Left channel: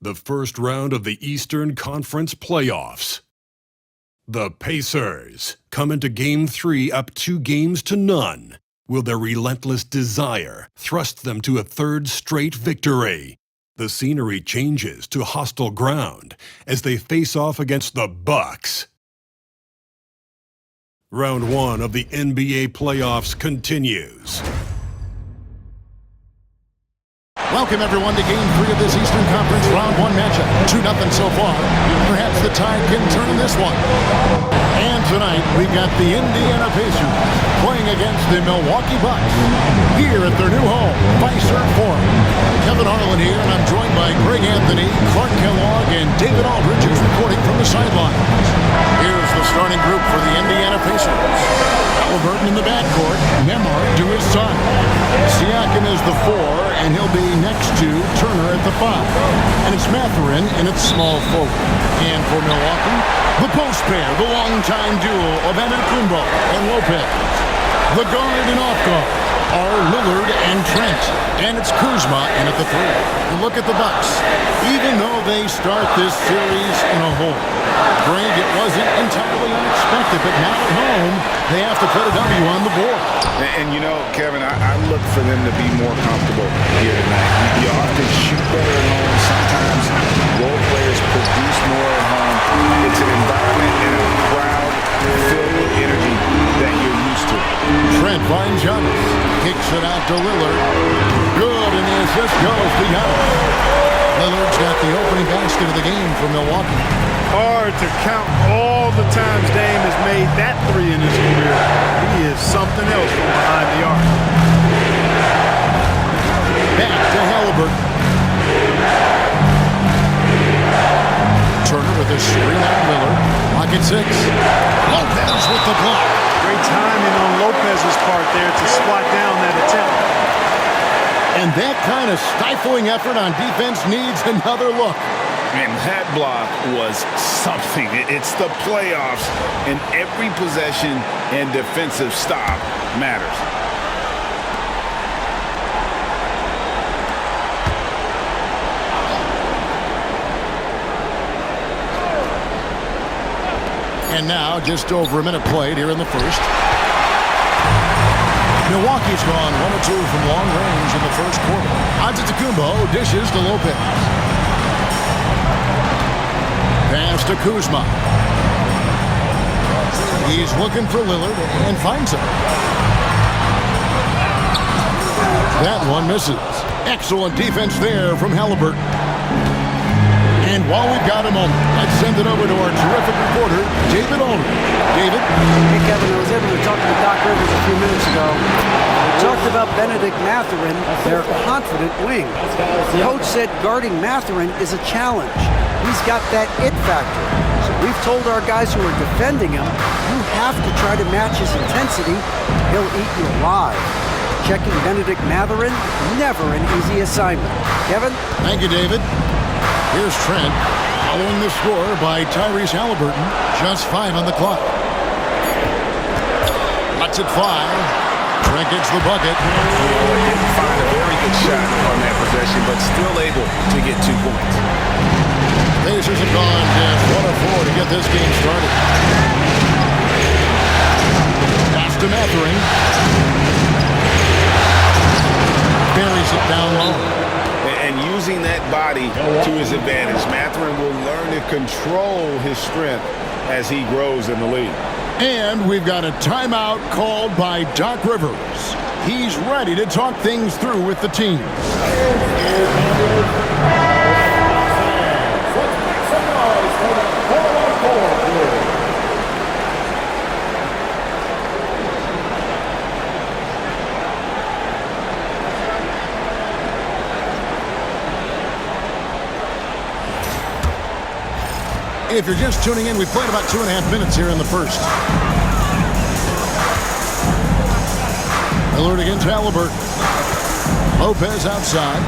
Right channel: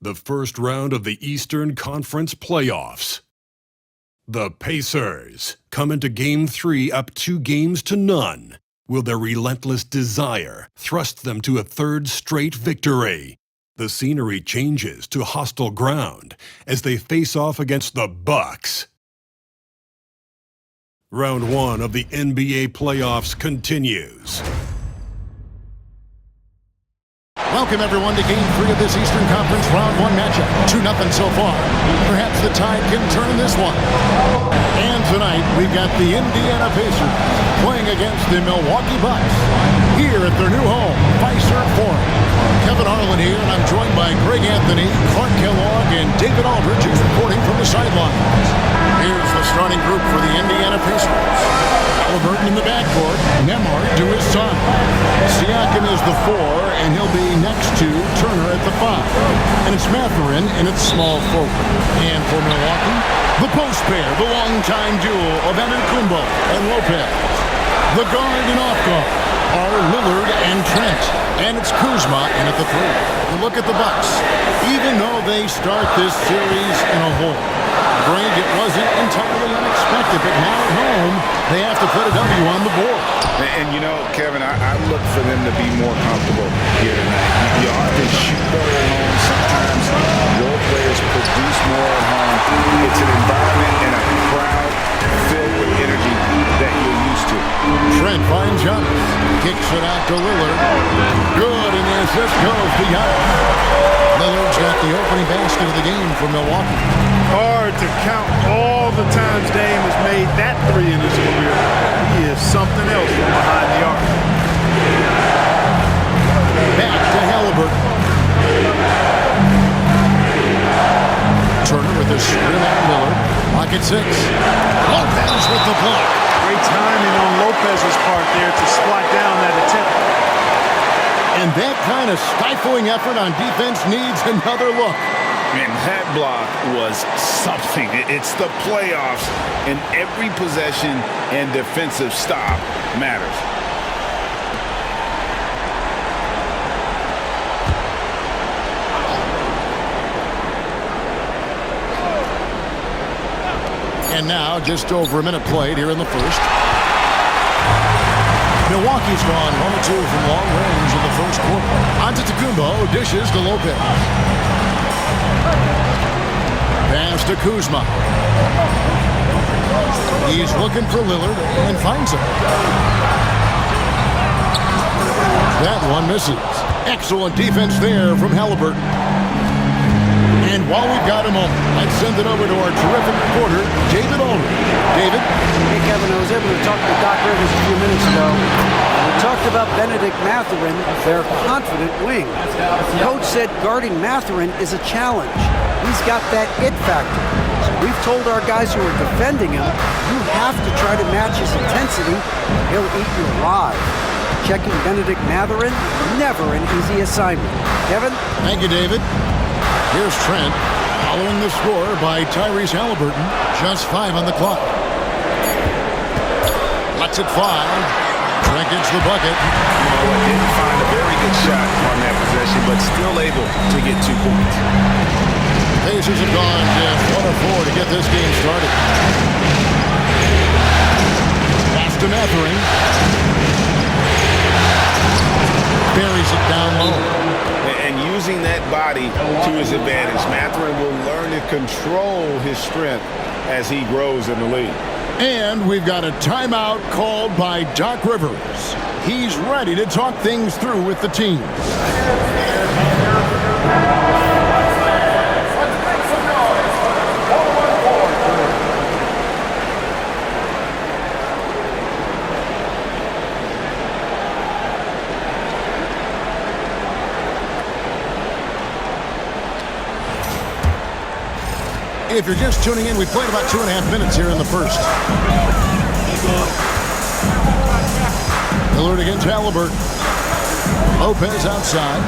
the first round of the Eastern Conference playoffs. The Pacers come into Game 3 up 2-0. Will their relentless desire thrust them to a third straight victory? The scenery changes to hostile ground as they face off against the Bucks. Round 1 of the NBA playoffs continues. Welcome, everyone, to Game 3 of this Eastern Conference Round 1 matchup. 2-0 so far. Perhaps the tide can turn in this one. And tonight, we've got the Indiana Pacers playing against the Milwaukee Bucks here at their new home, PACERS Forum. Kevin Harlan here, and I'm joined by Greg Anthony, Clark Kellogg, and David Aldridge, who's reporting from the sidelines. Here's the starting group for the Indiana Pacers. Halliburton in the backcourt, Nembhard to his side. Siakam is the 4, and he'll be next to Turner at the 5. And it's Mathurin in its small forward. And for Milwaukee, the post pair, the longtime duo of Antetokounmpo and Lopez. The guard and off guard are Lillard and Trent. And it's Kuzma in at the 3. And look at the Bucks. Even though they start this series in a hole, Greg, it wasn't entirely unexpected, but now at home, they have to put a W on the board. And you know, Kevin, I look for them to be more comfortable here tonight. You often shoot better at home. Sometimes role players produce more at home. It's an environment and a crowd filled with energy that you're used to. Trent finds Giannis. Kicks it out to Lillard. Good, and the assist goes to Giannis. Lillard's got the opening basket of the game for Milwaukee. Hard to count all the times Dame has made that 3 in his career. He is something else from behind the arc. Back to Halliburton. Turner with a screen on Lillard. Pocket 6. Lopez with the block. Great timing on Lopez's part there to squat down that attempt. And that kind of stifling effort on defense needs another look. And that block was something. It's the playoffs, and every possession and defensive stop matters. And now, just over a minute played here in the first. Milwaukee's gone 1 of 2 from long range in the first quarter. Antetokounmpo dishes to Lopez. Pass to Kuzma. He's looking for Lillard and finds him. That one misses. Excellent defense there from Halliburton. And while we've got a moment, let's send it over to our terrific reporter, David Aldridge. David? Hey, Kevin, I was able to talk to Doc Rivers a few minutes ago. We talked about Benedict Mathurin, their confident wing. Coach said guarding Mathurin is a challenge. He's got that it factor. So we've told our guys who are defending him, you have to try to match his intensity. He'll eat you alive. Checking Benedict Mathurin, never an easy assignment. Kevin? Thank you, David. Here's Trent, following the score by Tyrese Halliburton. Just 5 on the clock. Lets it fly. Trent gets the bucket. You know what? Didn't find a very good shot on that possession, but still able to get 2 points. Pacers have gone just 1 of 4 to get this game started. Pass to Mathurin. Buries it down low. And using that body to his advantage, Mathurin will learn to control his strength as he grows in the league. And we've got a timeout called by Doc Rivers. He's ready to talk things through with the team. If you're just tuning in, we played about 2.5 minutes here in the first. Lillard against Halliburton. Lopez outside.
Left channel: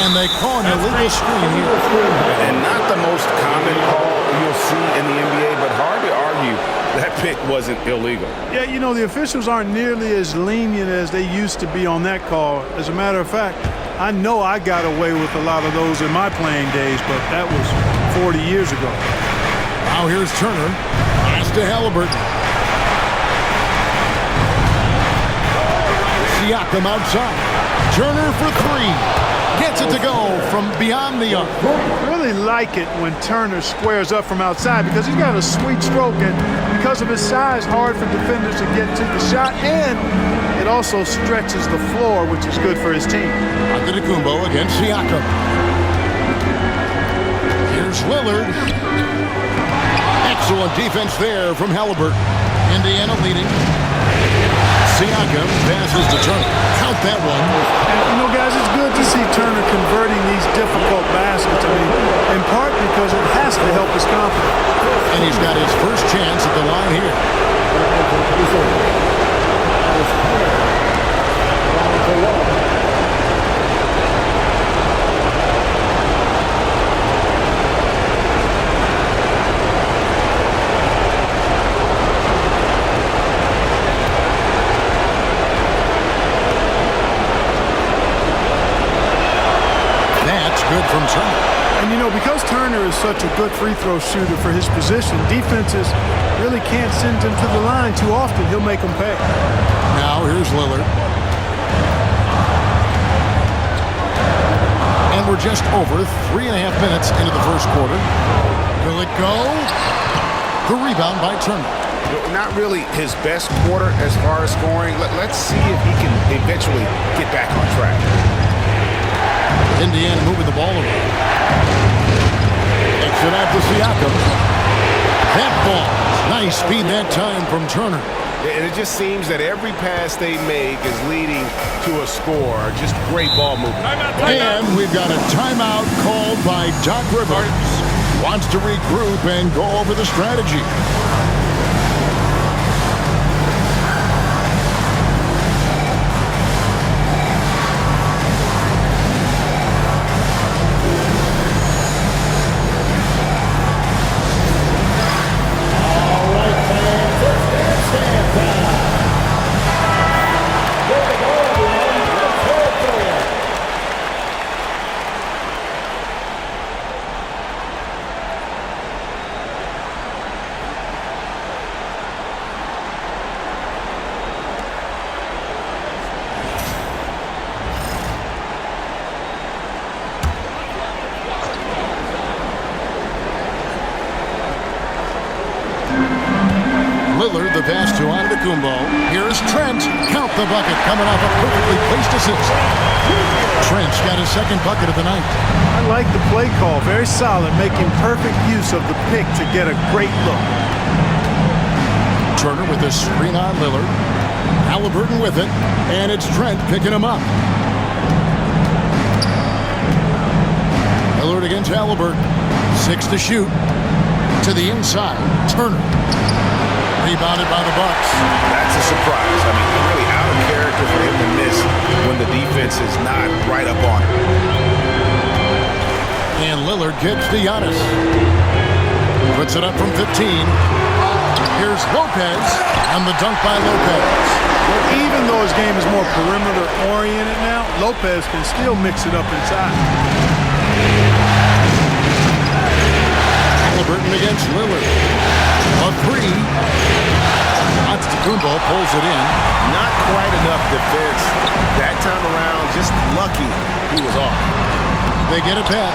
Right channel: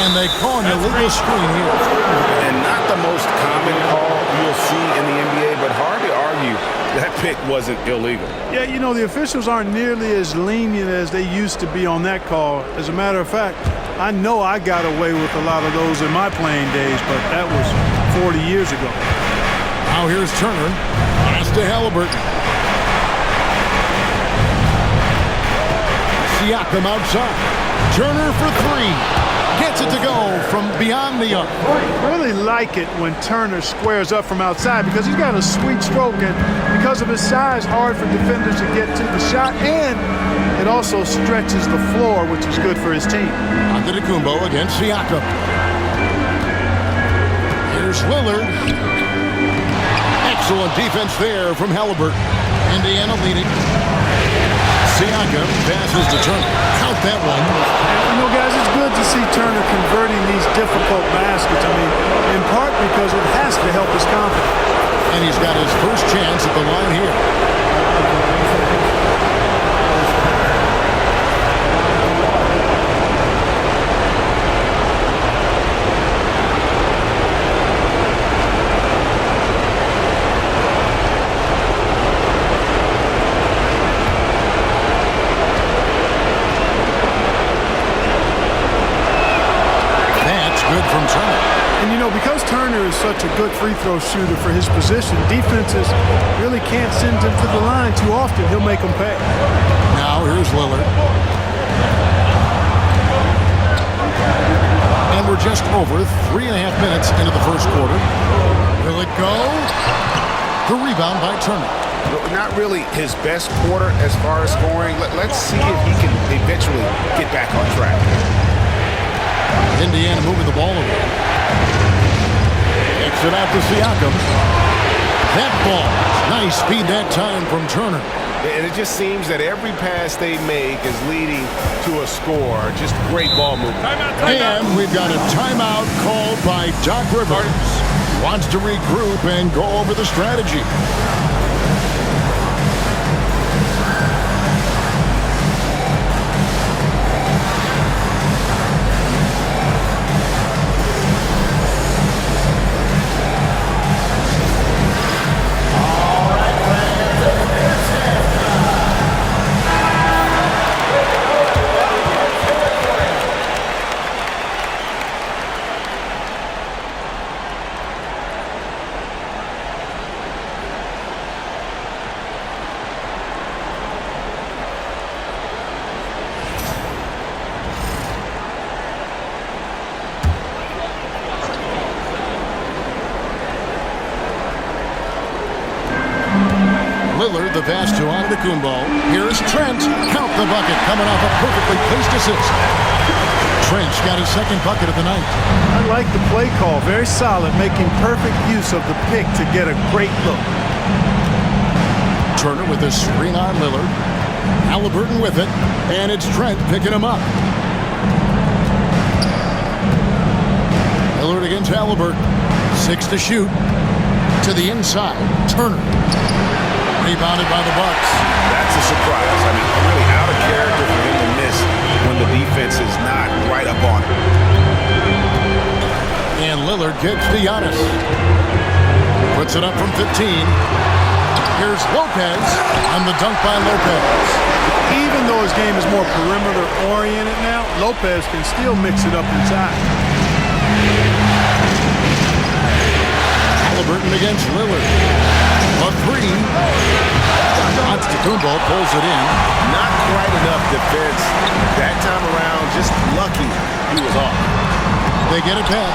And they call an illegal screen here. And not the most common call you'll see in the NBA, but hard to argue that pick wasn't illegal. Yeah, you know, the officials aren't nearly as lenient as they used to be on that call. As a matter of fact, I know I got away with a lot of those in my playing days, but that was 40 years ago. Now here's Turner. Pass to Halliburton. Siakam outside. Turner for three. Gets it to go from beyond the arc. Really like it when Turner squares up from outside because he's got a sweet stroke, and because of his size, hard for defenders to get to the shot, and it also stretches the floor, which is good for his team. Antetokounmpo against Siakam. Here's Lillard. Excellent defense there from Halliburton. Indiana leading. Siakam passes to Turner. Count that one. And, guys, it's good to see Turner converting these difficult baskets. I mean, in part because it has to help his confidence. And he's got his first chance at the line here. Good from Turner. And because Turner is such a good free throw shooter for his position, defenses really can't send him to the line too often. He'll make them pay. Now here's Lillard. And we're just over 3.5 minutes into the first quarter. Will it go? The rebound by Turner. Not really his best quarter as far as scoring. Let's see if he can eventually get back on track. Indiana moving the ball around. Kicks it out to Siakam. That ball. Nice speed that time from Turner. And it just seems that every pass they make is leading to a score. Just great ball movement. And we've got a timeout called by Doc Rivers. Wants to regroup and go over the strategy. Lillard, the pass to Antetokounmpo. Here's Trent. Count the bucket, coming off a perfectly placed assist. Trent's got his second bucket of the night. I like the play call. Very solid, making perfect use of the pick to get a great look. Turner with his screen on Lillard. Halliburton with it, and it's Trent picking him up. Lillard against Halliburton. 6 to shoot. To the inside, Turner. Rebounded by the Bucks. That's a surprise. I mean, really out of character for him to miss when the defense is not right up on him. And Lillard kicks to Giannis. Puts it up from 15. Here's Lopez, and the dunk by Lopez. Even though his game is more perimeter-oriented now, Lopez can still mix it up inside. Halliburton against Lillard. A three. Antetokounmpo pulls it in. Not quite enough defense that time around. Just lucky he was off. They get it back.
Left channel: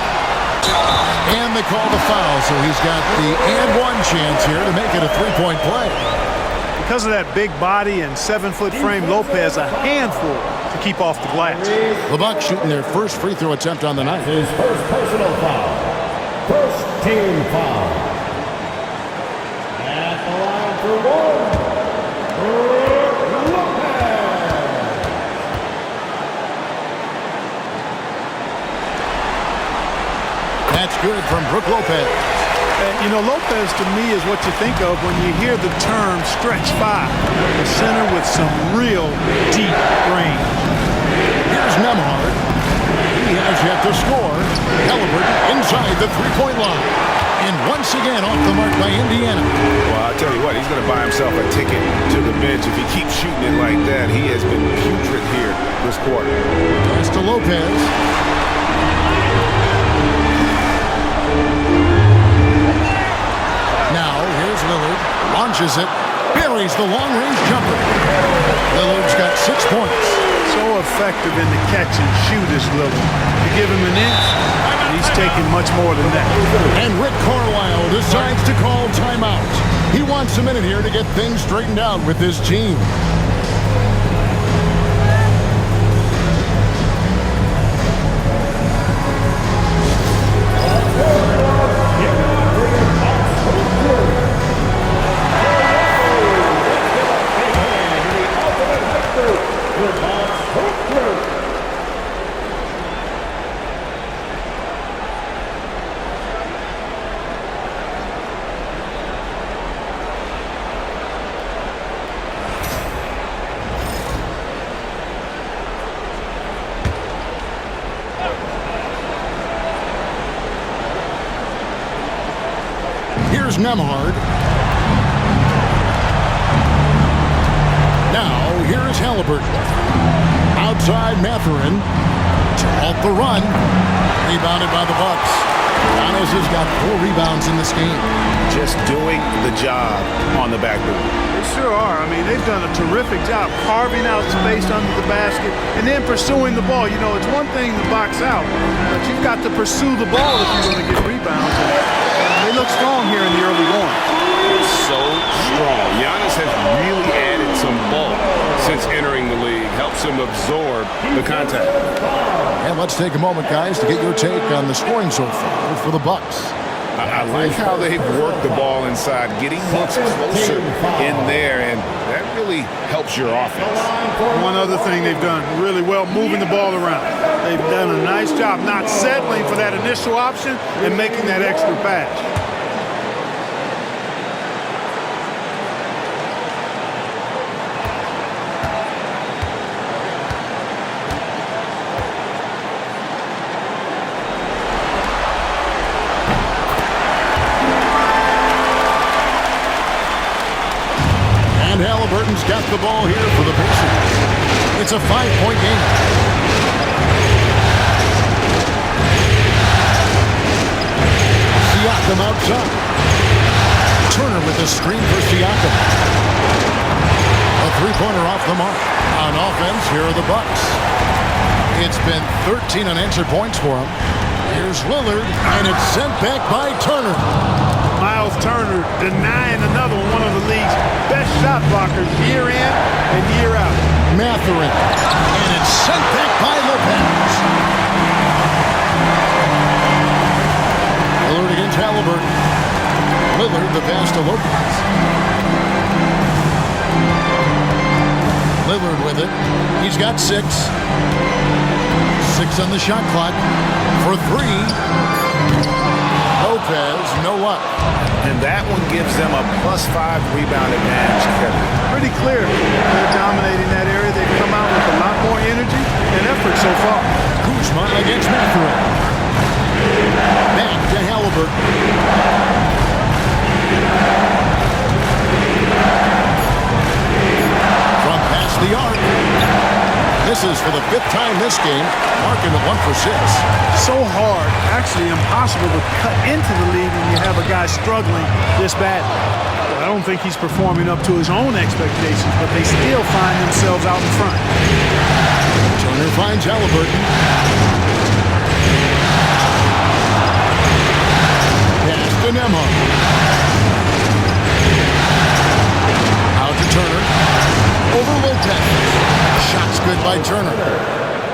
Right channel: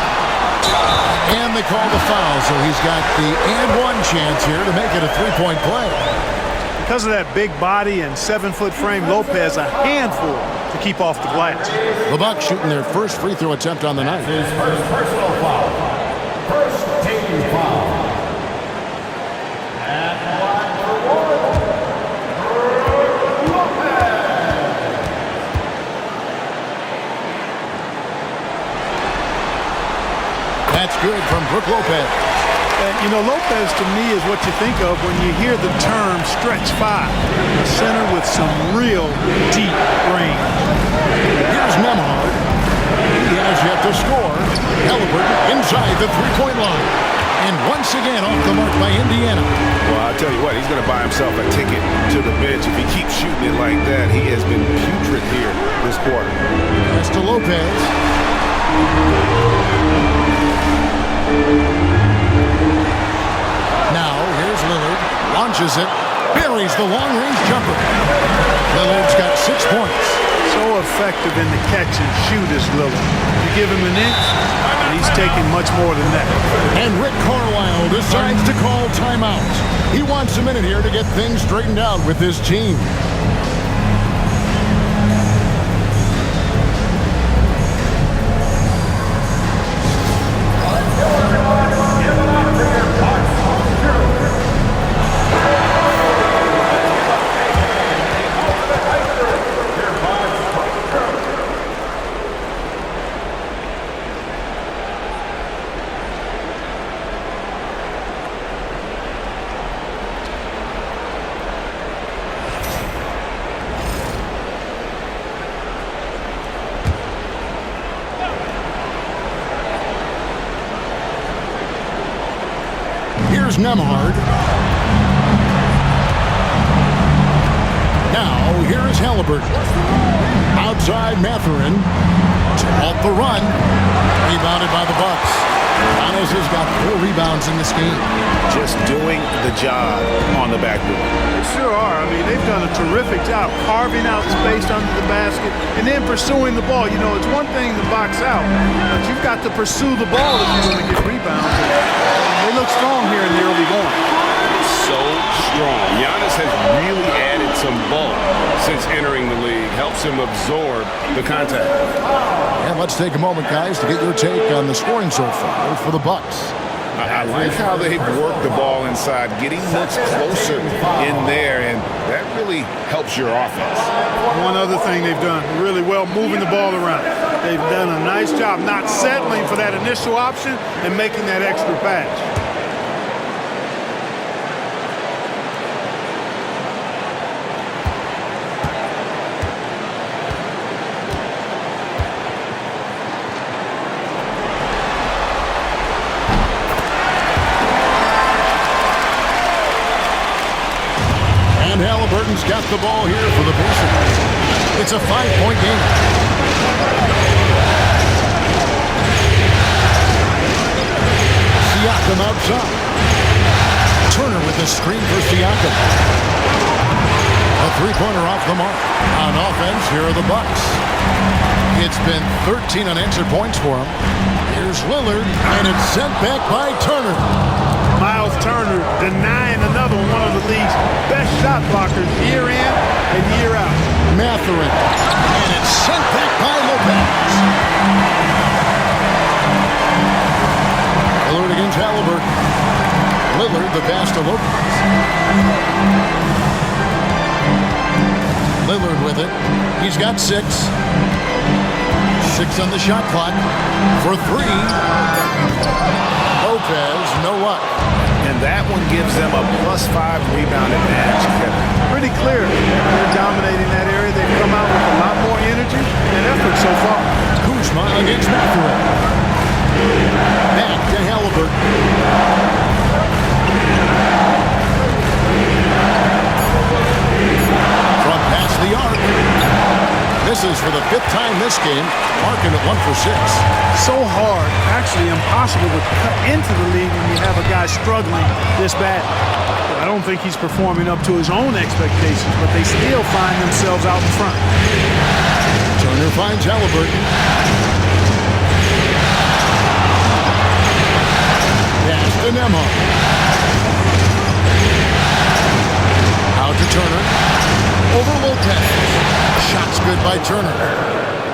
And they call the foul, so he's got the and one chance here to make it a three-point play. Because of that big body and 7-foot frame, Lopez a handful to keep off the glass. The Bucks shooting their first free throw attempt on the night. His first personal foul. First team foul. At the line for one, Lopez. That's good from Brook Lopez. Lopez to me is what you think of when you hear the term stretch five. A center with some real deep range. Here's Nembhard. He has yet to score. Halliburton inside the three-point line. And once again off the mark by Indiana. Well, I'll tell you what, he's going to buy himself a ticket to the bench if he keeps shooting it like that. He has been putrid here this quarter. Pass to Lopez. Now, here's Lillard. Launches it. Buries the long-range jumper. Lillard's got 6 points. So effective in the catch and shoot is Lillard. You give him an inch, and he's taking much more than that. And Rick Carlisle decides to call timeout. He wants a minute here to get things straightened out with his team. Here's Nembhard. Now, here is Halliburton. Outside Mathurin to halt the run. Rebounded by the Bucks. Katangos has got 4 rebounds in this game. Just doing the job on the backboard. They sure are. I mean, they've done a terrific job carving out space under the basket and then pursuing the ball. You know, it's one thing to box out, but you've got to pursue the ball if you're going to get rebounds. And they look strong here in the early going. So strong. Giannis has really added some bulk since entering the league. Helps him absorb the contact. And let's take a moment, guys, to get your take on the scoring so far for the Bucks. I like how they've worked the ball inside, getting looks closer in there, and that really helps your offense. One other thing they've done really well, moving the ball around. They've done a nice job not settling for that initial option and making that extra pass. And Halliburton's got the ball here for the Pacers. It's a 5-point game. Siakam outside. Turner with a screen for Siakam. A 3-pointer off the mark. On offense, here are the Bucks. It's been 13 unanswered points for him. Here's Lillard, and it's sent back by Turner. Miles Turner denying another one of the league's best shot blockers year in and year out. Mathurin, and it's sent back by Lopez. Lillard against Halliburton. Lillard, the pass to Lopez. Lillard with it. He's got 6. 6 on the shot clock for 3. Lopez, no luck. And that one gives them a +5 rebound advantage, Kevin. Pretty clear. They're dominating that area. They've come out with a lot more energy and effort so far. Kuzma against Mathurin. Back to Halliburton. From past the arc. Misses for the 5th time this game, marking it 1 for 6. So hard, actually impossible to cut into the league when you have a guy struggling this bad. I don't think he's performing up to his own expectations, but they still find themselves out in front. Turner finds Halliburton. Pass to Nembhard. Out to Turner. Over Lopez. Shot's good by Turner.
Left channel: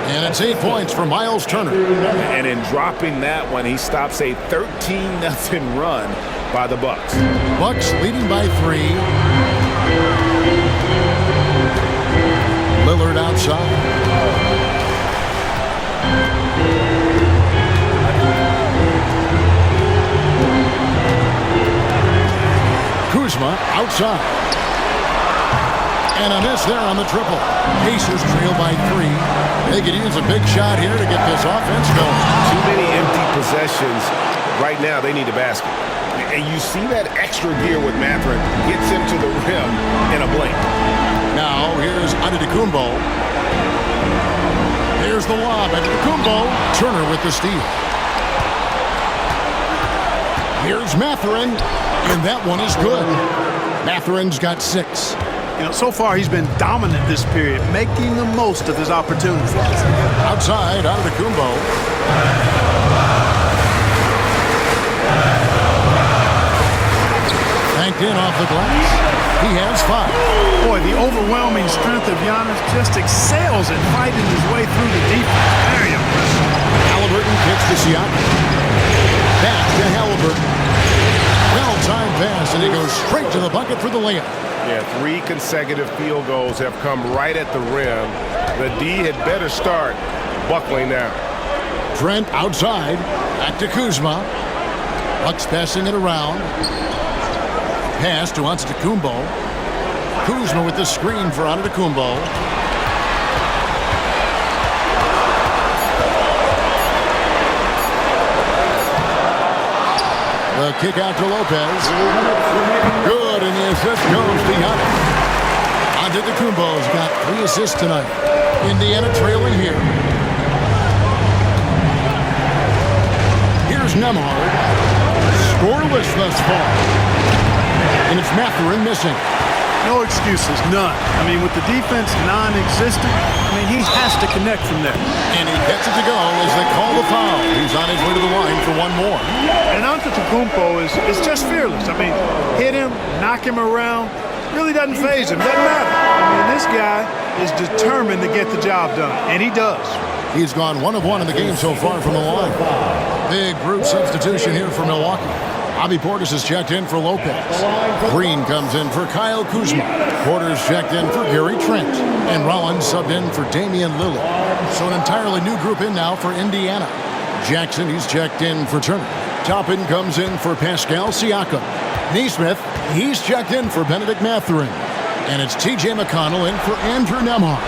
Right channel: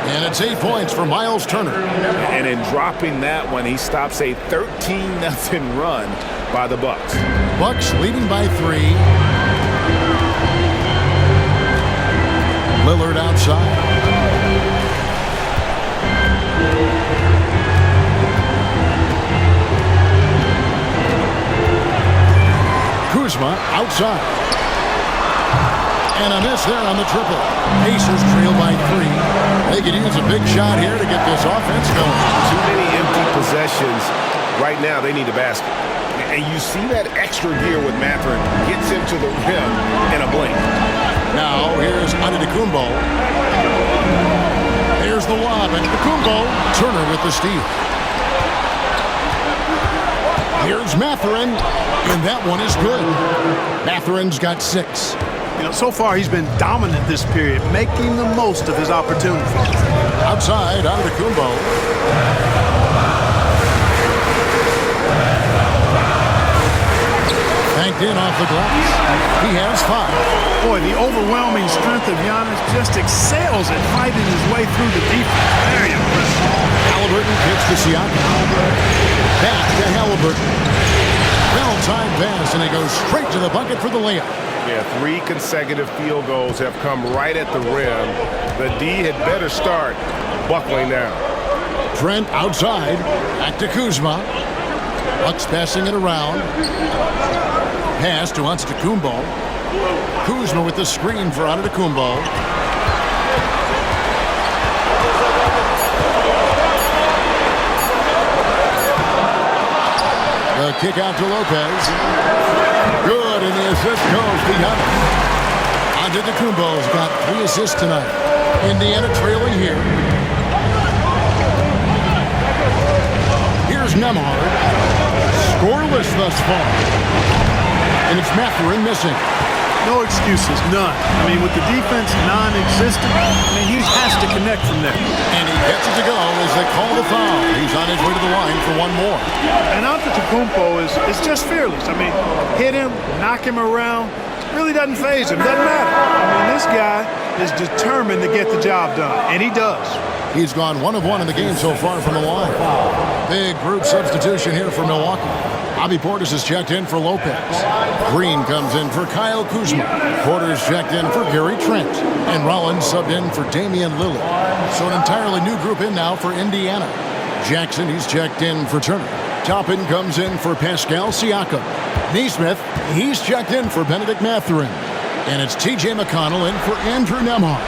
And it's 8 points for Miles Turner. And in dropping that one, he stops a 13-0 run by the Bucks. Bucks leading by 3. Lillard outside. Kuzma outside. And a miss there on the triple. Pacers trail by 3. They could use a big shot here to get this offense going. Too many empty possessions. Right now, they need a basket. And you see that extra gear with Mathurin. Gets him to the rim in a blink. Now, here's Antetokounmpo. There's the lob at Kumbo. Turner with the steal. Here's Mathurin, and that one is good. Mathurin's got 6. You know, so far he's been dominant this period, making the most of his opportunities. Outside, Antetokounmpo. Banked in off the glass. He has 5. Boy, the overwhelming strength of Giannis just excels at fighting his way through the defense. Very impressive. Halliburton kicks to Siakam. Back to Halliburton. Well-timed pass, and he goes straight to the bucket for the layup. Yeah, 3 consecutive field goals have come right at the rim. The D had better start buckling down. Trent outside. Back to Kuzma. Bucks passing it around. Pass to Antetokounmpo. Kuzma with the screen for Antetokounmpo. The kick out to Lopez. Good, and the assist goes to Giannis. Antetokounmpo's got 3 assists tonight. Indiana trailing here. Here's Nembhard. Scoreless thus far. And it's Mathurin missing. No excuses, none. I mean, with the defense non-existent, he has to connect from there. And he gets it to go as they call the foul. He's on his way to the line for one more. And Antetokounmpo is just fearless. Hit him, knock him around, really doesn't faze him, doesn't matter. This guy is determined to get the job done, and he does. He's gone 1 of 1 in the game so far from the line. Big group substitution here for Milwaukee. Bobby Portis is checked in for Lopez. Green comes in for Kyle Kuzma. Porter's checked in for Gary Trent. And Rollins subbed in for Damian Lillard. So an entirely new group in now for Indiana. Jackson, he's checked in for Turner. Toppin comes in for Pascal Siakam. Nesmith, he's checked in for Benedict Mathurin. And it's T.J. McConnell in for Andrew Nembhard.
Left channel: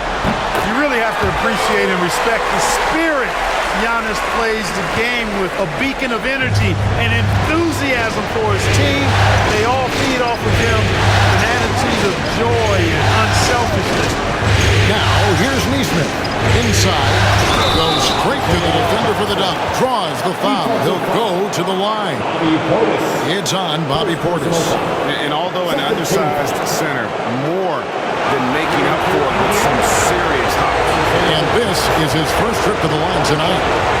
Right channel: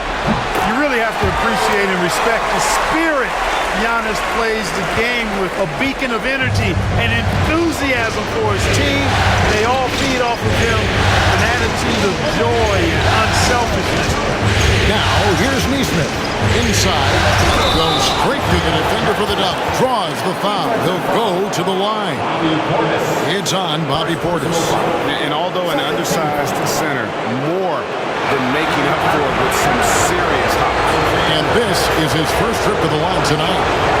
You really have to appreciate and respect the spirit Giannis plays the game with, a beacon of energy and enthusiasm for his team. They all feed off of him an attitude of joy and unselfishness. Now, here's Nesmith. Inside, goes straight to the defender for the dunk. Draws the foul. He'll go to the line. It's on Bobby Portis. And although an undersized center, more than making up for it with some serious hops. And this is his first trip to the line tonight.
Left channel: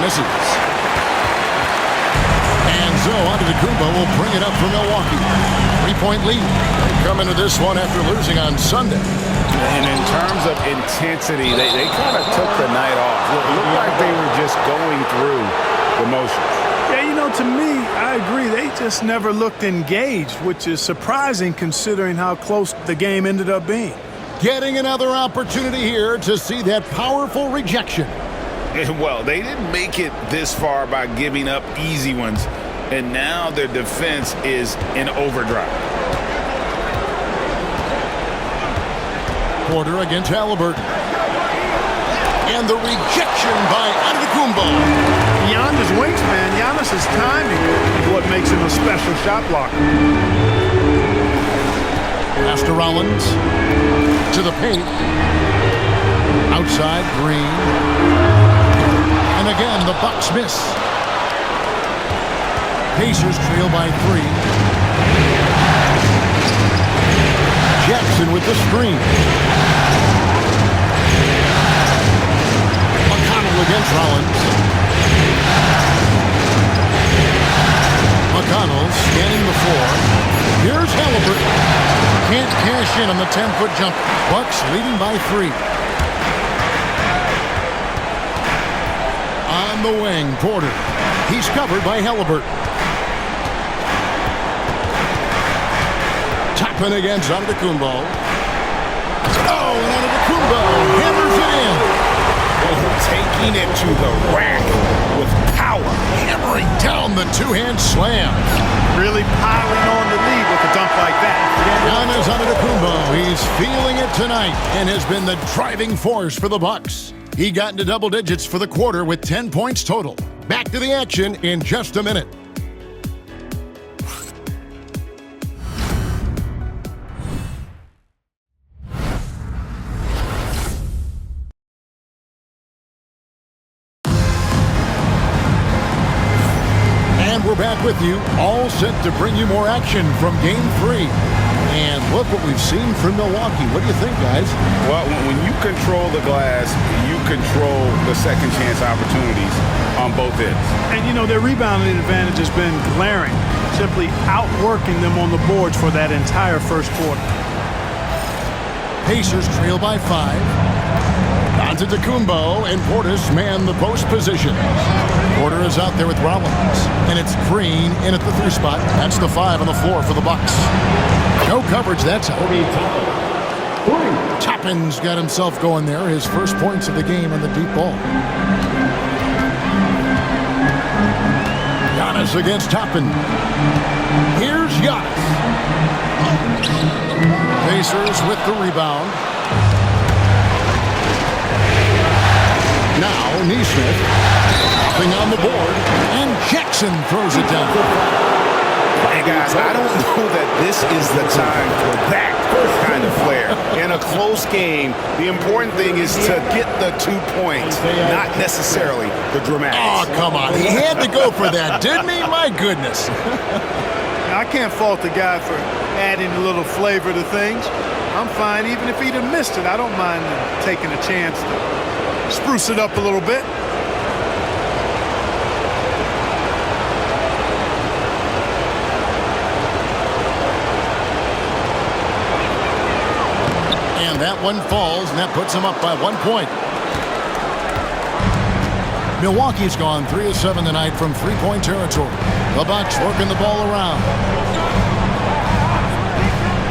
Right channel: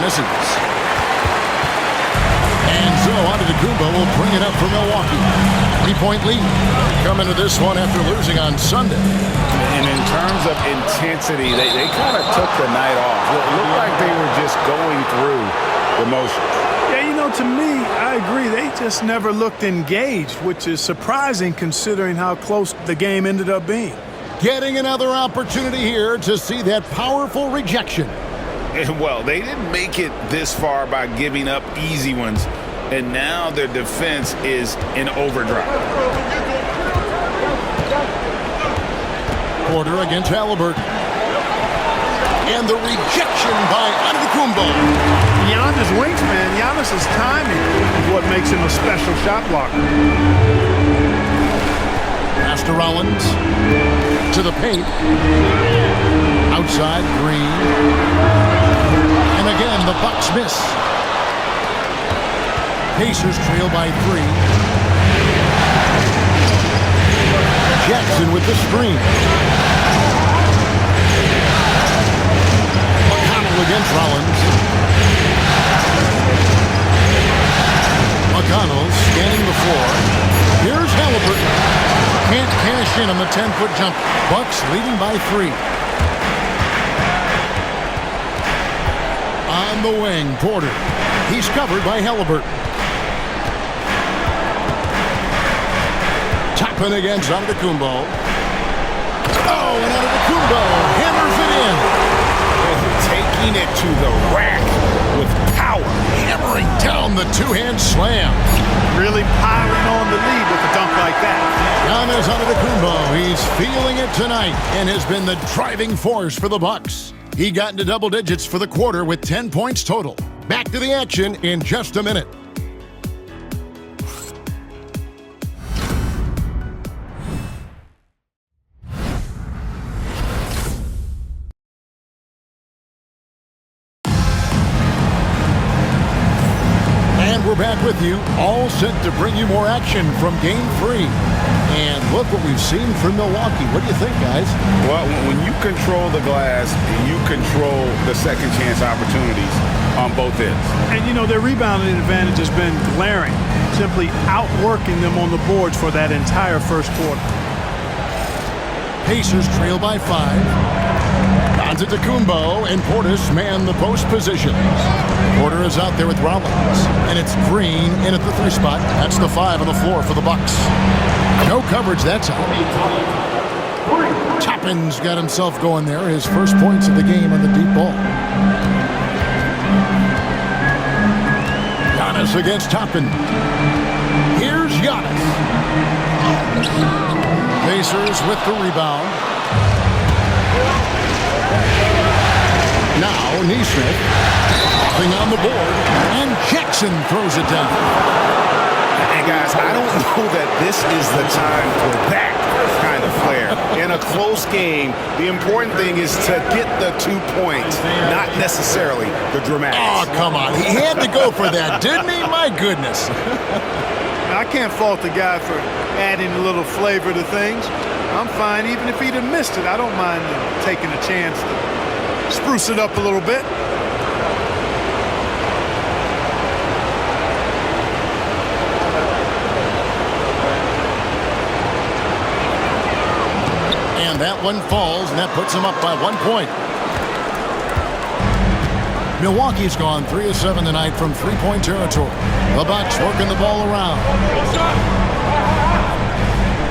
Misses. And so Antetokounmpo will bring it up for Milwaukee. 3-point lead. They come into this one after losing on Sunday. And in terms of intensity, they kind of took the night off. It looked like they were just going through the motions. Yeah, to me, I agree. They just never looked engaged, which is surprising considering how close the game ended up being. Getting another opportunity here to see that powerful rejection. Well, they didn't make it this far by giving up easy ones, and now their defense is in overdrive. Porter against Halliburton. And the rejection by Antetokounmpo. Beyond his wingspan, Giannis' timing is what makes him a special shot blocker. Pass to Rollins. To the paint. Outside, Green. And again, the Bucks miss. Pacers trail by 3. Jackson with the screen. McConnell against Rollins. McConnell scanning the floor. Here's Halliburton. Can't cash in on the 10-foot jump. Bucks leading by 3. On the wing, Porter. He's covered by Halliburton. Toppin against Antetokounmpo. Oh, and Antetokounmpo hammers it in. Oh, taking it to the rack. with power. Hammering down the two-hand slam. Really piling on the lead with a dunk like that. Giannis Antetokounmpo, he's feeling it tonight and has been the driving force for the Bucks. He got into double digits for the quarter with 10 points total. Back to the action in just a minute. And we're back with you, all set to bring you more action from Game 3. And look what we've seen from Milwaukee. What do you think, guys? Well, when you control the glass, you control the second chance opportunities on both ends. And, you know, their rebounding advantage has been glaring, simply outworking them on the boards for that entire first quarter. Pacers trail by 5. Antetokounmpo and Portis man the post positions. Porter is out there with Rollins. And it's Green in at the 3 spot. That's the 5 on the floor for the Bucks. No coverage that time. Toppin's got himself going there. His first points of the game on the deep ball. Giannis against Toppin. Here's Giannis. Pacers with the rebound. Now Neesmith hopping on the board, and Jackson throws it down. And guys, I don't know that this is the time for that kind of flair. In a close game, the important thing is to get the 2 points, not necessarily the dramatics. Oh, come on. He had to go for that, didn't he? My goodness. Now, I can't fault the guy for adding a little flavor to things. I'm fine. Even if he'd have missed it, I don't mind taking a chance to spruce it up a little bit. And that one falls, and that puts him up by 1 point. Milwaukee's gone 3 of 7 tonight from three-point territory. The Bucks working the ball around.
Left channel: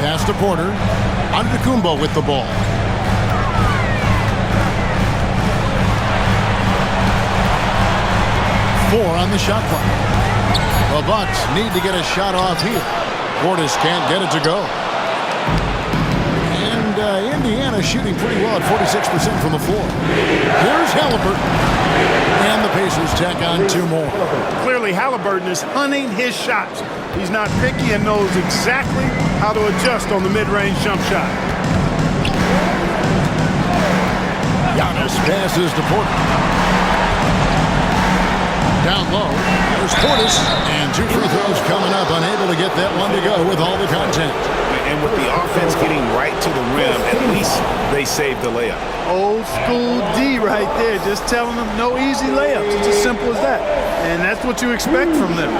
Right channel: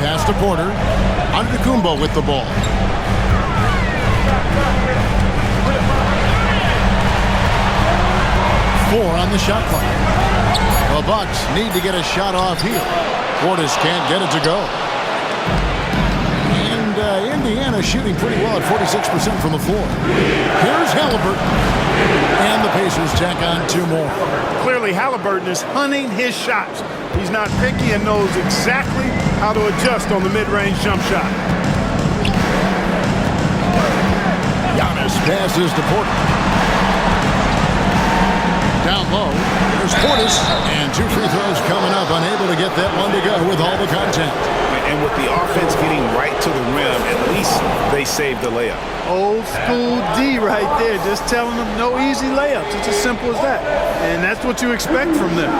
Pass to Porter. Antetokounmpo with the ball. Four on the shot clock. The Bucks need to get a shot off here. Portis can't get it to go. And Indiana shooting pretty well at 46% from the floor. Here's Halliburton. And the Pacers tack on 2 more. Clearly, Halliburton is hunting his shots. He's not picky and knows exactly how to adjust on the mid-range jump shot. Giannis passes to Porter. Down low, there's Portis. And 2 free throws coming up, unable to get that one to go with all the contact. And with the offense getting right to the rim, at least they saved the layup. Old school D right there, just telling them no easy layups. It's as simple as that. And that's what you expect from them.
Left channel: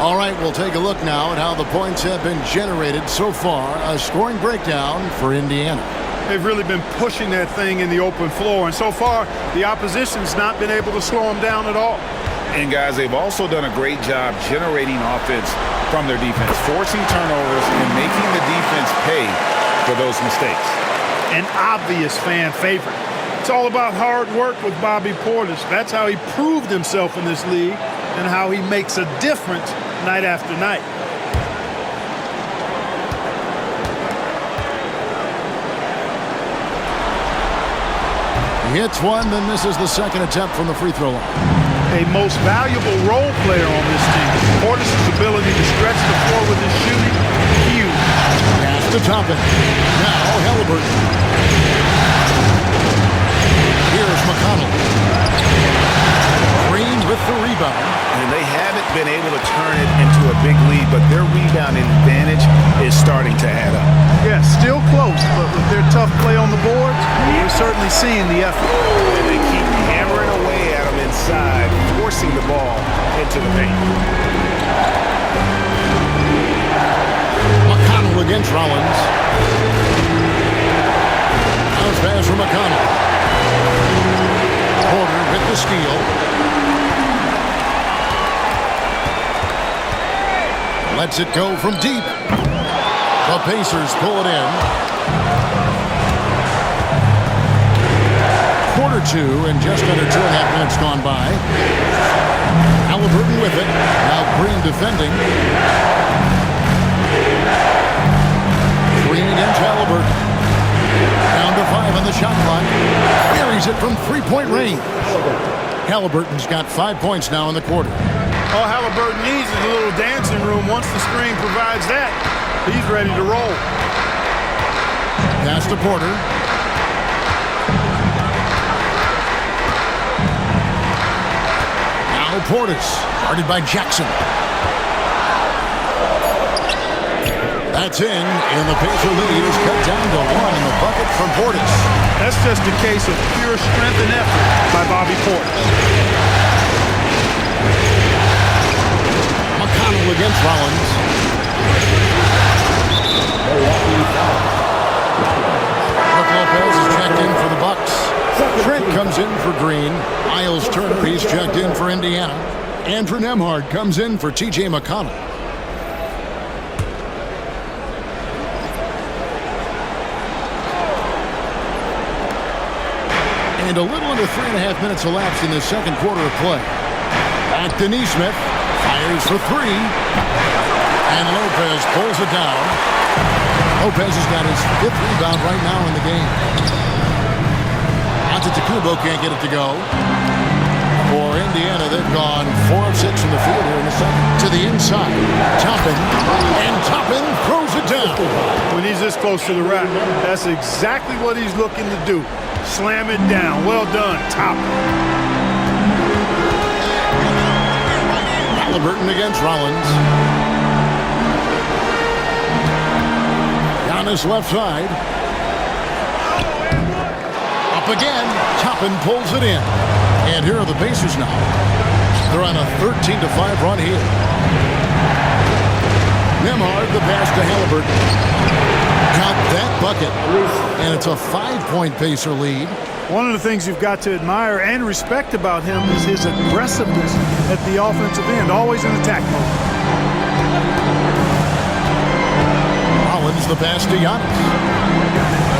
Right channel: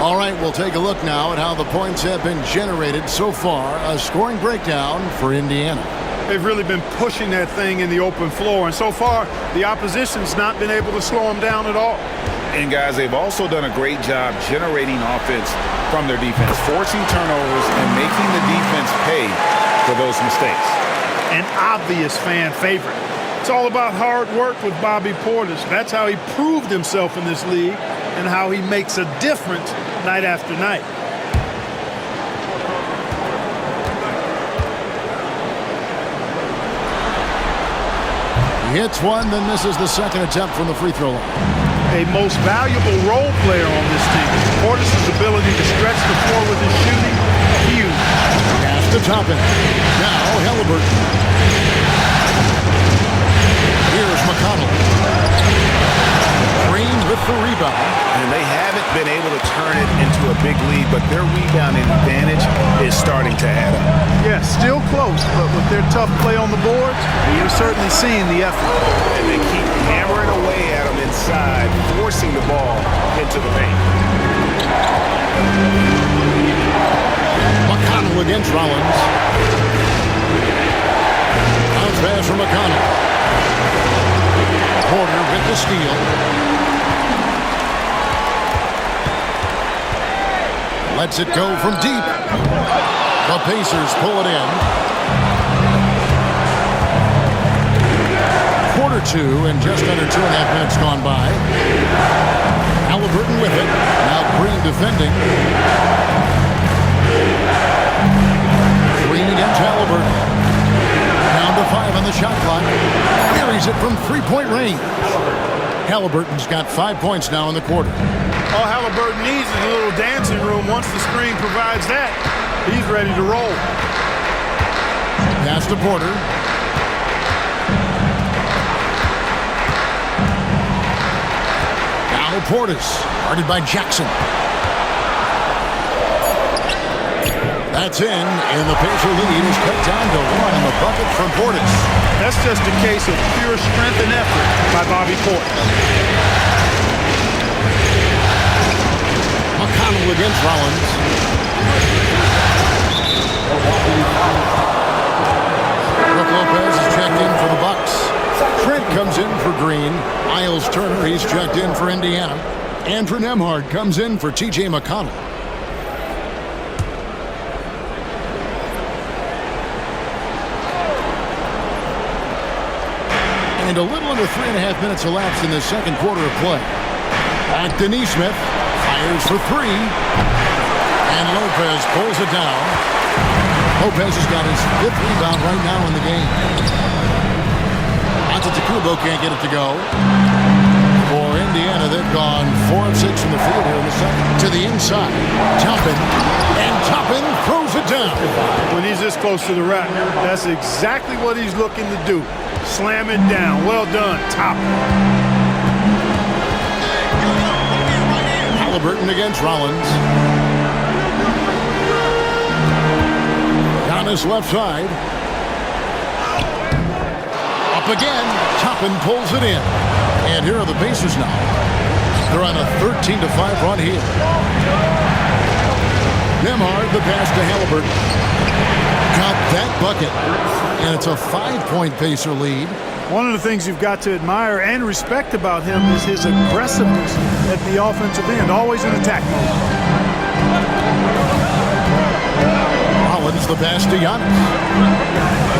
All right, we'll take a look now at how the points have been generated so far. A scoring breakdown for Indiana. They've really been pushing that thing in the open floor. And so far, the opposition's not been able to slow them down at all. And guys, they've also done a great job generating offense from their defense, forcing turnovers and making the defense pay for those mistakes. An obvious fan favorite. It's all about hard work with Bobby Portis. That's how he proved himself in this league and how he makes a difference night after night. He hits one, then misses the second attempt from the free throw line. A most valuable role player on this team. Portis' ability to stretch the floor with his shooting, huge. Pass to Toppin. Now Halliburton. Here's McConnell. Green with the rebound. And they haven't been able to turn it into a big lead, but their rebounding advantage is starting to add up. Yeah, still close, but with their tough play on the boards, we're certainly seeing the effort. And they keep hammering away at them inside, forcing the ball into the paint. McConnell against Rollins. Bounce pass from McConnell. Porter with the steal. Lets it go from deep. The Pacers pull it in. quarter two and just under 2.5 minutes gone by. Halliburton with it. Now Green defending. Green against Halliburton. Down to 5 on the shot clock. Buries it from three-point range. Halliburton's got 5 points now in the quarter. All Halliburton needs is a little dancing room. Once the screen provides that, he's ready to roll. Pass to Porter. Now Portis, guarded by Jackson. That's in, and the Pacer lead is cut down to 1 in the bucket from Portis. That's just a case of pure strength and effort by Bobby Portis. McConnell against Rollins. Brook Lopez is checked in for the Bucks. Trent comes in for Green. Miles Turner, he's checked in for Indiana. Andrew Nembhard comes in for T.J. McConnell. And a little under 3.5 minutes elapsed in the second quarter of play. Back to Neesmith. Fires for 3. And Lopez pulls it down. Lopez has got his 5th rebound right now in the game. Antetokounmpo can't get it to go. For Indiana, they've gone 4 of 6 from the field here in the second. To the inside. Toppin. And Toppin throws it down. When he's this close to the rack, that's exactly what he's looking to do. Slam it down. Well done, Toppin. Halliburton against Rollins. Giannis left side. Up again. Toppin pulls it in. And here are the Pacers now. They're on a 13-5 run here. Nembhard, the pass to Halliburton. Got that bucket. And it's a 5-point Pacer lead. One of the things you've got to admire and respect about him is his aggressiveness at the offensive end, always in attack mode. Rollins, the pass to Giannis.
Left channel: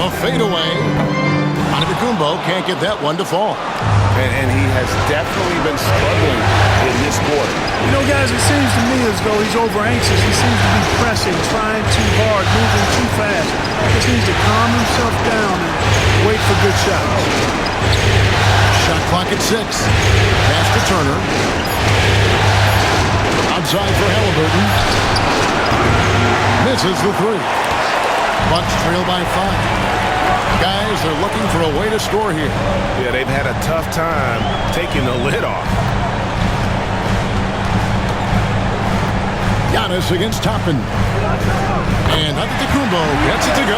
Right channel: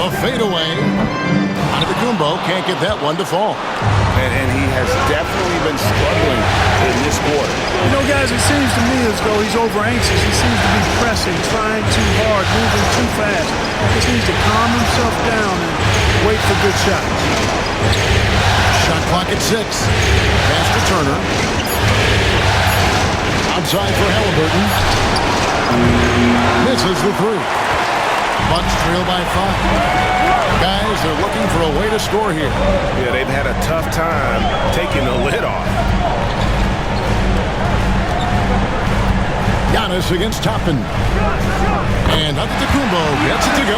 A fadeaway. Antetokounmpo can't get that one to fall. And he has definitely been struggling in this quarter. You know, guys, it seems to me as though he's over anxious. He seems to be pressing, trying too hard, moving too fast. Just needs to calm himself down and wait for good shots. Shot clock at 6. Pass to Turner. Outside for Halliburton. Misses the 3. Bucks trail by 5. Guys, they're looking for a way to score here. Yeah, they've had a tough time taking the lid off. Giannis against Toppin. And Antetokounmpo gets it to go.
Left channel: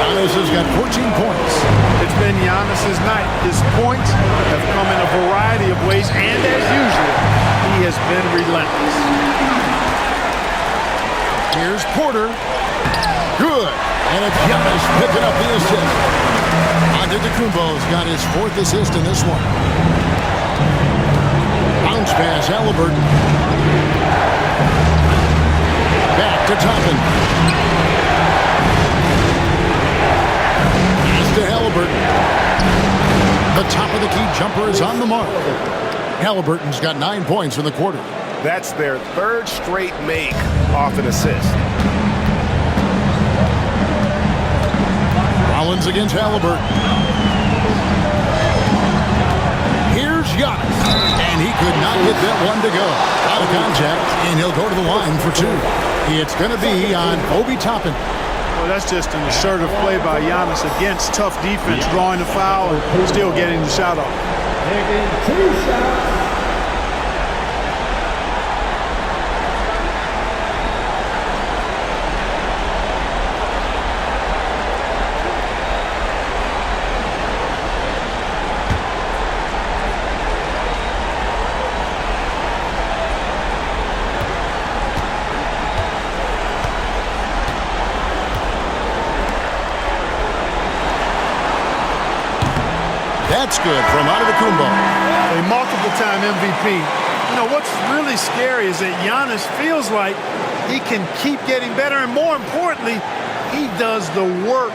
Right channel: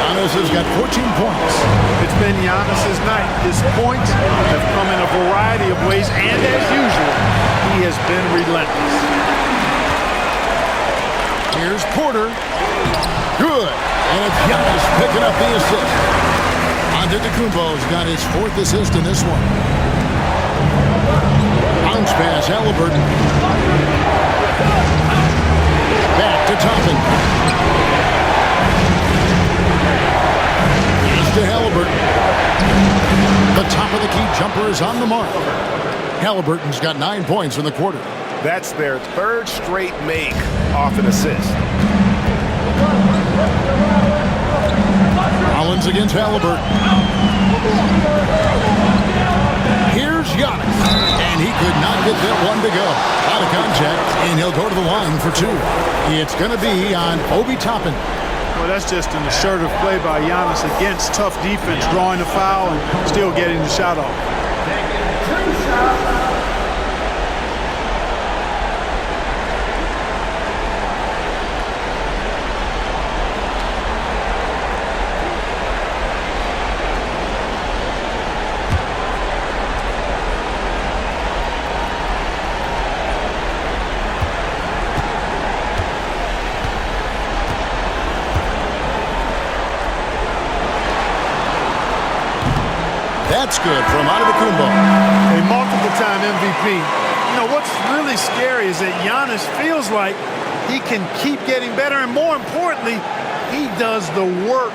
Giannis has got 14 points. It's been Giannis's night. His points have come in a variety of ways, and as usual, he has been relentless. Here's Porter. Good. And it's Giannis picking up the assist. Antetokounmpo's got his 4th assist in this one. Bounce pass, Halliburton. Back to Toppin. Pass to Halliburton. The top of the key jumper is on the mark. Halliburton's got 9 points in the quarter. That's their 3rd straight make off an assist. Rollins against Halliburton. Here's Giannis. And he could not get that one to go. Out of contact, and he'll go to the line for 2. It's going to be on Obi Toppin. Well, that's just an assertive play by Giannis against tough defense, drawing the foul and still getting the shot off. Taking 2 shots. That's good from Antetokounmpo. A multiple-time MVP. You know, what's really scary is that Giannis feels like he can keep getting better, and more importantly, he does the work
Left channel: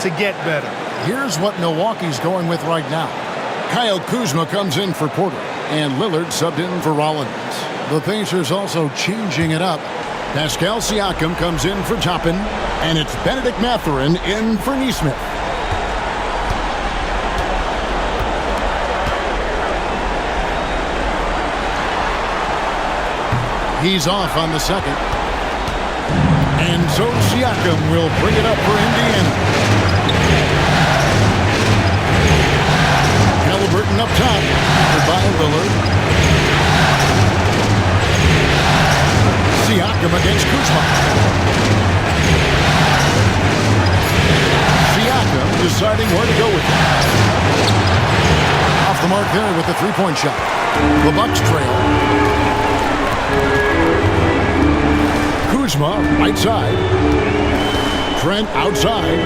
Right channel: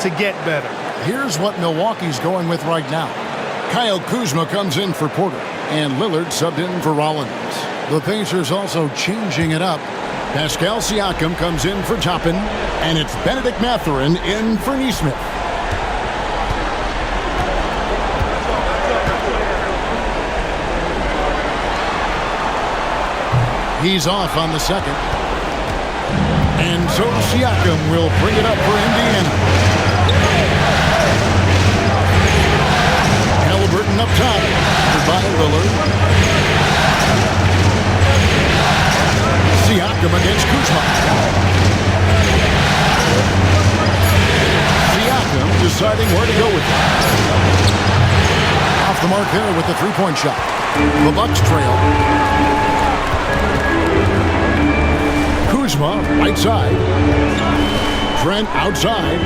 to get better. Here's what Milwaukee's going with right now. Kyle Kuzma comes in for Porter, and Lillard subbed in for Rollins. The Pacers also changing it up. Pascal Siakam comes in for Toppin, and it's Benedict Mathurin in for Nesmith. He's off on the second. And so Siakam will bring it up for Indiana. Halliburton up top. By Lillard. Siakam against Kuzma. Siakam deciding where to go with it. Off the mark there with the three-point shot. The Bucks trail. Kuzma, right side. Trent outside.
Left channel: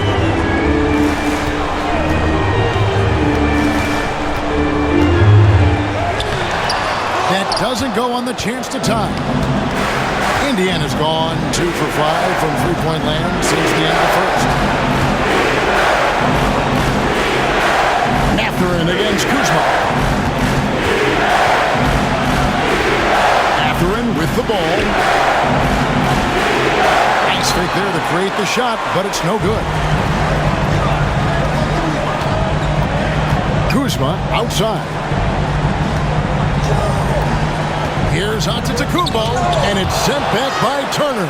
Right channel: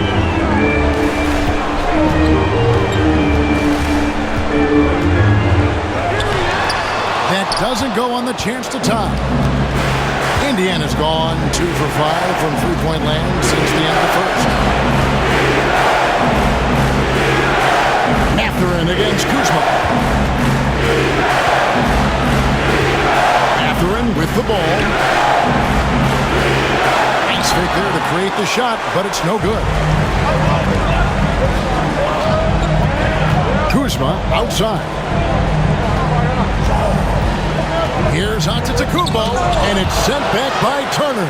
That doesn't go on the chance to tie. Indiana's gone 2 for 5 from three-point land since the end of the first. Mathurin against Kuzma. Mathurin with the ball. Nice fake there to create the shot, but it's no good. Kuzma outside. Here's Antetokounmpo, and it's sent back by Turner.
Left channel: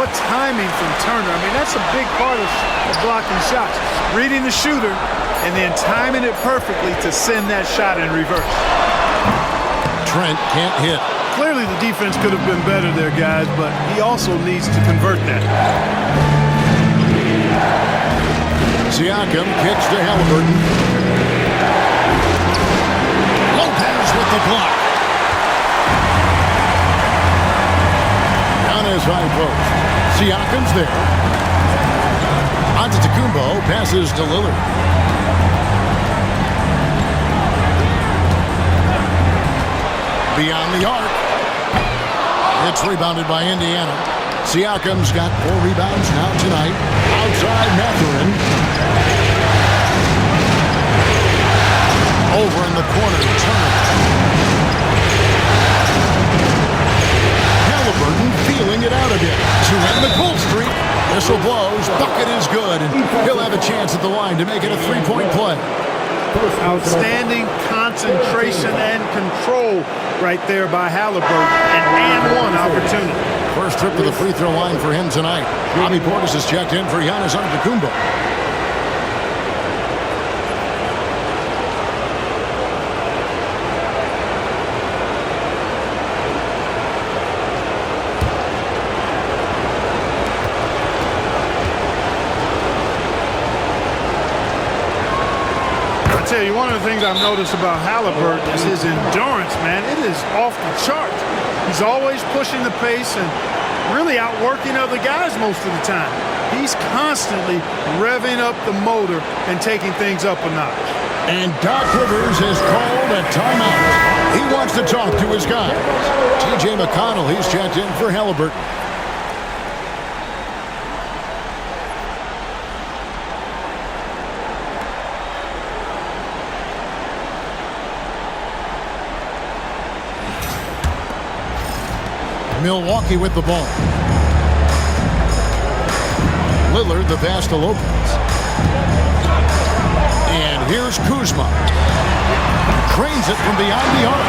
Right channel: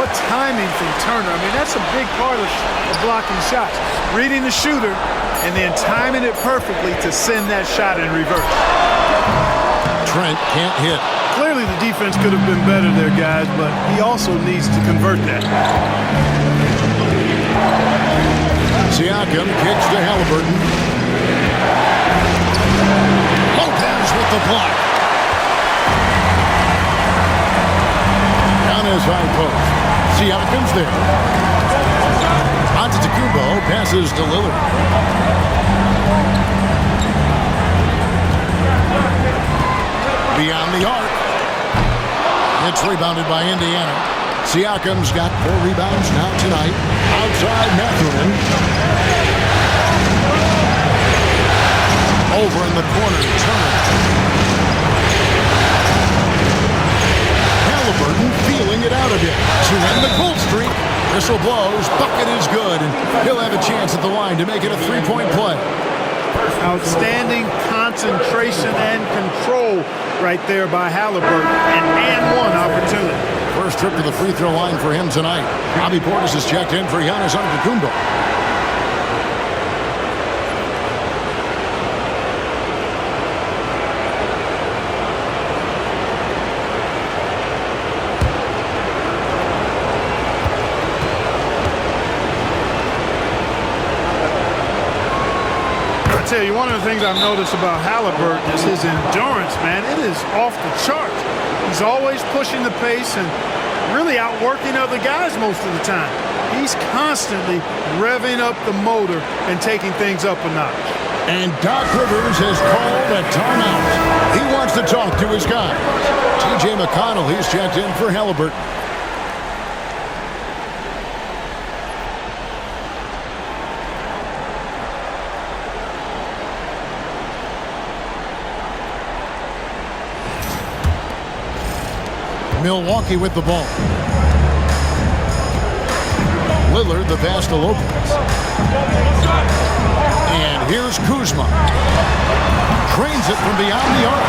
What timing from Turner. I mean, that's a big part of blocking shots. Reading the shooter and then timing it perfectly to send that shot in reverse. Trent can't hit. Clearly the defense could have been better there, guys, but he also needs to convert that. Siakam kicks to Halliburton. Lopez with the block. On his high post. Siakam's there. Antetokounmpo passes to Lillard. Beyond the arc. It's rebounded by Indiana. Siakam's got 4 rebounds now tonight. Outside Mathurin. Over in the corner, Turner. Halliburton feeling it out a bit to end the cold streak. Whistle blows, bucket is good, and he'll have a chance at the line to make it a three-point play. Outstanding concentration and control right there by Halliburton, and one opportunity. First trip to the free throw line for him tonight. Bobby Portis is checked in for Giannis Antetokounmpo. I tell you, one of the things I've noticed about Halliburton is his endurance, man. It is off the charts. He's always pushing the pace and really outworking other guys most of the time. He's constantly revving up the motor and taking things up a notch. And Doc Rivers has called a timeout. He wants to talk to his guys. T.J. McConnell, he's checked in for Halliburton. Milwaukee with the ball. Lillard, the pass to Lopez. And here's Kuzma. Trains it from beyond the arc.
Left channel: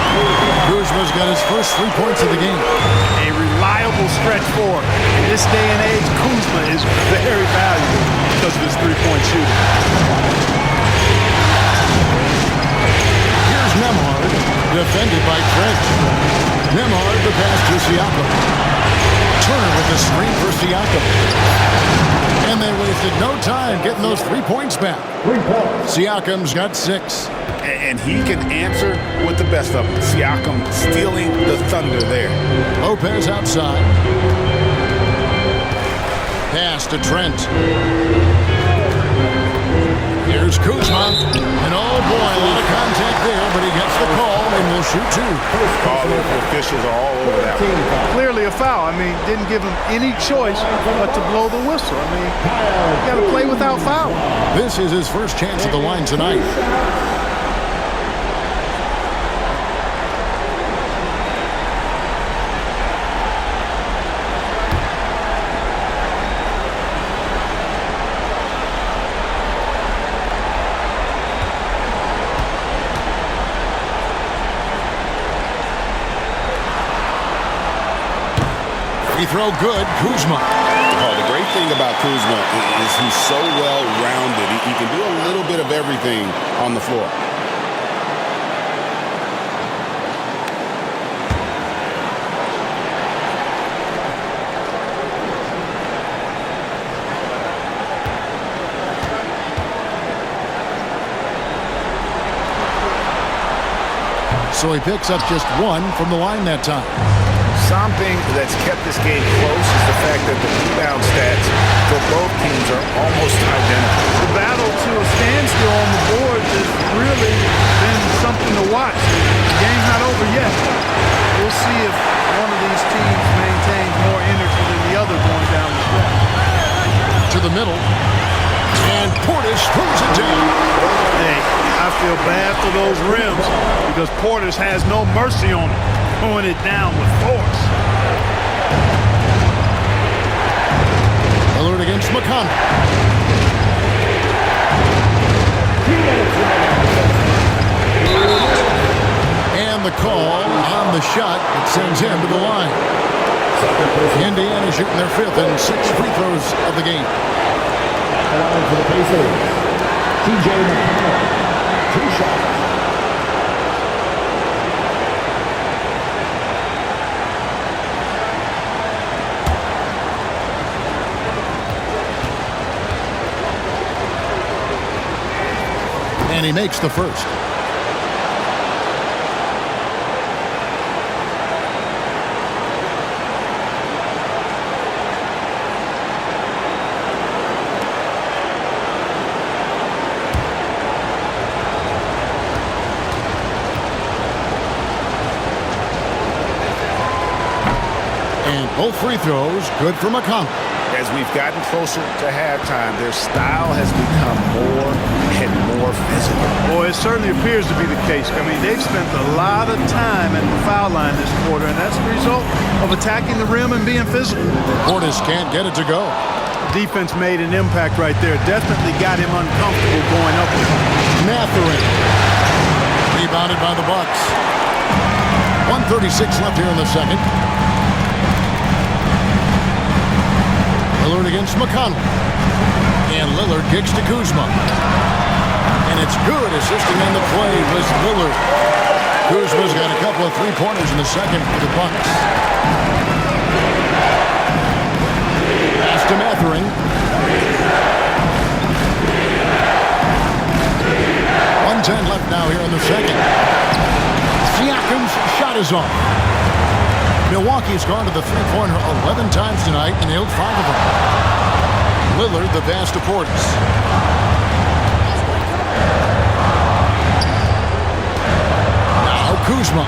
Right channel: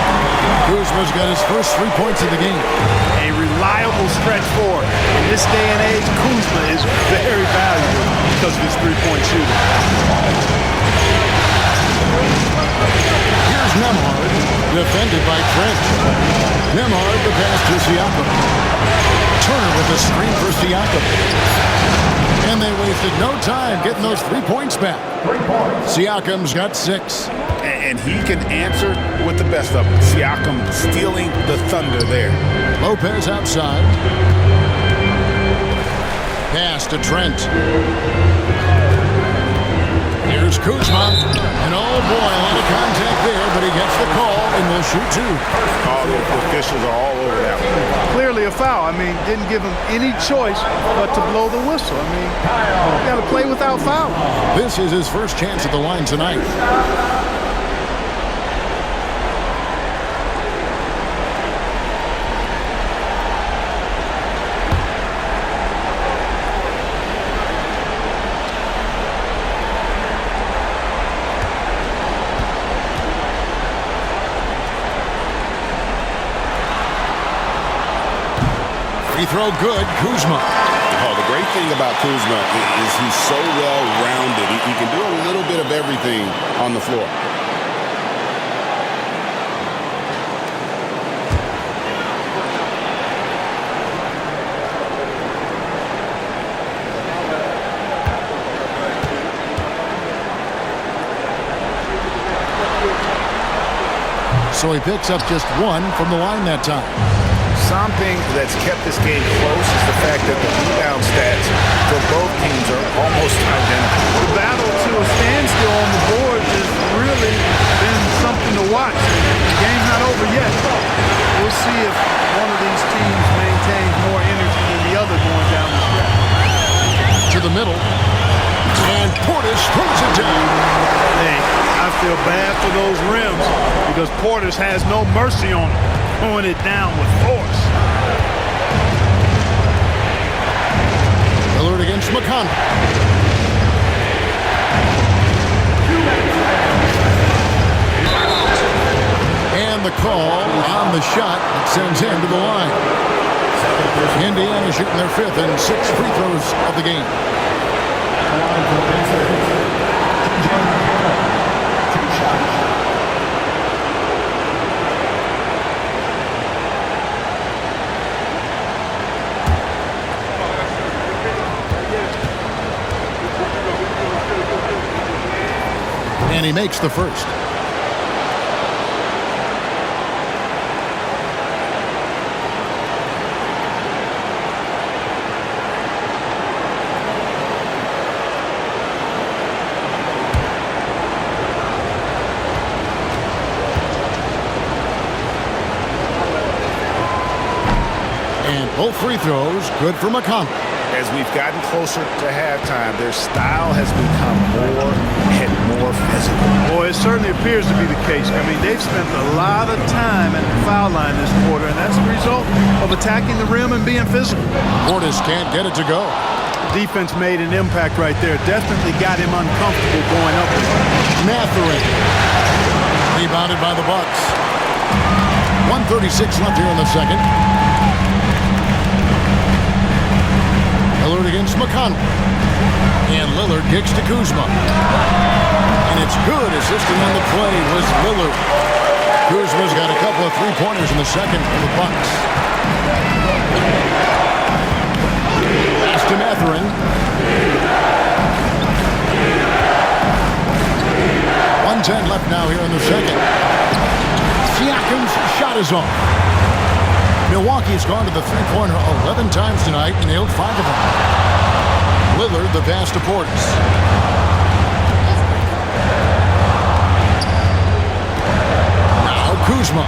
Kuzma's got his first 3 points of the game. A reliable stretch forward. In this day and age, Kuzma is very valuable because of his three-point shooting. Here's Nembhard, defended by Trent. Nembhard, the pass to Siakam. Turner with the screen for Siakam. And they wasted no time getting those 3 points back. 3 points. Siakam's got 6. And he can answer with the best of them. Siakam stealing the thunder there. Lopez outside. Pass to Trent. Here's Kuzma. And oh boy, a lot of contact there, but he gets the call and will shoot two. The officials are all over that one. Clearly a foul. I mean, didn't give him any choice but to blow the whistle. I mean, you got to play without foul. This is his first chance at the line tonight. Free throw good, Kuzma. Oh, the great thing about Kuzma is he's so well-rounded. He can do a little bit of everything on the floor. So he picks up just one from the line that time. Something that's kept this game close is the fact that the rebound stats for both teams are almost identical. The battle to a standstill on the boards has really been something to watch. The game's not over yet. We'll see if one of these teams maintains more energy than the other going down the stretch. To the middle. And Portis throws it down. Hey, I feel bad for those rims because Portis has no mercy on them. Throwing it down with force. Alert against McConnell. And the call on the shot that sends him to the line. Indiana shooting their fifth and 6 free throws of the game. Two shots. And he makes the first. And both free throws good for McConnell. As we've gotten closer to halftime, their style has become more and more physical. Boy, it certainly appears to be the case. I mean, they've spent a lot of time at the foul line this quarter, and that's the result of attacking the rim and being physical. Portis can't get it to go. The defense made an impact right there. Definitely got him uncomfortable going up with him. Mathurin. Rebounded by the Bucks. 1:36 left here in the second. Lillard against McConnell. And Lillard kicks to Kuzma. And it's good. Assisting on the play was Lillard. Kuzma's got a couple of three-pointers in the second for the Bucks. Pass to Mathurin. 1:10 left now here in the second. Siakam's shot is off. Milwaukee's gone to the three-pointer 11 times tonight and nailed 5 of them. Lillard the pass to Portis. Now Kuzma.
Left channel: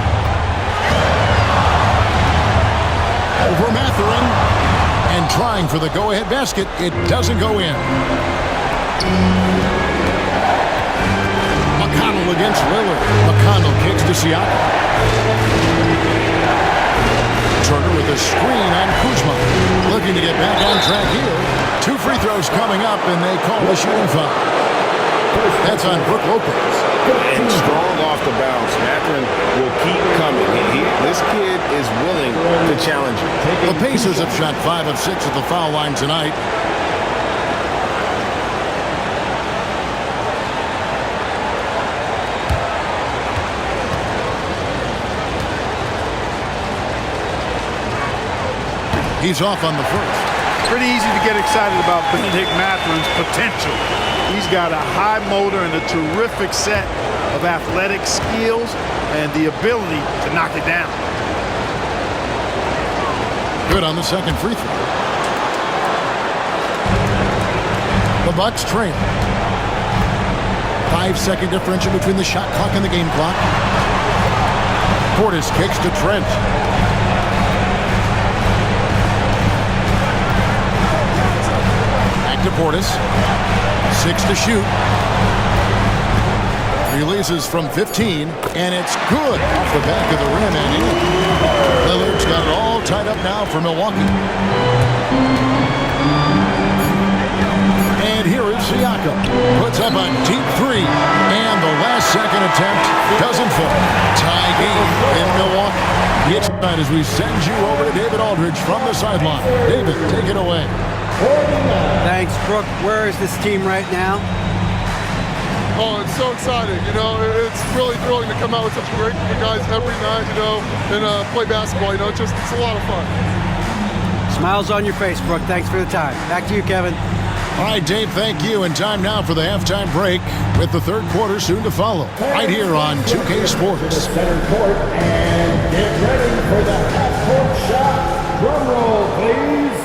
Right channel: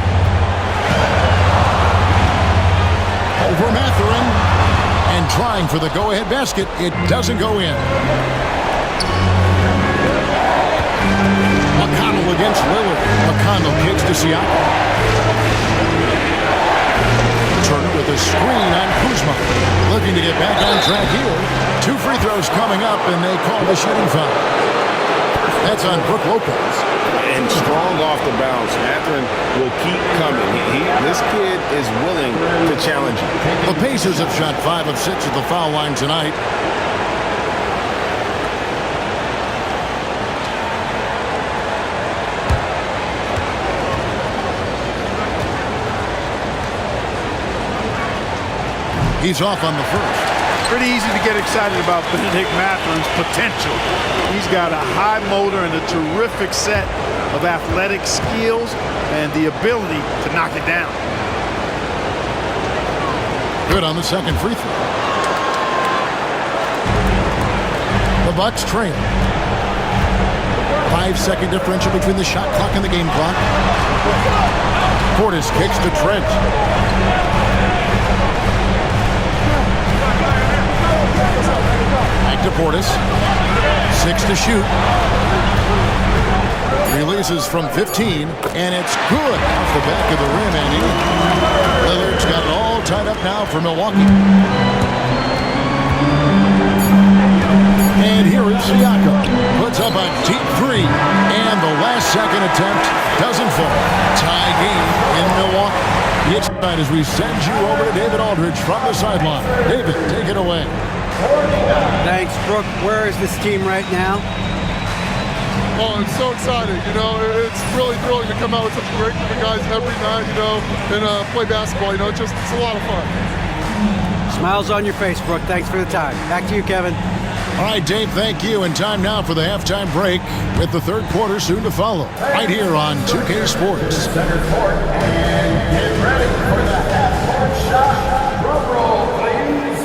Over Mathurin. And trying for the go-ahead basket. It doesn't go in. McConnell against Lillard. McConnell kicks to Siakam. Turner with a screen on Kuzma. Looking to get back on track here. 2 free throws coming up, and they call the shooting foul. That's on Brook Lopez. And strong off the bounce. Mathurin will keep coming. This kid is willing to challenge you. The Pacers have shot 5 of 6 at the foul line tonight. He's off on the first. Pretty easy to get excited about Benedict Mathurin's potential. He's got a high motor and a terrific set of athletic skills and the ability to knock it down. Good on the second free throw. The Bucks trail. 5-second differential between the shot clock and the game clock. Portis kicks to Trent. Back to Portis. 6 to shoot. Releases from 15, and it's good off the back of the rim and in. Lillard's got it all tied up now for Milwaukee. And here is Siakam. Puts up a deep three, and the last-second attempt doesn't fall. Tie game in Milwaukee. It's tonight as we send you over to David Aldridge from the sideline. David, take it away. Thanks, Brooke. Where is this team right now? Oh, it's so exciting. You know, it's really thrilling to come out with such a great group of guys every night, you know, and play basketball. You know, it's a lot of fun. Smiles on your face, Brooke. Thanks for the time. Back to you, Kevin. All right, Dave, thank you. And time now for the halftime break with the third quarter soon to follow. Right here on 2K Sports. Center court, and get ready for the half-court shot. Drum roll, please.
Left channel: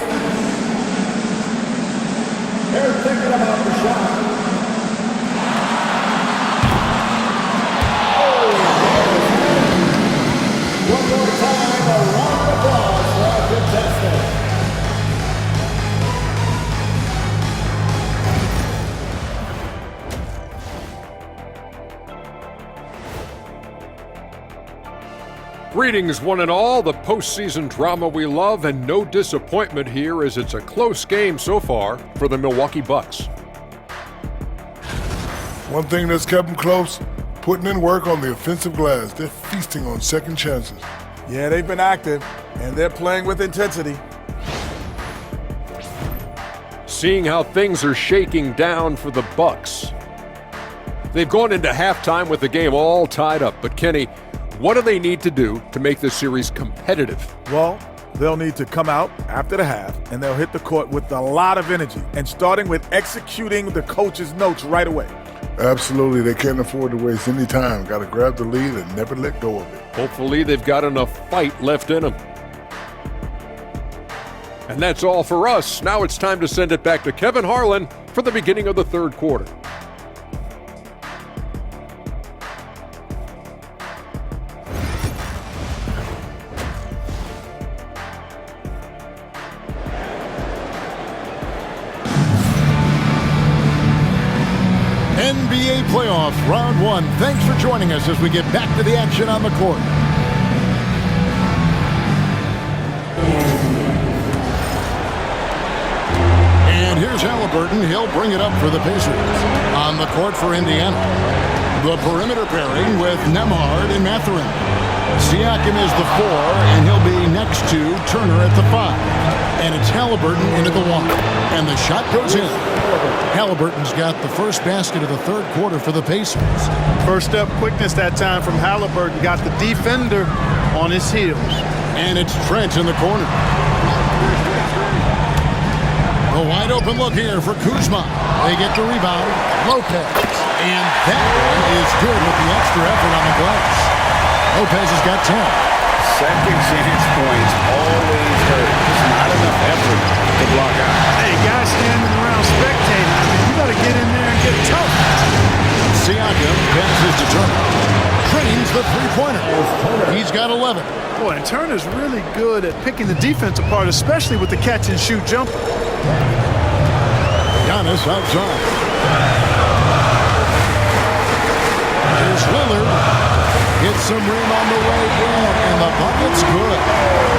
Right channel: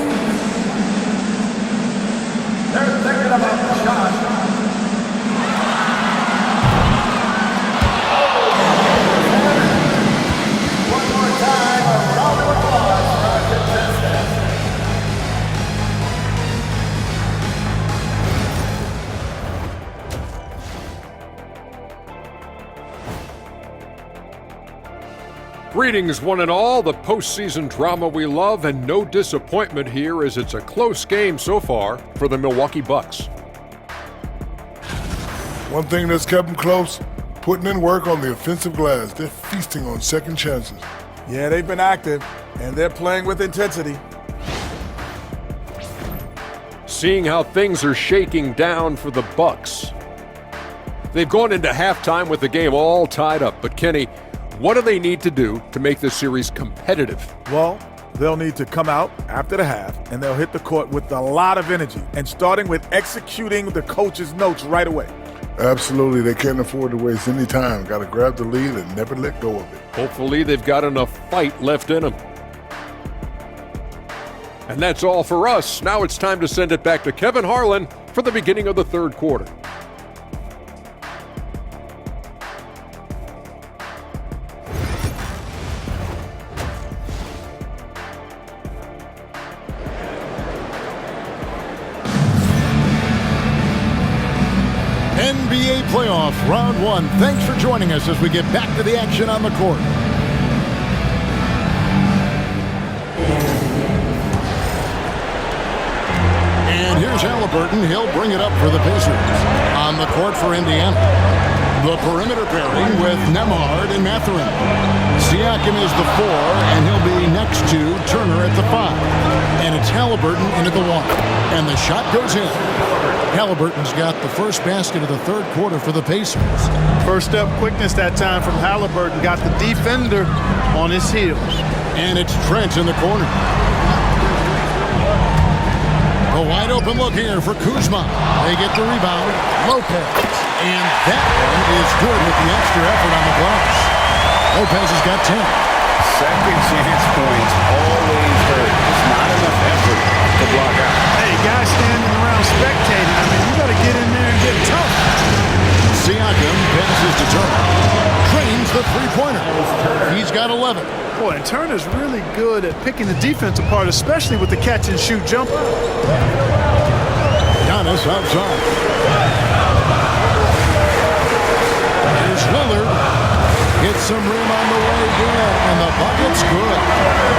They're thinking about the shot. One more time, a round of applause for our contestant. Greetings, one and all. The postseason drama we love, and no disappointment here as it's a close game so far for the Milwaukee Bucks. One thing that's kept them close, putting in work on the offensive glass. They're feasting on second chances. Yeah, they've been active, and they're playing with intensity. Seeing how things are shaking down for the Bucks. They've gone into halftime with the game all tied up, but Kenny, what do they need to do to make this series competitive? Well, they'll need to come out after the half, and they'll hit the court with a lot of energy, and starting with executing the coach's notes right away. Absolutely, they can't afford to waste any time. Got to grab the lead and never let go of it. Hopefully they've got enough fight left in them. And that's all for us. Now it's time to send it back to Kevin Harlan for the beginning of the third quarter. NBA playoffs, round one. Thanks for joining us as we get back to the action on the court. And here's Halliburton. He'll bring it up for the Pacers. On the court for Indiana. The perimeter pairing with Nembhard and Mathurin. Siakam is the 4, and he'll be next to Turner at the 5. And it's Halliburton into the 1. And the shot goes in. Halliburton's got the first basket of the third quarter for the Pacers. First step quickness that time from Halliburton. Got the defender on his heels. And it's Trent in the corner. A wide open look here for Kuzma. They get the rebound. Lopez. And that one is good with the extra effort on the glass. Lopez has got 10. Second chance points always hurt. Just not enough effort to block out. Hey, guys standing around spectating. I mean, you got to get in there and get tough. Siakam passes to Turner. Drains the three-pointer. He's got 11. Boy, and Turner's really good at picking the defense apart, especially with the catch-and-shoot jumper. Giannis outside. Here's Lillard. Gets some rim on the way in, and the bucket's good.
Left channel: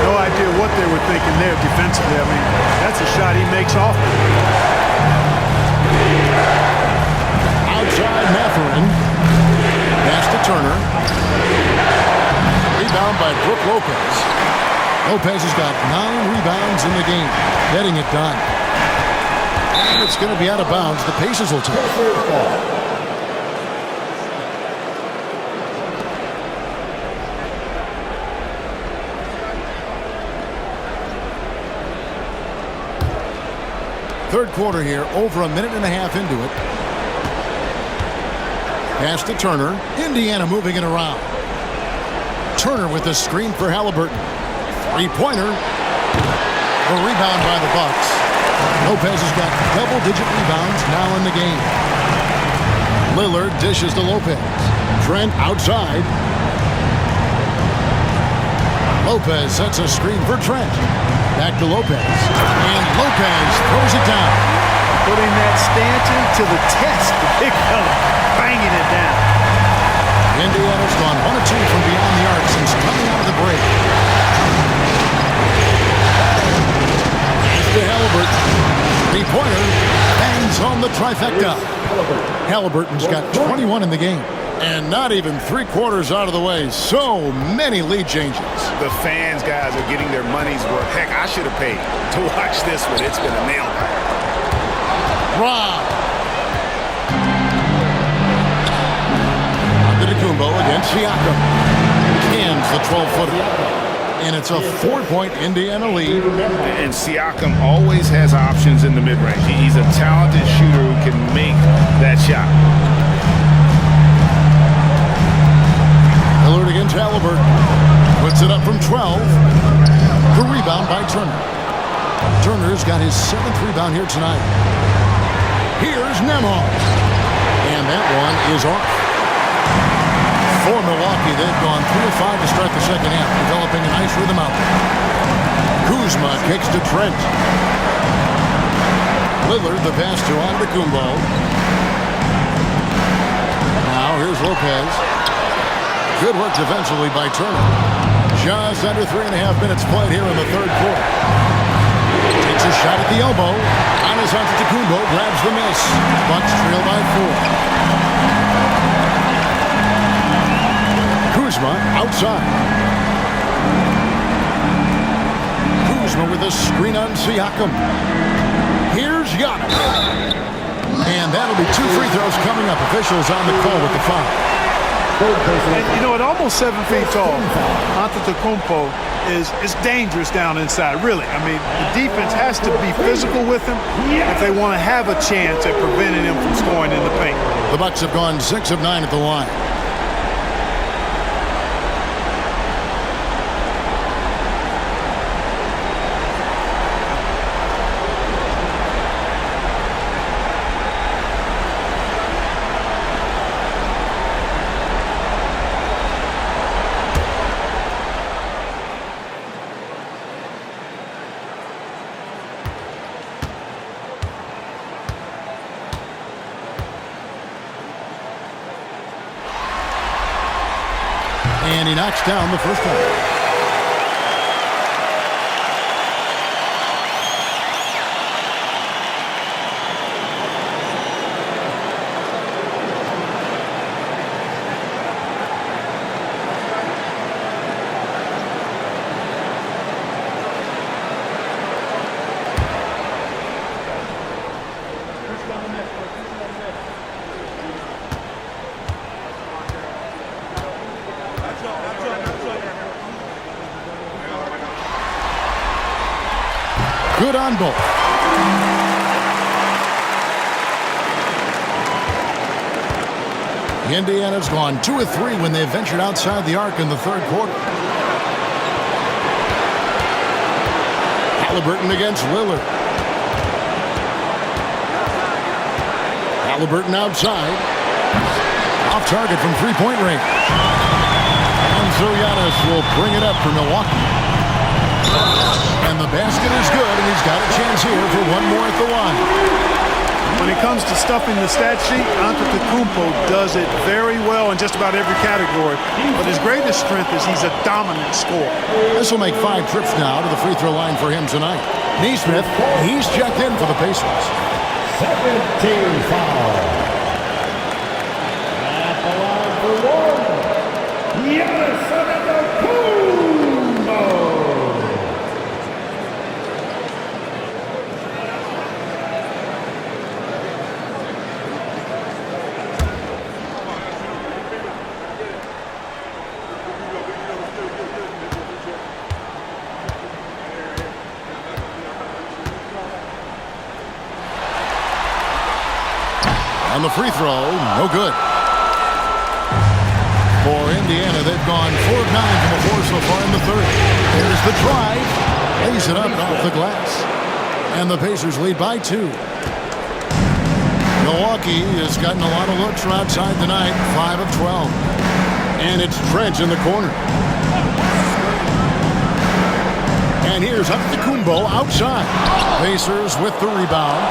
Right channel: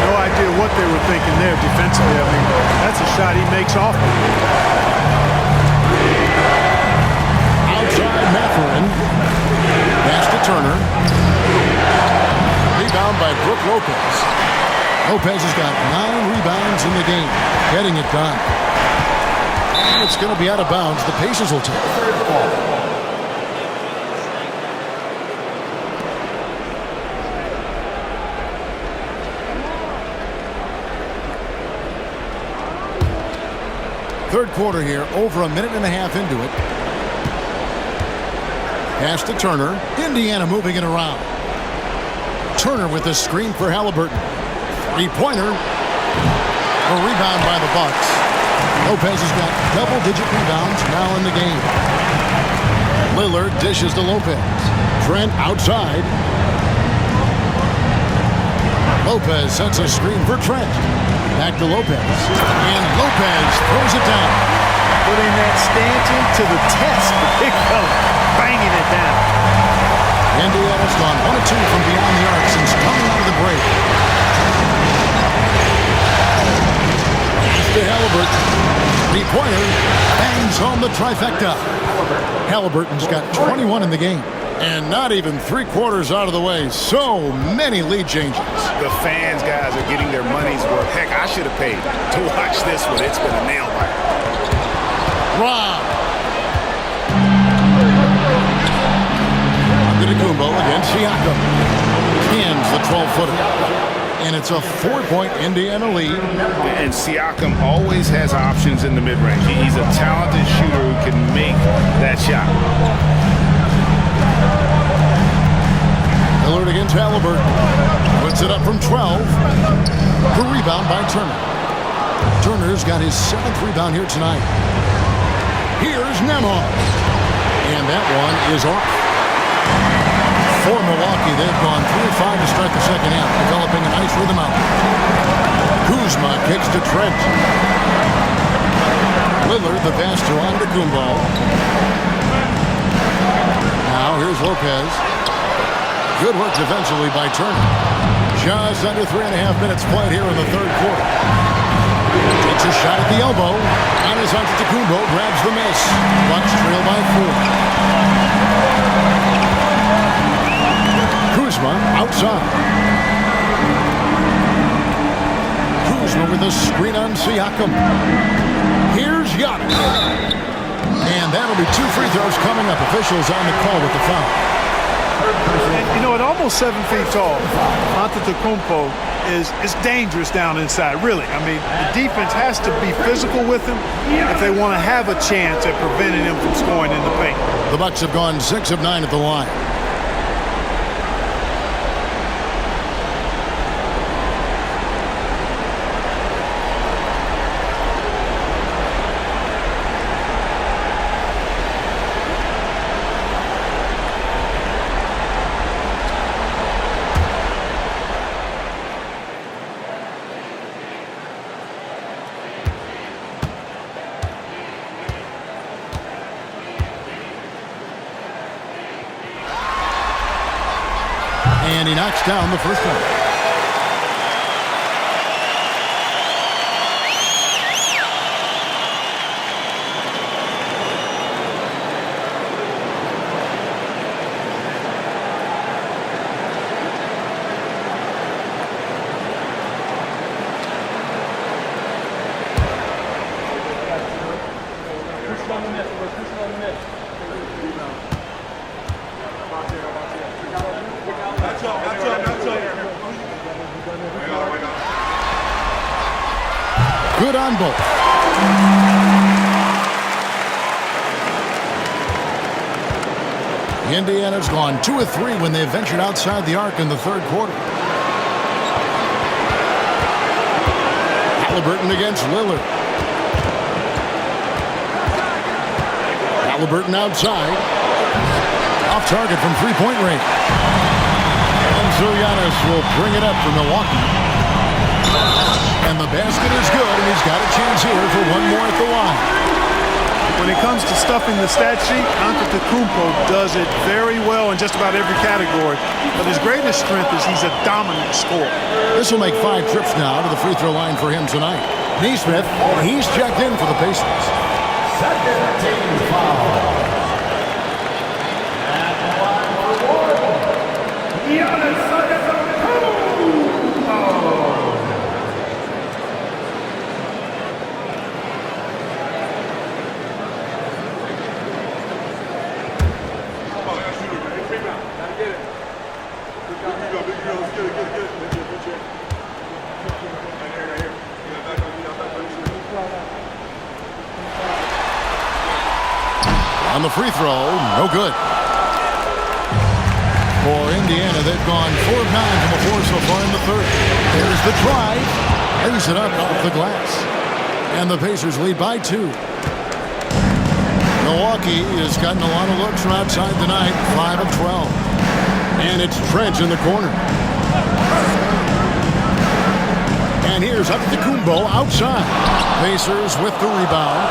No idea what they were thinking there defensively. I mean, that's a shot he makes often. Outside Mathurin. Pass to Turner. Rebound by Brook Lopez. Lopez has got 9 rebounds in the game, getting it done. And it's going to be out of bounds. The Pacers will take it. Third quarter here, over a minute and a half into it. Pass to Turner. Indiana moving it around. Turner with a screen for Halliburton. Three-pointer. A rebound by the Bucks. Lopez has got double-digit rebounds now in the game. Lillard dishes to Lopez. Trent outside. Lopez sets a screen for Trent. Back to Lopez. And Lopez throws it down. Putting that stanchion to the test. The big fella banging it down. Indiana's gone 1 of 2 from beyond the arc since coming out of the break. Pass to Halliburton. Three-pointer bangs home the trifecta. Halliburton's got 21 in the game. And not even 3/4 out of the way. So many lead changes. The fans, guys, are getting their money's worth. Heck, I should have paid to watch this one. It's been a nail biter. Rob. Antetokounmpo against Siakam. Cans the 12-footer. And it's a 4-point Indiana lead. And Siakam always has options in the mid-range. He's a talented shooter who can make that shot. Lillard against Halliburton. Puts it up from 12. The rebound by Turner. Turner's got his 7th rebound here tonight. Here's Nembhard. And that one is off. For Milwaukee, they've gone 3 of 5 to start the second half, developing a nice rhythm out there. Kuzma kicks to Trent. Lillard, the pass to Antetokounmpo. Now here's Lopez. Good work defensively by Turner. Just under 3.5 minutes played here in the third quarter. Takes a shot at the elbow. Giannis Antetokounmpo grabs the miss. Bucks trail by 4. Kuzma outside. Kuzma with a screen on Siakam. Here's Giannis. And that'll be 2 free throws coming up. Officials on the call with the foul. And, you know, at almost 7 feet tall, Antetokounmpo is dangerous down inside, really. I mean, the defense has to be physical with him if they want to have a chance at preventing him from scoring in the paint. The Bucks have gone 6 of 9 at the line. And he knocks down the first one. Good on both. Indiana's gone 2 of 3 when they ventured outside the arc in the third quarter. Halliburton against Lillard. Halliburton outside. Off target from 3-point range. And so Giannis will bring it up for Milwaukee. And the basket is good, and he's got a chance here for one more at the line. When it comes to stuffing the stat sheet, Antetokounmpo does it very well in just about every category. But his greatest strength is he's a dominant scorer. This will make 5 trips now to the free throw line for him tonight. Nesmith, he's checked in for the Pacers. Second team foul. At the line for 1, Giannis Antetokounmpo. On the free throw, no good. For Indiana, they've gone 4 of 9 from the floor so far in the third. There's the drive. Lays it up off the glass. And the Pacers lead by 2. Milwaukee has gotten a lot of looks from outside tonight, 5 of 12. And it's Trent in the corner. And here's Antetokounmpo outside. Pacers with the rebound.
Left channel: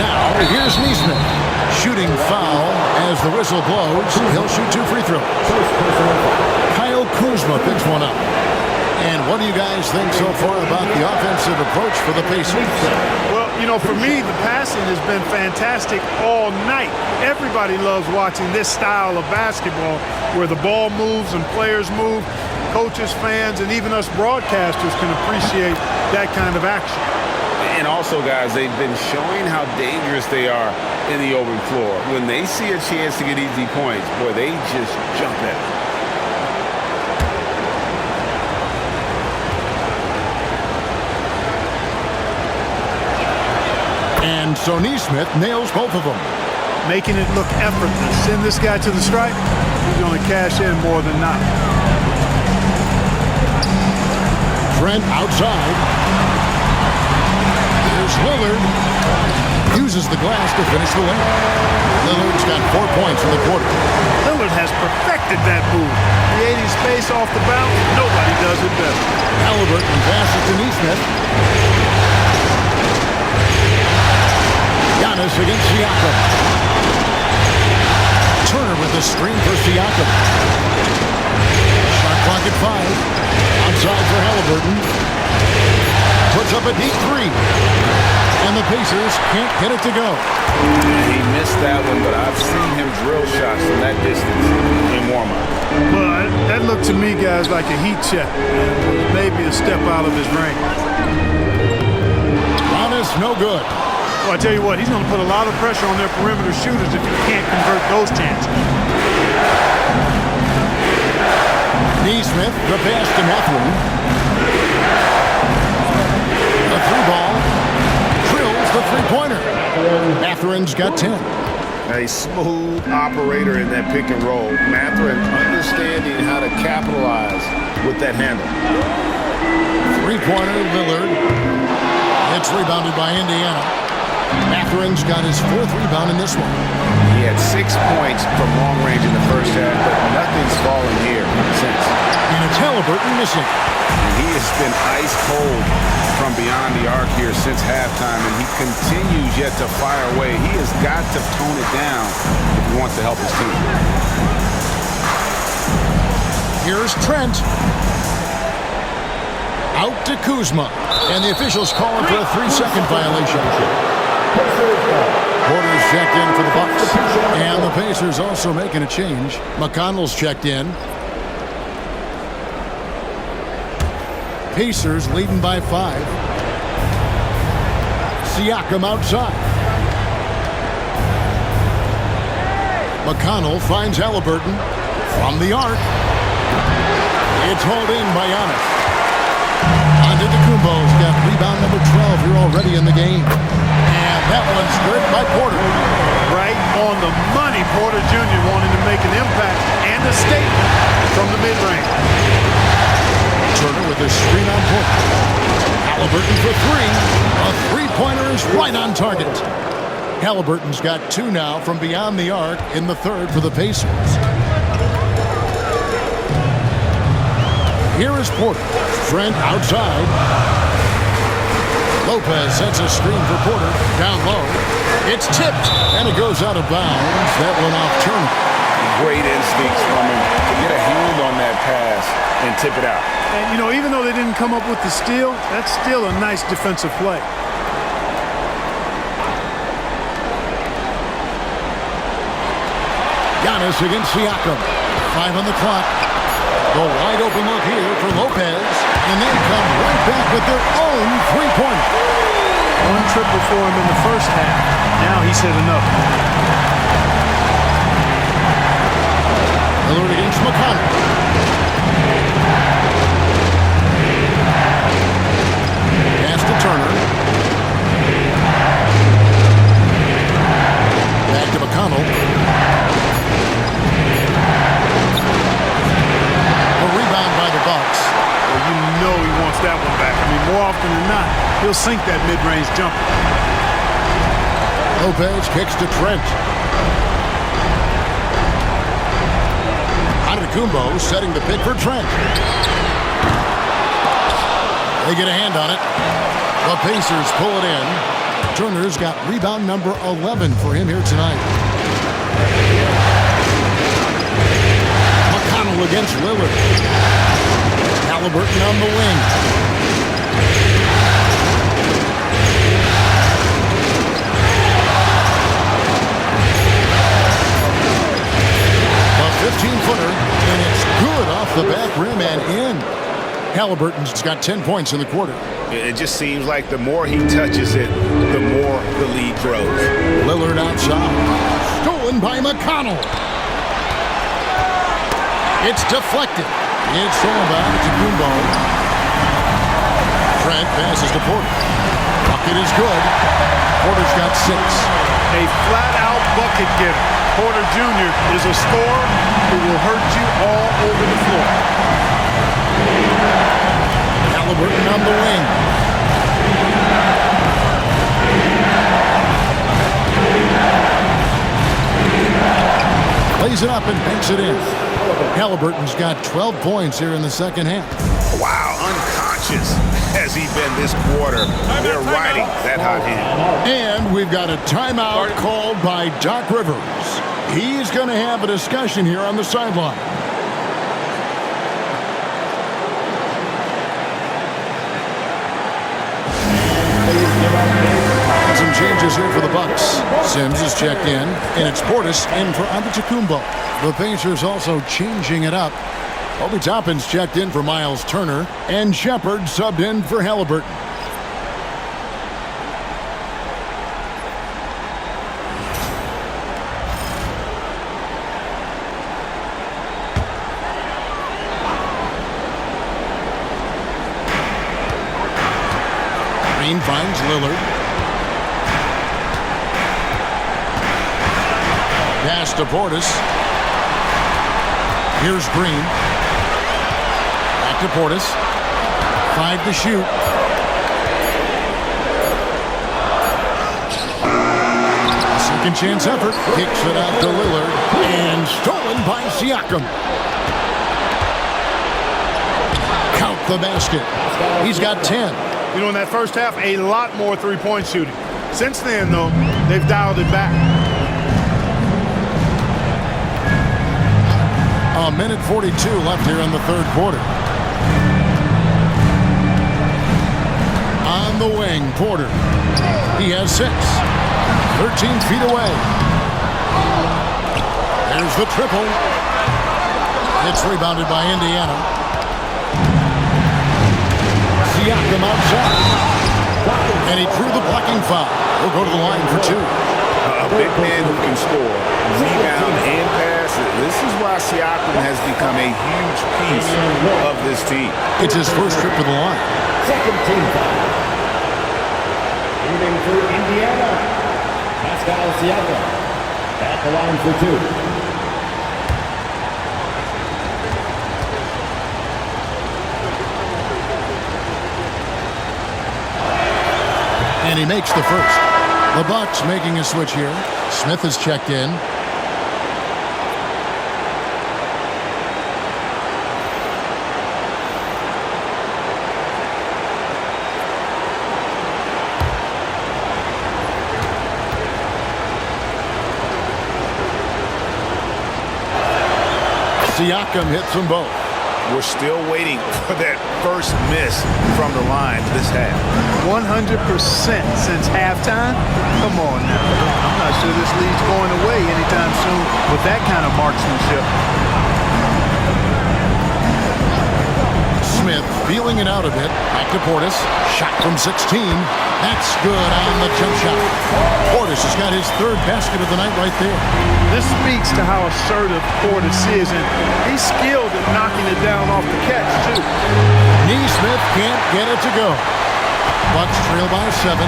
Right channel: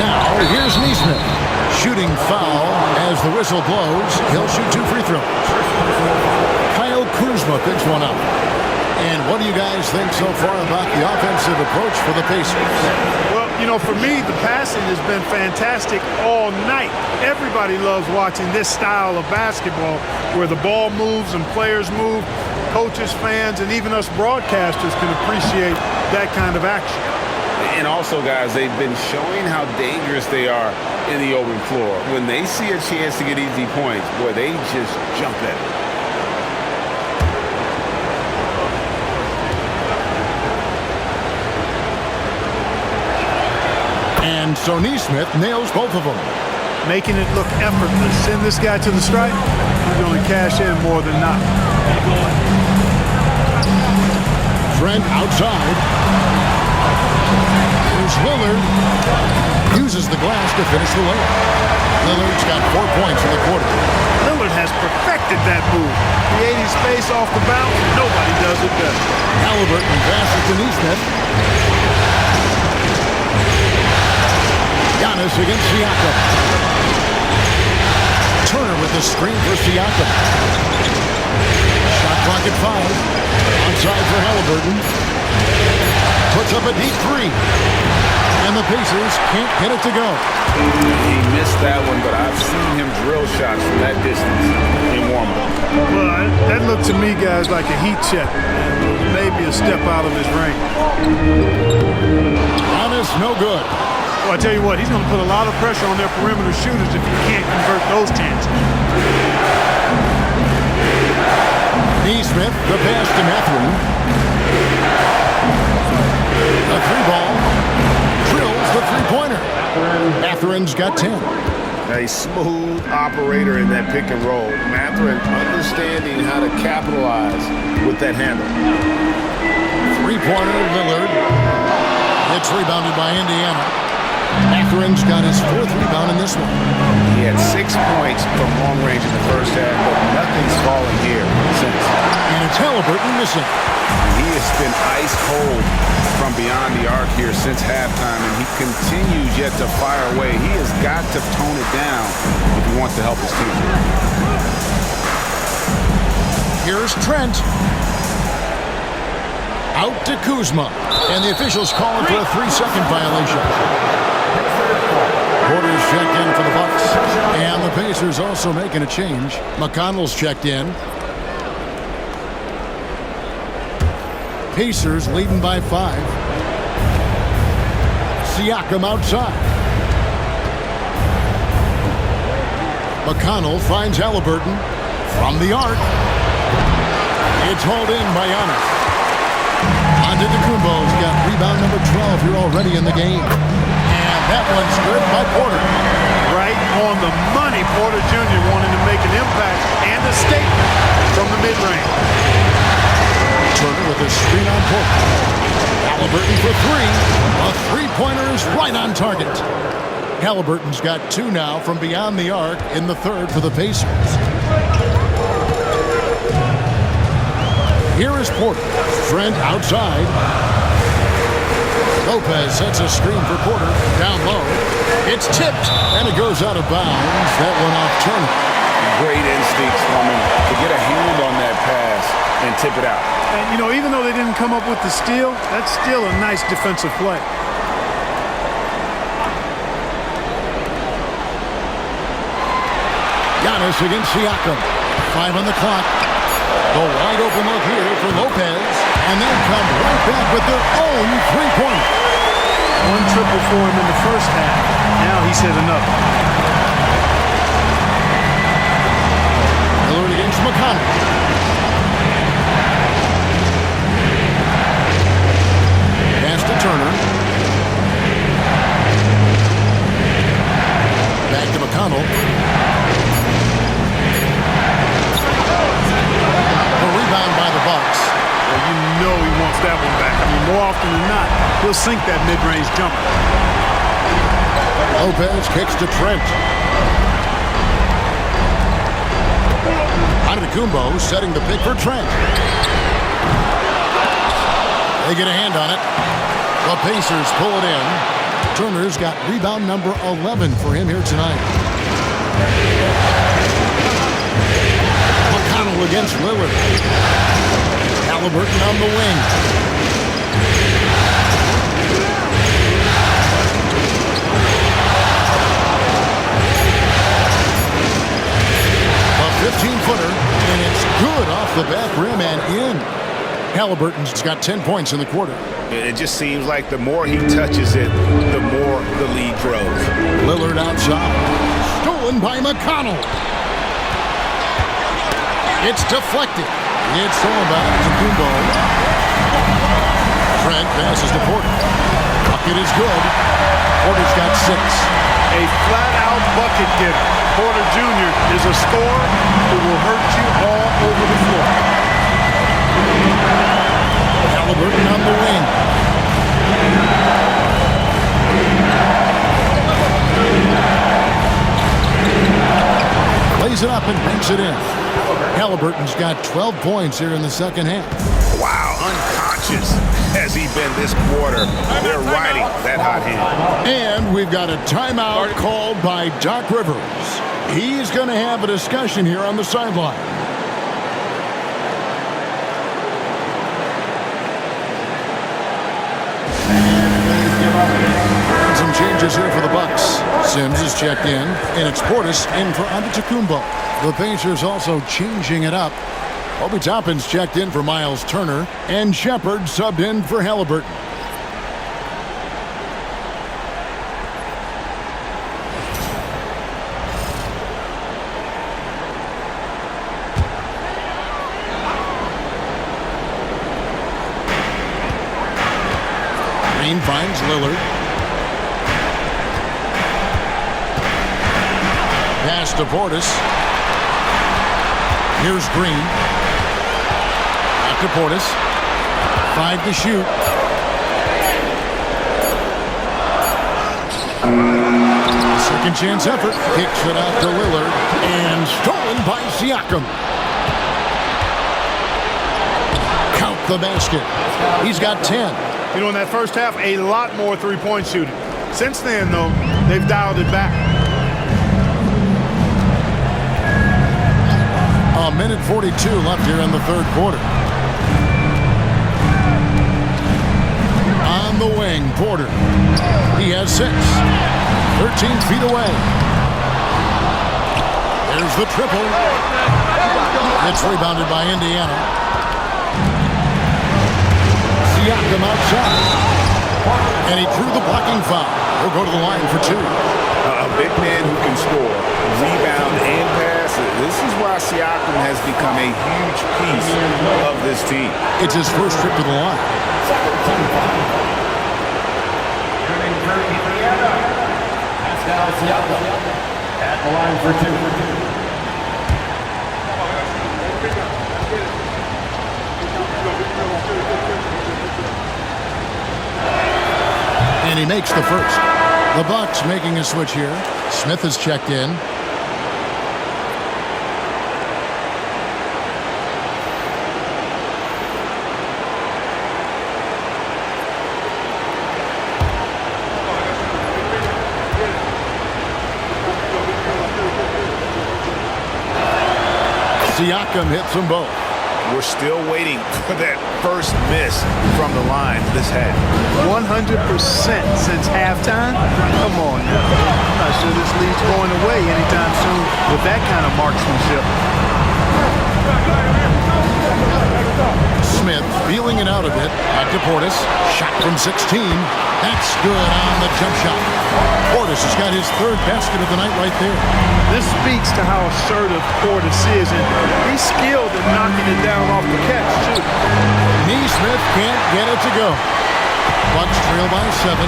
Now, here's Neesmith. Shooting foul as the whistle blows. He'll shoot 2 free throws. Kyle Kuzma picks one up. And what do you guys think so far about the offensive approach for the Pacers? Well, you know, for me, the passing has been fantastic all night. Everybody loves watching this style of basketball where the ball moves and players move. Coaches, fans, and even us broadcasters can appreciate that kind of action. And also, guys, they've been showing how dangerous they are in the open floor. When they see a chance to get easy points, boy, they just jump at it. And so Neesmith nails both of them. Making it look effortless. Send this guy to the stripe, he's going to cash in more than not. Trent outside. Here's Lillard. Uses the glass to finish the layup. Lillard's got 4 points in the quarter. Lillard has perfected that move. Creating space off the bounce, nobody does it better. Halliburton passes to Neesmith. Giannis against Siakam. Turner with a screen for Siakam. Shot clock at 5. Outside for Halliburton. Puts up a deep 3. And the Pacers can't get it to go. He missed that one, but I've seen him drill shots from that distance in warm-up. Well, that looked to me, guys, like a heat check. And was maybe a step out of his range. Giannis, no good. Well, I tell you what, he's going to put a lot of pressure on their perimeter shooters if he can't convert those chances. Neesmith, the pass to Mathurin. A 3-ball. Drills the 3-pointer. Mathurin's got 10. A smooth operator in that pick and roll. Mathurin understanding how to capitalize with that handle. 3-pointer, Lillard. It's rebounded by Indiana. Mathurin's got his 4th rebound in this one. He had 6 points from long range in the first half, but nothing's fallen here since. And it's Halliburton missing. And he has been ice cold from beyond the arc here since halftime, and he continues yet to fire away. He has got to tone it down if he wants to help his team. Here's Trent. Out to Kuzma. And the officials call him for a 3-second violation. Porter's checked in for the Bucks. And the Pacers also making a change. McConnell's checked in. Pacers leading by 5. Siakam outside. McConnell finds Halliburton from the arc. It's hauled in by Giannis. Antetokounmpo's got rebound number 12 here already in the game. And that one's good by Porter. Right on the money, Porter Jr. wanting to make an impact and a statement from the mid-range. Turner with a screen on Porter. Halliburton for 3. A 3-pointer is right on target. Halliburton's got 2 now from beyond the arc in the 3rd for the Pacers. Here is Porter. Trent outside. Lopez sets a screen for Porter. Down low. It's tipped, and it goes out of bounds. That one off Turner. Great instincts from him to get a hand on that pass and tip it out. And, you know, even though they didn't come up with the steal, that's still a nice defensive play. Giannis against Siakam. 5 on the clock. The wide open look here for Lopez. And they come right back with their own 3-pointer. 1 triple for him in the first half. Now he's hit another. Lillard against McConnell. Pass to Turner. Back to McConnell. A rebound by the Bucks. Well, you know he wants that one back. I mean, more often than not, he'll sink that mid-range jumper. Lopez kicks to Trent. Antetokounmpo setting the pick for Trent. They get a hand on it. The Pacers pull it in. Turner's got rebound number 11 for him here tonight. McConnell against Lillard. Halliburton on the wing. A 15-footer, and it's good off the back rim and in. Halliburton's got 10 points in the quarter. It just seems like the more he touches it, the more the lead grows. Lillard outside. Stolen by McConnell. It's deflected. It's stolen by Antetokounmpo. Trent passes to Porter. Bucket is good. Porter's got 6. A flat-out bucket getter. Porter Jr. is a scorer who will hurt you all over the floor. Halliburton on the wing. Lays it up and banks it in. Halliburton's got 12 points here in the second half. Wow, unconscious has he been this quarter. They're riding that hot hand. And we've got a timeout called by Doc Rivers. He's going to have a discussion here on the sideline. Some changes here for the Bucks. Sims is checked in, and it's Portis in for Antetokounmpo. The Pacers also changing it up. Obi Toppin's checked in for Miles Turner, and Shepard subbed in for Halliburton. Green finds Lillard. Pass to Portis. Here's Green. Back to Portis. 5 to shoot. Second chance effort. Kicks it out to Lillard. And stolen by Siakam. Count the basket. He's got 10. You know, in that first half, a lot more three-point shooting. Since then, though, they've dialed it back. A minute 42 left here in the third quarter. On the wing, Porter. He has 6. 13 feet away. There's the triple. It's rebounded by Indiana. Siakam outside. And he drew the blocking foul. He'll go to the line for 2. A big man who can score, rebound, and pass. This is why Siakam has become a huge piece of this team. It's his first trip to the line. Second team foul. In for Indiana. Pascal Siakam at the line for 2. And he makes the first. The Bucks making a switch here. Smith is checked in. Siakam hits them both. We're still waiting for that first miss from the line this half. 100% since halftime? Come on now. I'm not sure this lead's going away anytime soon with that kind of marksmanship. Smith feeling it out a bit. Back to Portis. Shot from 16. That's good on the jump shot. Portis has got his third basket of the night right there. This speaks to how assertive Portis is, and he's skilled at knocking it down off the catch, too. Neesmith can't get it to go. Bucks trail by 7.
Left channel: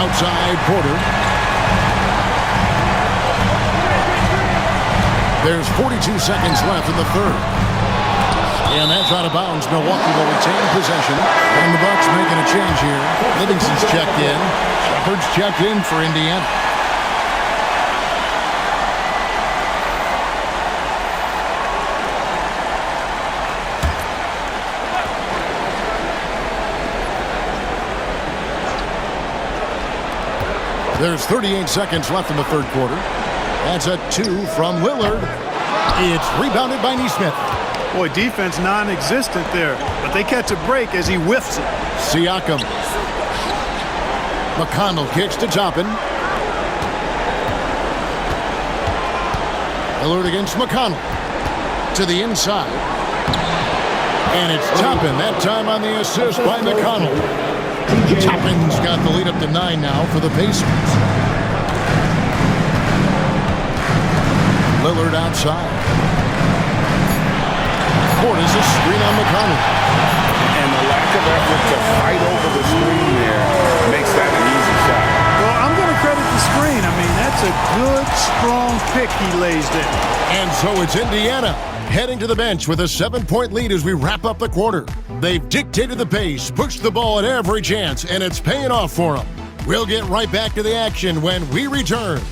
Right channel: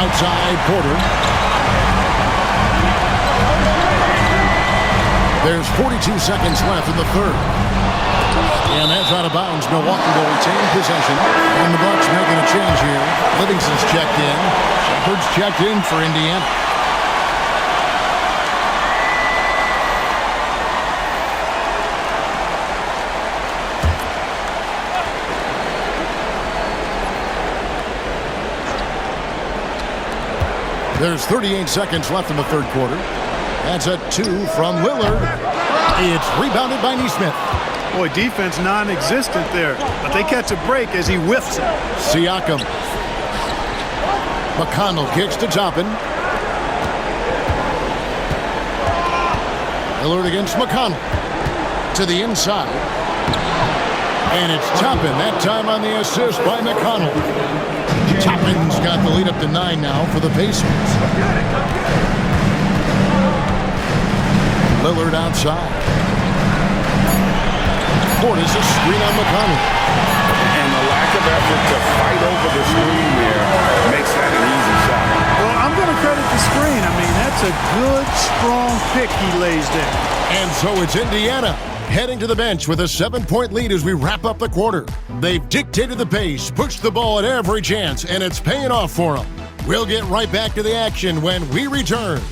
Outside Porter. There's 42 seconds left in the third. And that's out of bounds. Milwaukee will retain possession. And the Bucks making a change here. Livingston's checked in. Shepard's checked in for Indiana. There's 38 seconds left in the third quarter. That's a 2 from Lillard. It's rebounded by Nesmith. Boy, defense non-existent there, but they catch a break as he whiffs it. Siakam. McConnell kicks to Toppin. Lillard against McConnell. To the inside. And it's Toppin, that time on the assist by McConnell. Toppin's got the lead up to 9 now for the Pacers. Lillard outside. Portis a screen on McConnell. And the lack of effort to fight over the screen there makes that an easy shot. Well, I'm going to credit the screen. I mean, that's a good, strong pick he lays there. And so it's Indiana heading to the bench with a 7-point lead as we wrap up the quarter. They've dictated the pace, pushed the ball at every chance, and it's paying off for them. We'll get right back to the action when we return.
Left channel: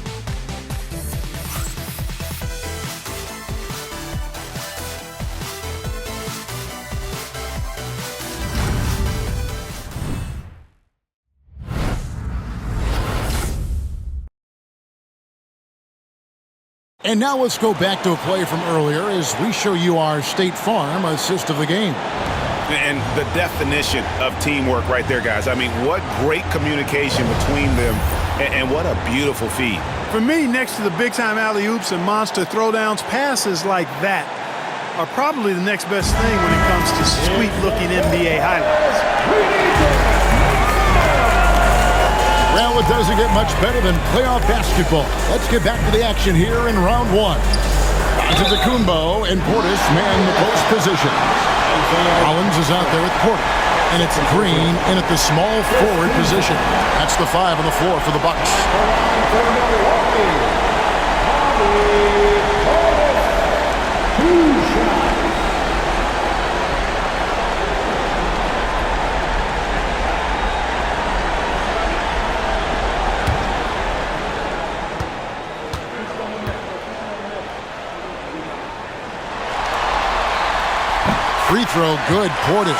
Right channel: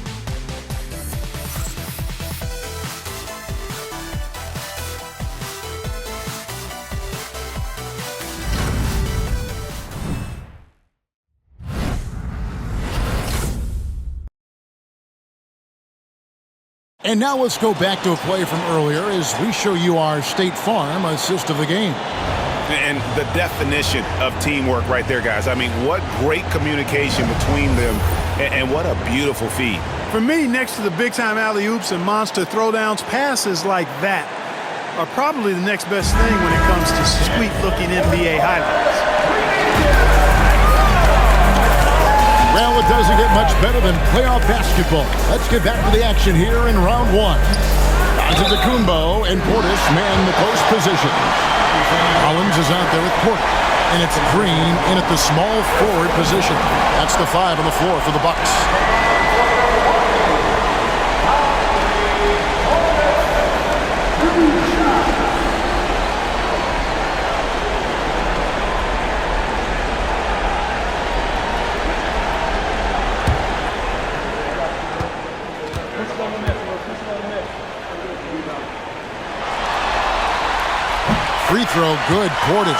And now let's go back to a play from earlier as we show you our State Farm assist of the game. And the definition of teamwork right there, guys. I mean, what great communication between them, and what a beautiful feed. For me, next to the big-time alley-oops and monster throwdowns, passes like that are probably the next best thing when it comes to sweet-looking NBA highlights. Well, it doesn't get much better than playoff basketball. Let's get back to the action here in round 1. Antetokounmpo and Portis man the post positions. Rollins is out there with Portis, and it's Green in at the small forward position. That's the 5 on the floor for the Bucks. Free throw, good, Portis.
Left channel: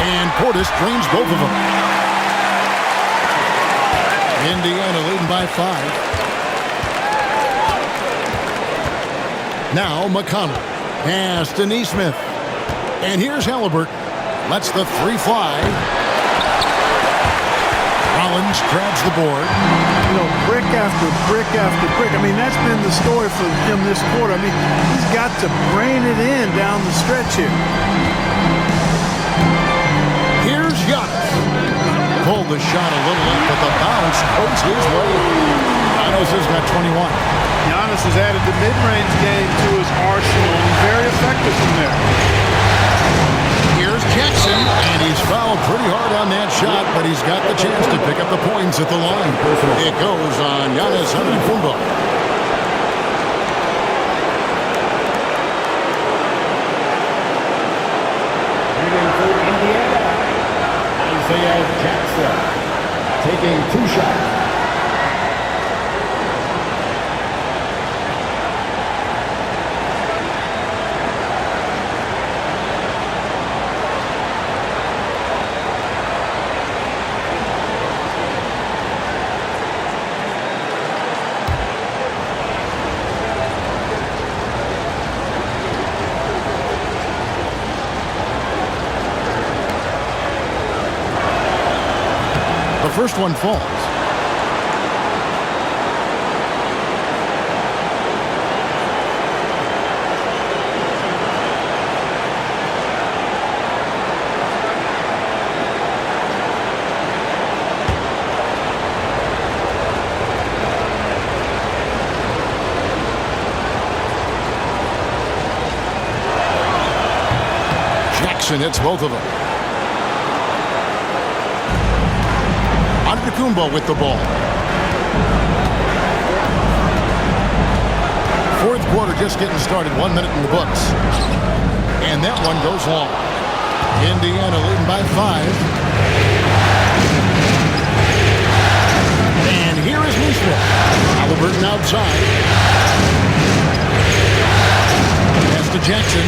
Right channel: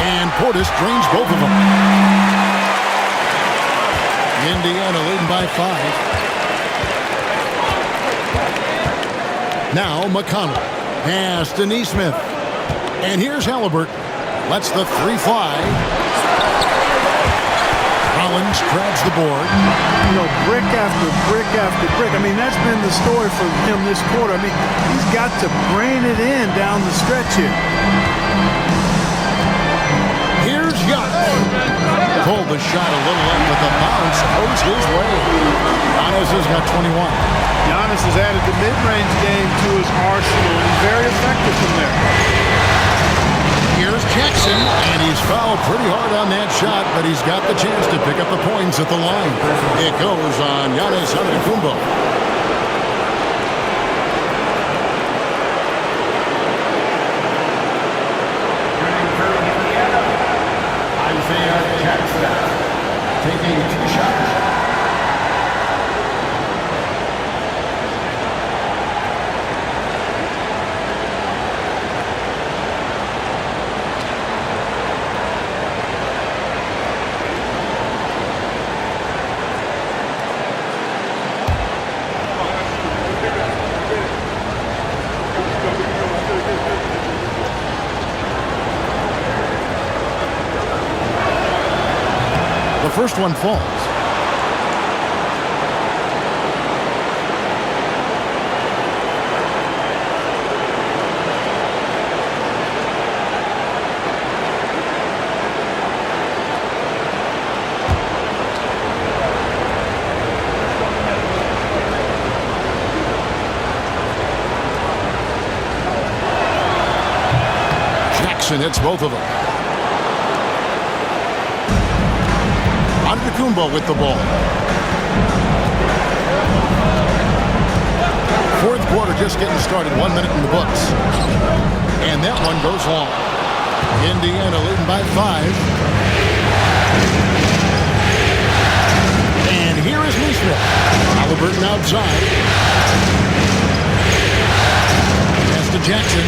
And Portis drains both of them. Indiana leading by 5. Now McConnell. Pass to Nesmith. And here's Halliburton. Lets the 3 fly. Rollins grabs the board. You know, brick after brick after brick. I mean, that's been the story for him this quarter. I mean, he's got to brain it in down the stretch here. Here's Giannis. Pulled the shot a little left, but the bounce goes his way. Giannis has got 21. Giannis has added the mid-range game to his arsenal, and he's very effective from there. Here's Jackson, and he's fouled pretty hard on that shot, but he's got the chance to pick up the points at the line. It goes on Giannis Antetokounmpo. Taking 2 shots. The first one falls. Jackson hits both of them. Antetokounmpo with the ball. Fourth quarter just getting started. 1 minute in the books. And that one goes long. Indiana leading by 5. And here is Neesmith. Halliburton outside. Pass to Jackson.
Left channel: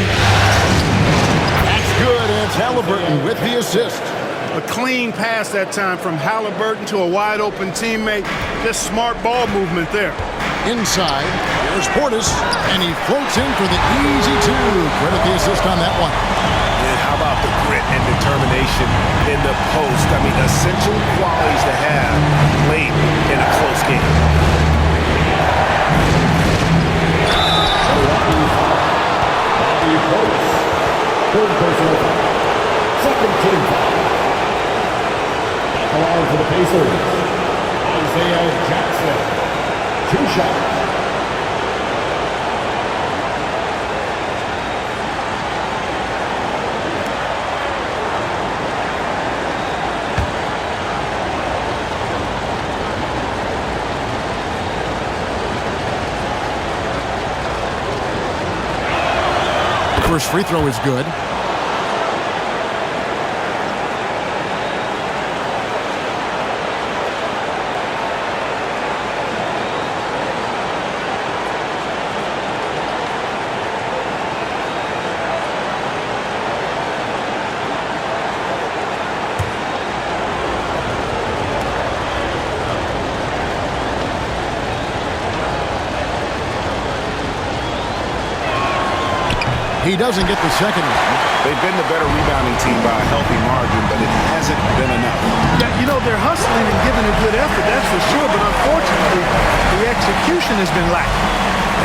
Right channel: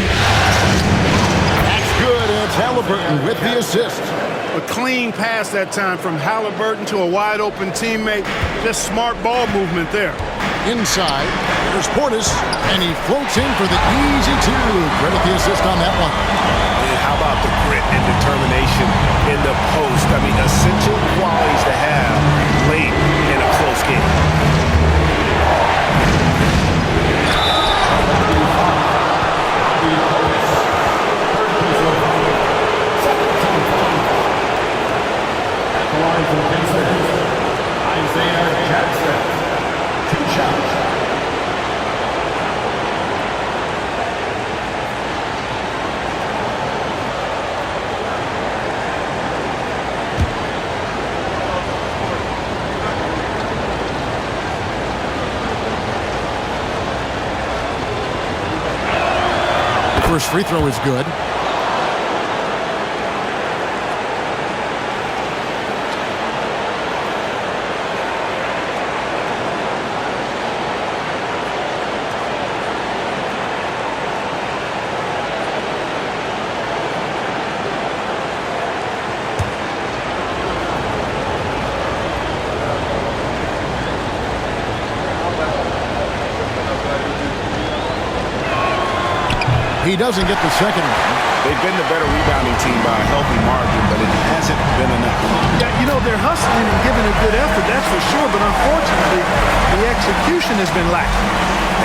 That's good. And it's Halliburton with the assist. A clean pass that time from Halliburton to a wide open teammate. Just smart ball movement there. Inside, here's Portis, and he floats in for the easy 2. Credit the assist on that one. And how about the grit and determination in the post? I mean, essential qualities to have late in a close game. Third person, second team foul. At the line for the Pacers, Isaiah Jackson. 2 shots. First free throw is good. He doesn't get the second one. They've been the better rebounding team by a healthy margin, but it hasn't been enough. Yeah, you know, they're hustling and giving a good effort, that's for sure, but unfortunately, the execution has been lacking.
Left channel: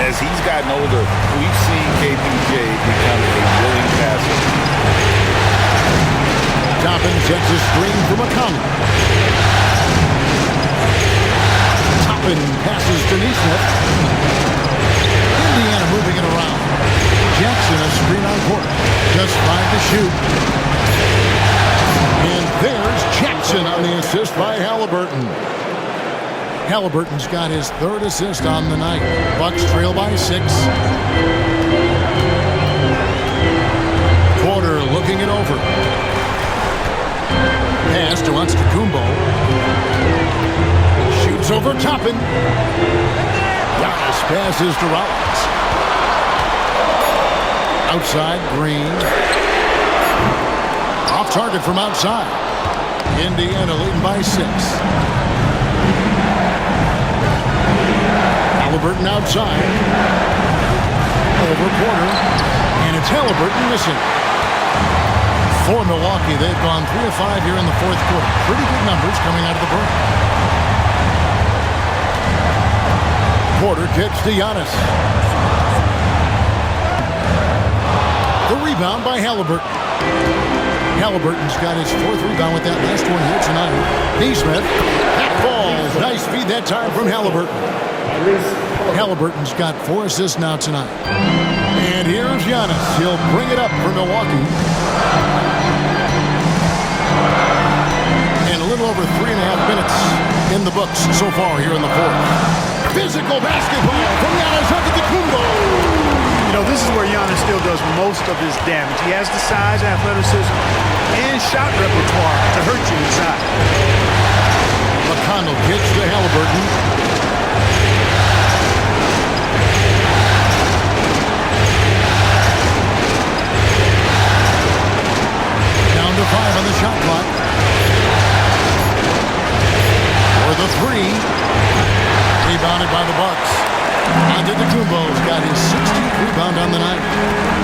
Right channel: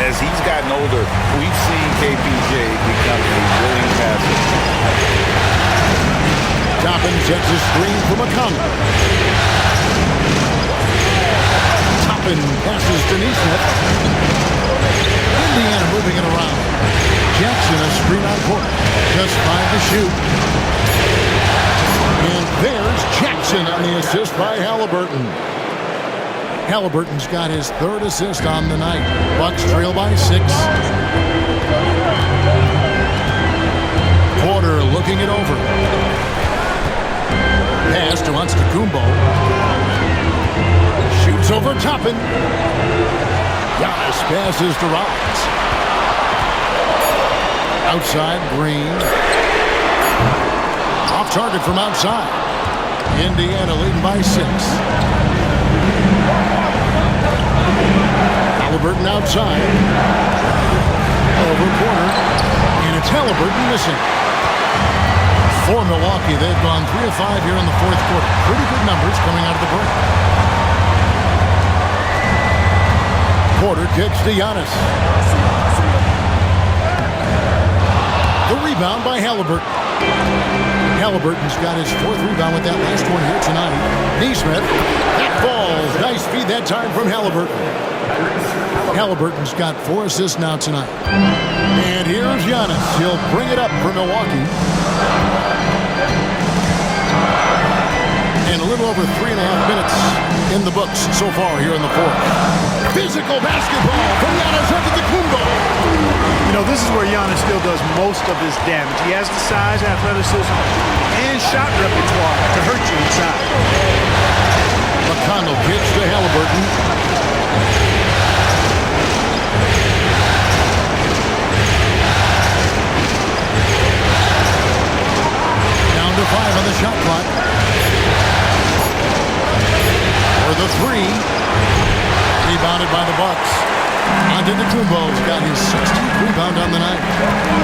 As he's gotten older, we've seen KPJ become a willing passer. Toppin sets a screen for McConnell. Toppin passes to Neesmith. Indiana moving it around. Jackson a screen on court. Just 5 to shoot. And there's Jackson on the assist by Halliburton. Halliburton's got his 3rd assist on the night. Bucks trail by 6. Porter looking it over. Pass to Antetokounmpo. Shoots over Toppin. Giannis passes to Rollins. Outside, Green. Off target from outside. Indiana leading by 6. Halliburton outside. Over Porter. And it's Halliburton missing. For Milwaukee, they've gone 3 of 5 here in the 4th quarter. Pretty good numbers coming out of the break. Porter kicks to Giannis. The rebound by Halliburton. Halliburton's got his 4th rebound with that last one here tonight. Neesmith. That falls. Nice feed that time from Halliburton. Halliburton's got 4 assists now tonight. And here's Giannis. He'll bring it up for Milwaukee. And a little over 3.5 minutes in the books so far here in the 4th. Physical basketball from Giannis Antetokounmpo. You know, this is where Giannis still does most of his damage. He has the size, athleticism, and shot repertoire to hurt you inside. McConnell kicks to Halliburton. Down to 5 on the shot clock. For the 3. Rebounded by the Bucks. Antetokounmpo's got his 16th rebound on the night.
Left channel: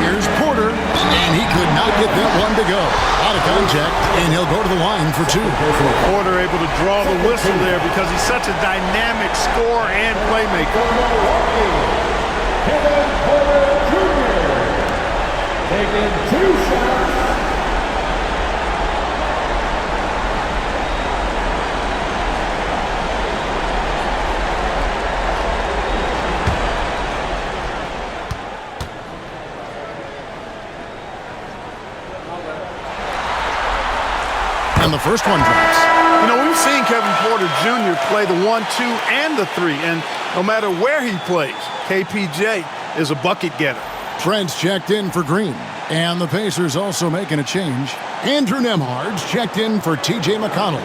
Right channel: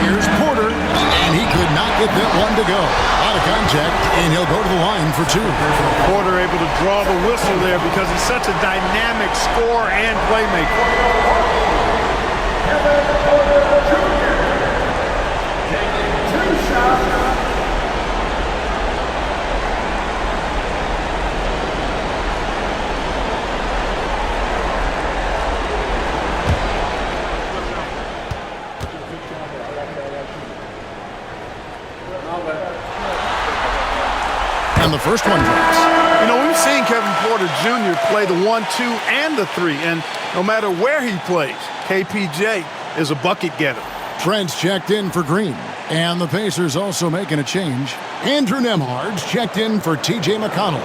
Here's Porter, and he could not get that one to go. Out of contact, and he'll go to the line for 2. Porter able to draw the whistle there because he's such a dynamic scorer and playmaker. Kevin Porter Jr. taking 2 shots. And the first one drops. You know, we've seen Kevin Porter Jr. play the 1, 2, and the 3, and no matter where he plays, KPJ is a bucket getter. Trent's checked in for Green. And the Pacers also making a change. Andrew Nembhard's checked in for T.J. McConnell.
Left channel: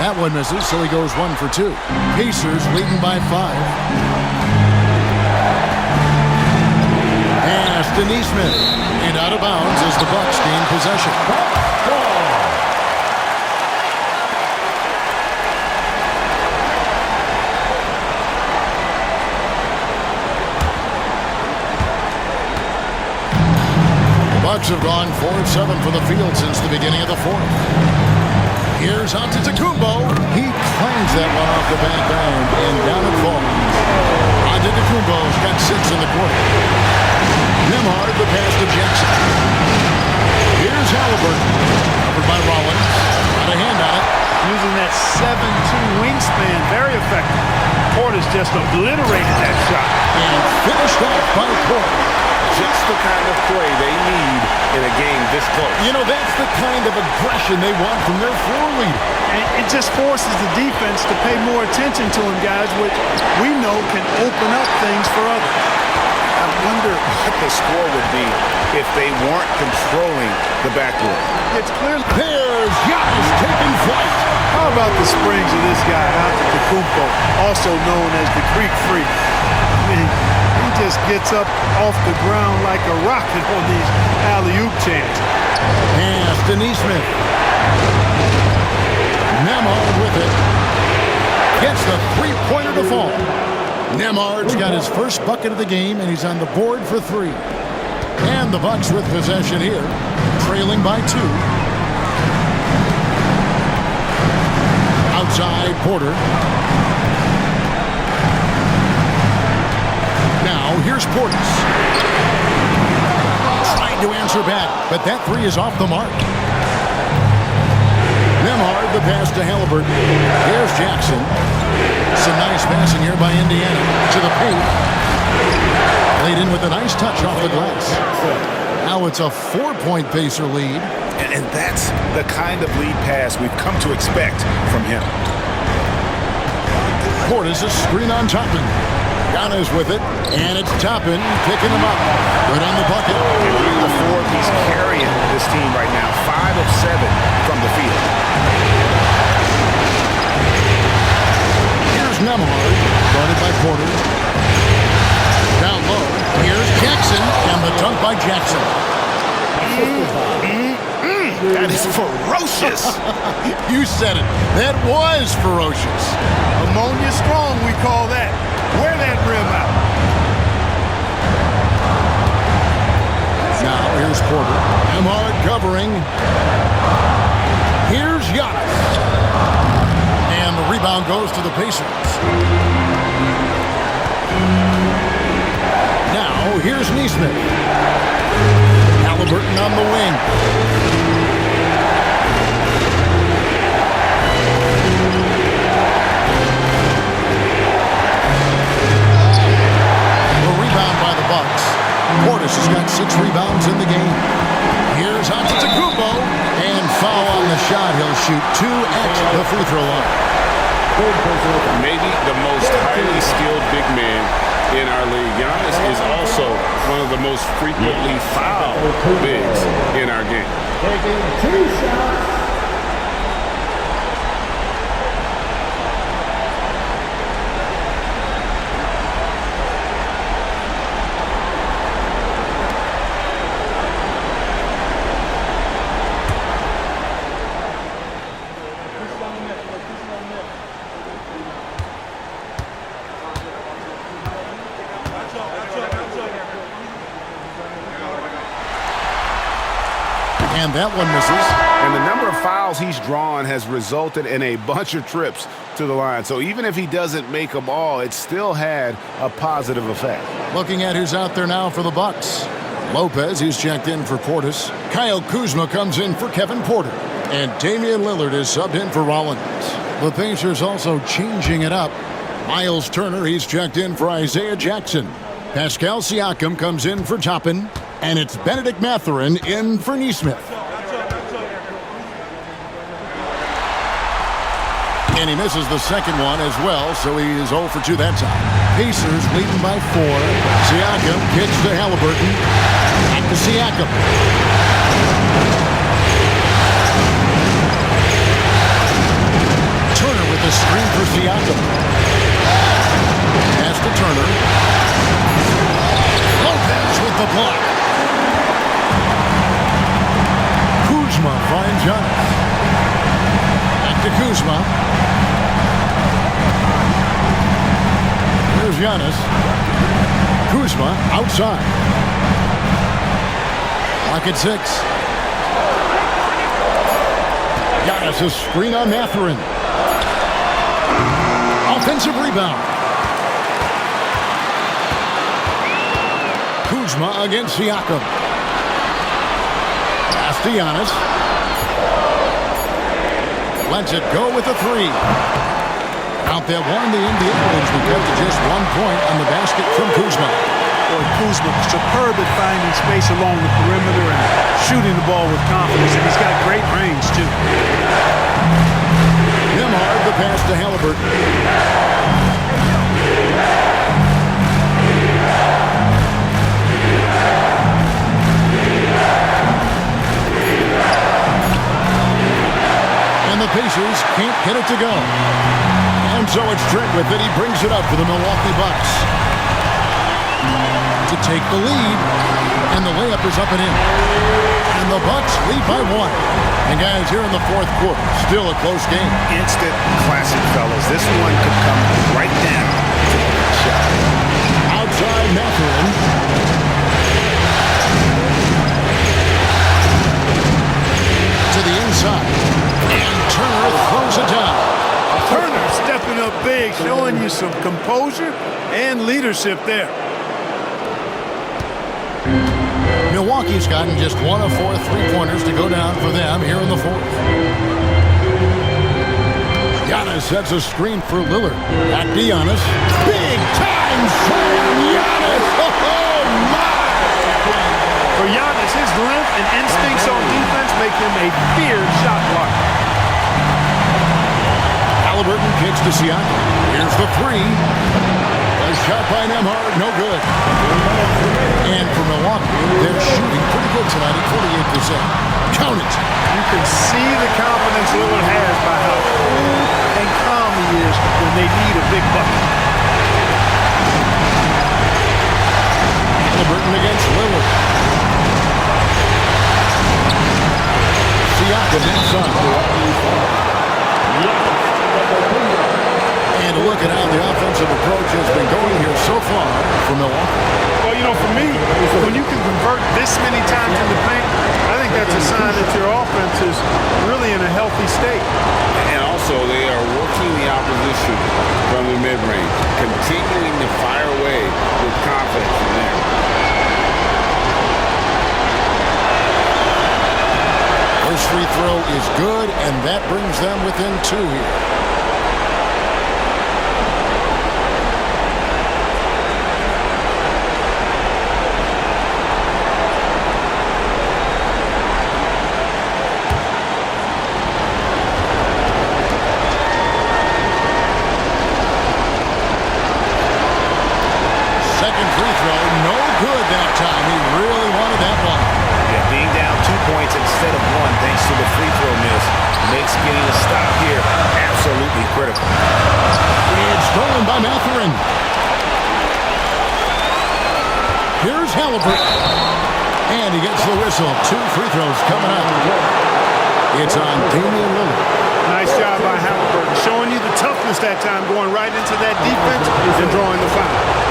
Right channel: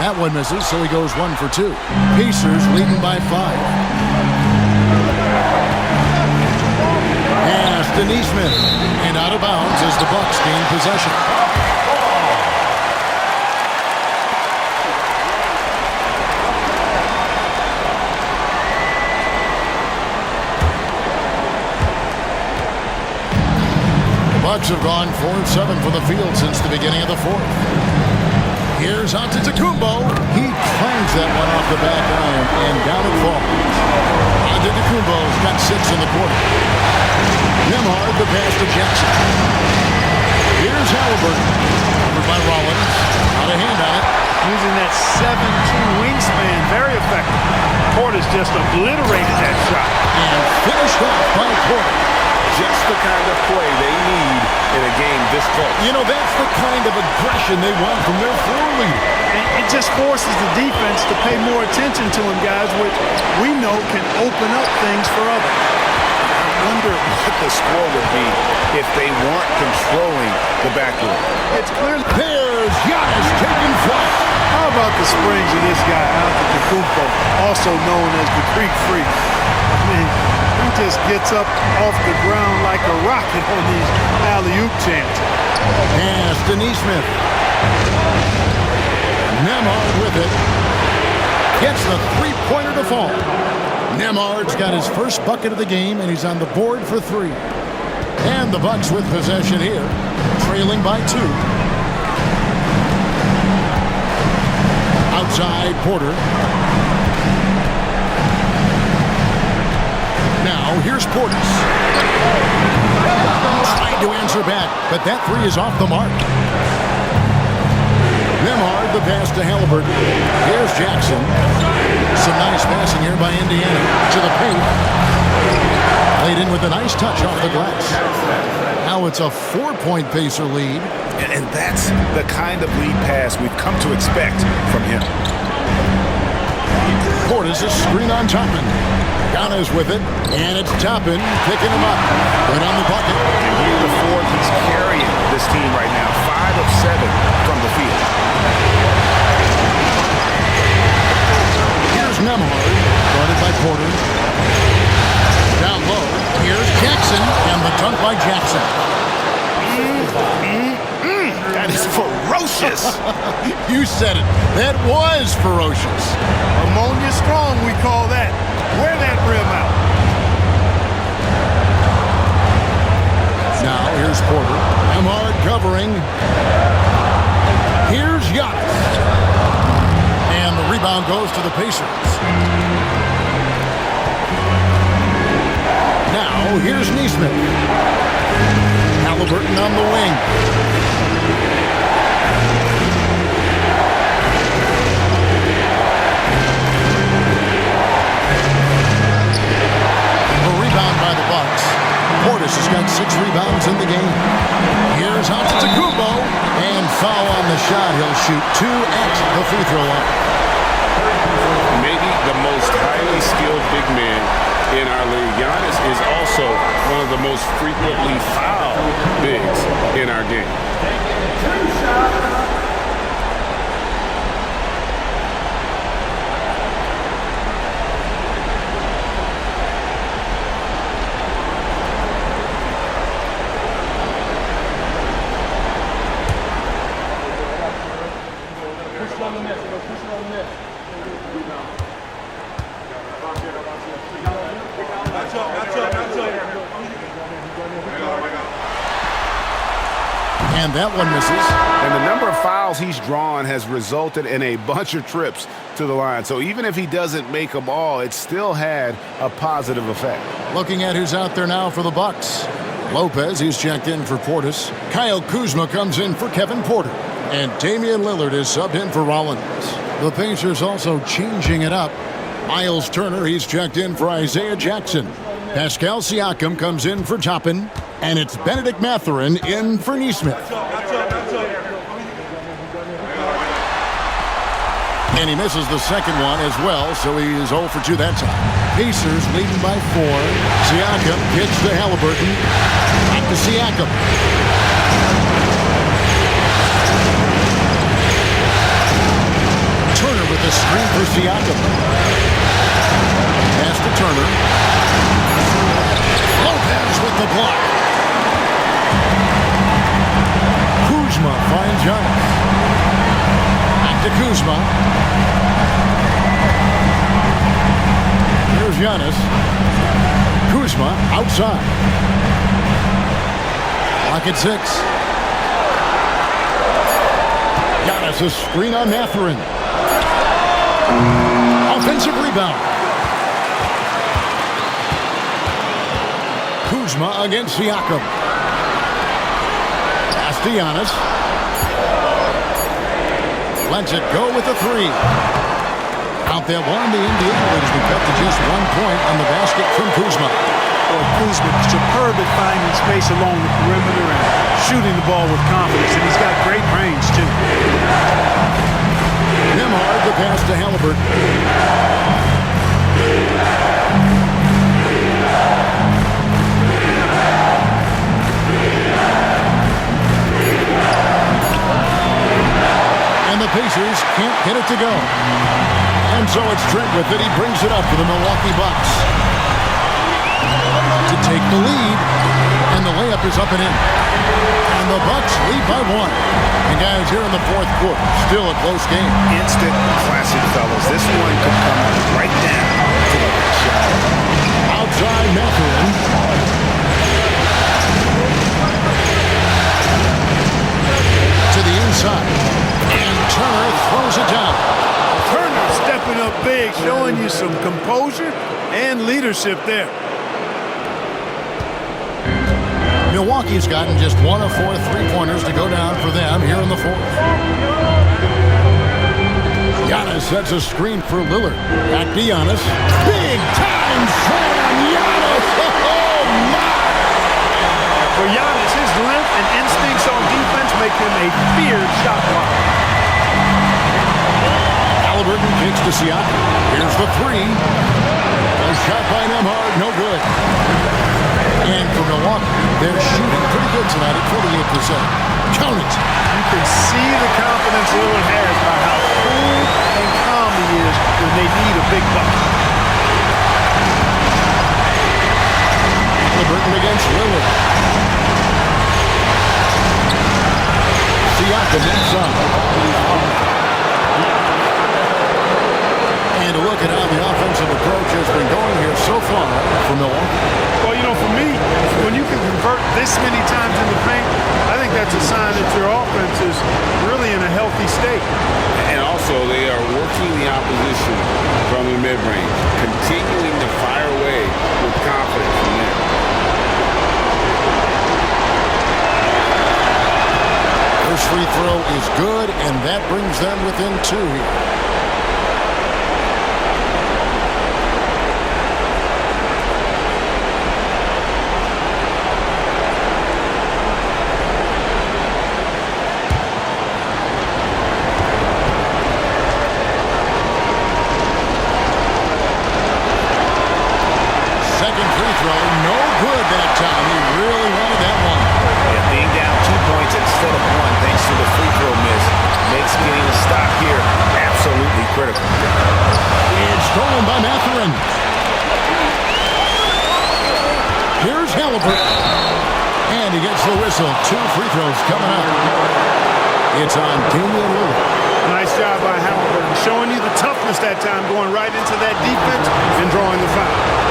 That one misses, so he goes 1 for 2. Pacers leading by 5. Pass to Neesmith. And out of bounds as the Bucks gain possession. The Bucks have gone 4 of 7 from the field since the beginning of the fourth. Here's Antetokounmpo. He clangs that one off the back iron, and down it falls. Antetokounmpo's got 6 in the quarter. Nembhard, the pass to Jackson. Here's Halliburton. Covered by Rollins. Got a hand on it. Using that 7'2" wingspan, very effective. Porter's just obliterated that shot. And finished off by Porter. Just the kind of play they need in a game this close. You know, that's the kind of aggression they want from their floor leader. And it just forces the defense to pay more attention to him, guys, which we know can open up things for others. I wonder what the score would be if they weren't controlling the backdoor. It's clear. There's Giannis taking flight. How about the springs of this guy, Antetokounmpo, also known as the Creek Freak? I mean, he just gets up off the ground like a rocket on these alley-oop chances. Pass to Neesmith. Nembhard with it. Gets the three-pointer to fall. Nembhard's got his first bucket of the game, and he's on the board for 3. And the Bucks with possession here, trailing by 2. Outside, Porter. Now, here's Portis. Trying to answer back, but that 3 is off the mark. Nembhard, the pass to Halliburton. Here's Jackson. Some nice passing here by Indiana to the paint. Laid in with a nice touch off the glass. Now it's a 4-point Pacer lead. And that's the kind of lead pass we've come to expect from him. Portis is screen on Toppin. Giannis with it, and it's Toppin picking him up. Good on the bucket. And here in the fourth, he's carrying this team right now. 5 of 7 from the field. Here's Nembhard, guarded by Porter. Down low, here's Jackson, and the dunk by Jackson. That is ferocious. You said it. That was ferocious. Ammonia strong, we call that. Wear that rim out. Now, here's Porter. Nembhard covering. Here's Giannis. And the rebound goes to the Pacers. Now, here's Neesmith. Halliburton on the wing. Rebound by the Bucks. Portis has got 6 rebounds in the game. Here's Antetokounmpo, and foul on the shot. He'll shoot 2 at the free throw line. Maybe the most highly skilled big man in our league. Giannis is also one of the most frequently fouled bigs in our game. Taking 2 shots. And that one misses. And the number of fouls he's drawn has resulted in a bunch of trips to the line. So even if he doesn't make them all, it still had a positive effect. Looking at who's out there now for the Bucks. Lopez, he's checked in for Portis. Kyle Kuzma comes in for Kevin Porter. And Damian Lillard is subbed in for Rollins. The Pacers also changing it up. Miles Turner, he's checked in for Isaiah Jackson. Pascal Siakam comes in for Toppin. And it's Benedict Mathurin in for Neesmith. And he misses the second one as well, so he is 0 for 2 that time. Pacers leading by 4. Siakam pitch to Halliburton. Back to Siakam. Turner with the screen for Siakam. Pass to Turner. Lopez with the block. Kuzma finds Giannis. Back to Kuzma. Here's Giannis. Kuzma outside. Clock at 6. Giannis a screen on Mathurin. Offensive rebound. Kuzma against Siakam. Pass to Giannis. Lets it go with a 3. Count that one. The Indiana lead has been cut to just 1 point on the basket from Kuzma. Boy, Kuzma superb at finding space along the perimeter and shooting the ball with confidence, and he's got great range too. Nembhard the pass to Halliburton. And the Pacers can't get it to go. And so it's Trent with it. He brings it up for the Milwaukee Bucks to take the lead. And the layup is up and in. And the Bucks lead by 1. And guys, here in the fourth quarter, still a close game. Instant classic, fellas. This one could come right down to the shot. Outside Mathurin. To the inside. And Turner throws it down. Turner stepping up big, showing you some composure and leadership there. Milwaukee's gotten just 1 of 4 3-pointers to go down for them here in the fourth. Giannis sets a screen for Lillard. Back to Giannis. Big time slam, Giannis! Oh, my! For Giannis, his length and instincts on defense make him a feared shot blocker. Halliburton kicks to Siakam. Here's the 3. A shot by Nembhard, no good. And for Milwaukee, they're shooting pretty good tonight at 48%. Count it. You can see the confidence Lillard has by how cool and calm he is when they need a big bucket. Halliburton against Lillard. Siakam inside. And a look at how the offensive approach has been going here so far for Milwaukee. Well, you know, for me, when you can convert this many times in the paint, I think that's a sign that your offense is really in a healthy state. And also, they are working the opposition from the mid-range, continuing to fire away with confidence from there. First free throw is good, and that brings them within 2 here. Second free throw, no good that time. He really wanted that one. Yeah, being down 2 points instead of 1 thanks to the free throw miss makes getting a stop here absolutely critical. It's stolen by Mathurin. Here's Halliburton. And he gets the whistle. 2 free throws coming up. It's on Damian Lillard. Nice job by Halliburton, showing you the toughness that time, going right into that defense and drawing the foul.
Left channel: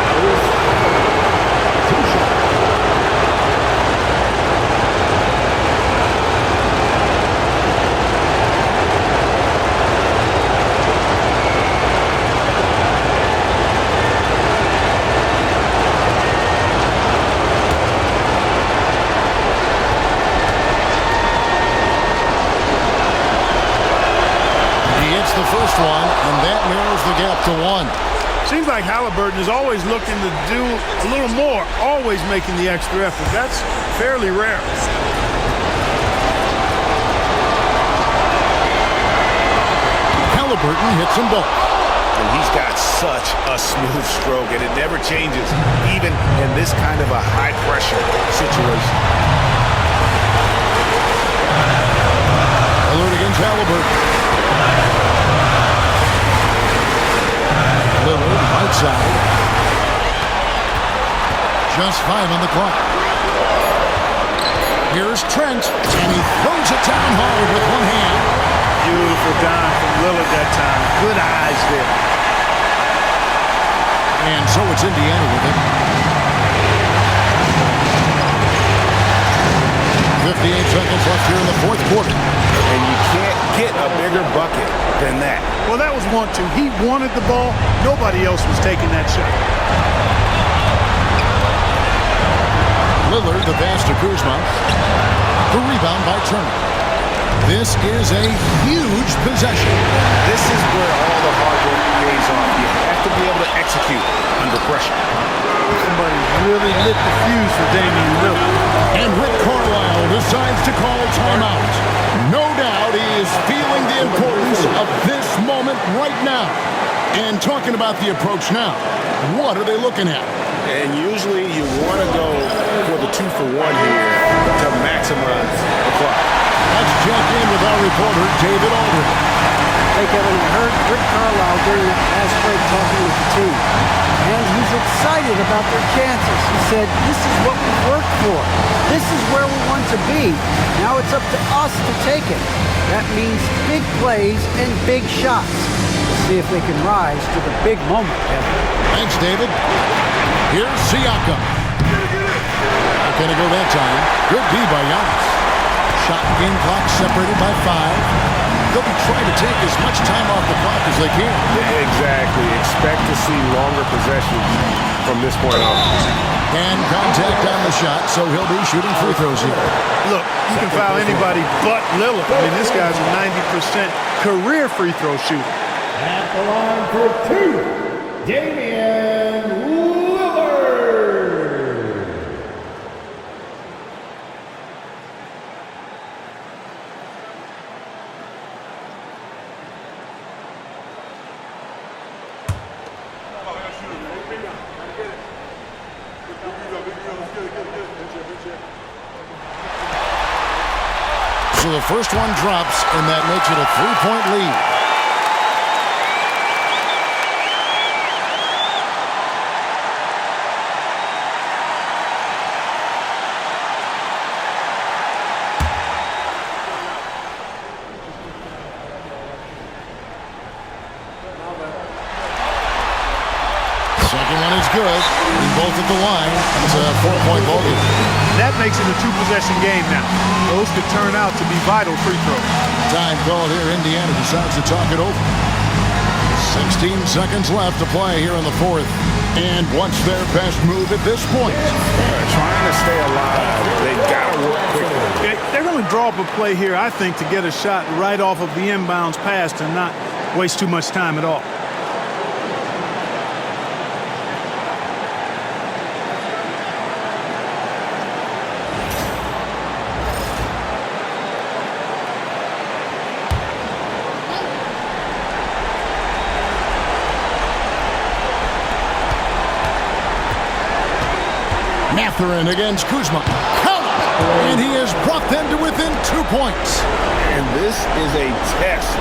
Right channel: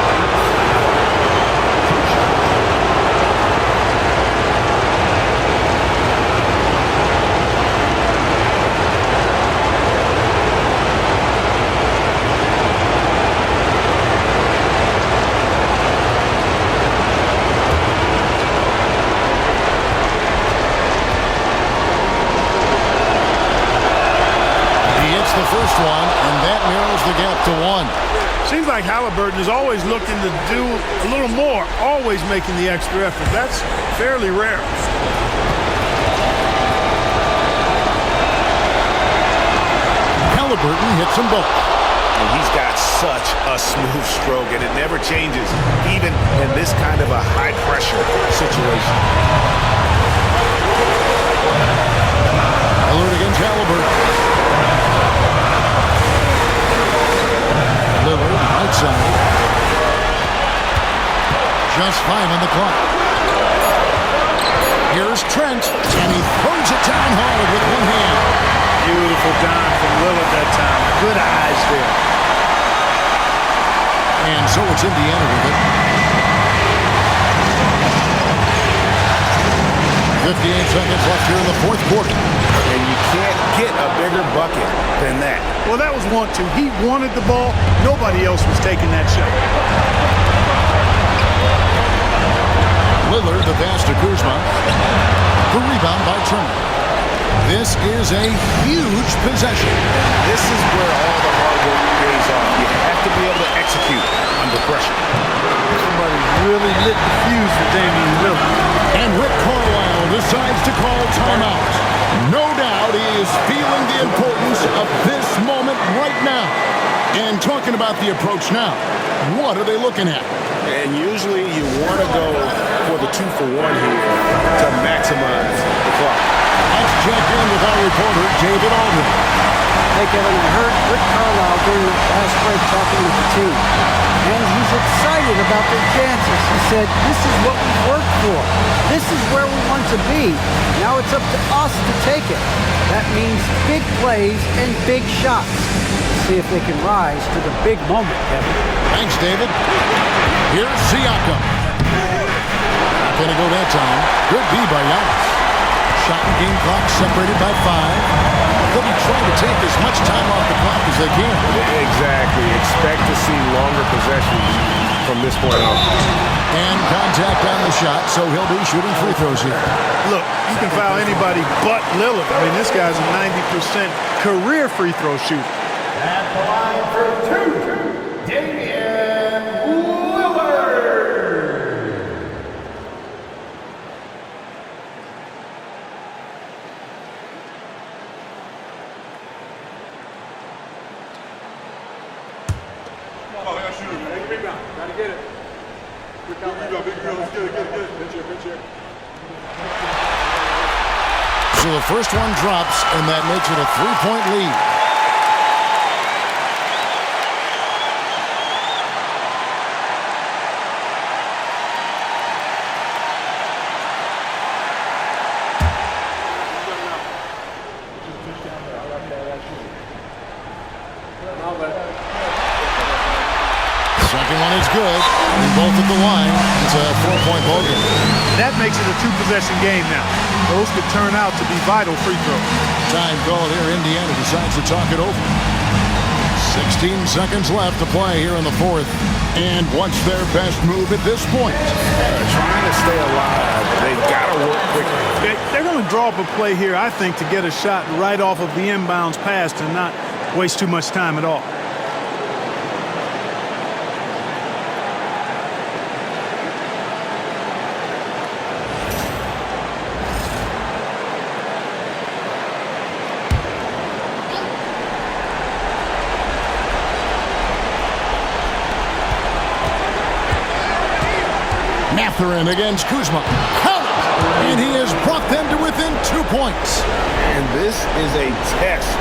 The first one, and that narrows the gap to 1. Seems like Halliburton is always looking to do a little more, always making the extra effort. That's fairly rare. Halliburton hits them both. And he's got such a smooth stroke, and it never changes, even in this kind of a high-pressure situation. Lillard against Halliburton. Lillard, right side. Just 5 on the clock. Here's Trent, and he throws it down hard with one hand. Beautiful dime from Lillard that time. Good eyes there. And so it's Indiana with it. 58 seconds left here in the fourth quarter. And you can't get a bigger bucket than that. Well, that was 1-2. He wanted the ball. Nobody else was taking that shot. Lillard, the pass to Kuzma. The rebound by Turner. This is a huge possession. This is where all the hard work pays off. You have to be able to execute under pressure. Somebody's really lit the fuse for Damian Lillard. And Rick Carlisle decides to call timeout. No doubt he is feeling the importance of this moment right now. And talking about the approach now, what are they looking at? And usually you want to go for the 2-for-1 here to maximize the clock. Let's check in with our reporter, David Aldridge. Hey, Kevin, I heard Rick Carlisle during that last break talking with the team. And he's excited about their chances. He said, this is what we've worked for. This is where we want to be. Now it's up to us to take it. That means big plays and big shots. We'll see if they can rise to the big moment, Kevin. Thanks, David. Here's Siakam. Not going to go that time. Good D by Giannis. Shot and game clock separated by 5. They'll be trying to take as much time off the clock as they can. Exactly. Expect to see longer possessions from this point on. And contact on the shot, so he'll be shooting free throws here. Look, you can foul anybody but Lillard. I mean, this guy's a 90% career free throw shooter. At the line for 2, Damian Lillard. Gotta get it. Big rebound. Let's get it. Good check. So the first one drops, and that makes it a 3-point lead. Second one is good. Both at the line. It's a 4-point ball game. That makes it a 2-possession game now. Those could turn out to be vital free throws. Time called here. Indiana decides to talk it over. 16 seconds left to play here in the fourth. And what's their best move at this point? Trying to stay alive. They've got to work quickly. They're going to draw up a play here, I think, to get a shot right off of the inbounds pass and not waste too much time at all. Mathurin against Kuzma. Count it! And he has brought them to within 2 points. And this is a test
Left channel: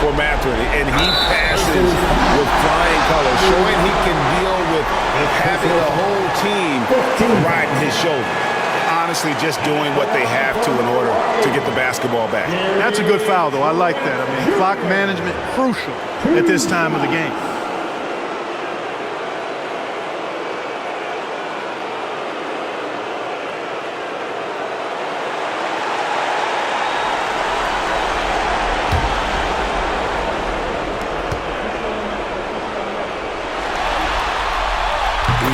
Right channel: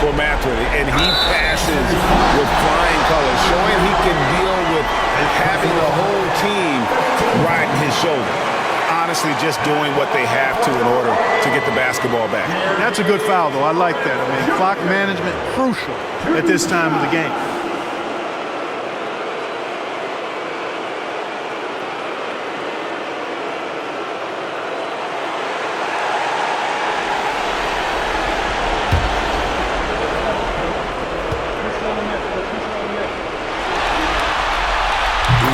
for Mathurin. And he passes with flying colors, showing he can deal with having the whole team riding his shoulder. Honestly, just doing what they have to in order to get the basketball back. That's a good foul, though. I like that. I mean, clock management crucial at this time of the game.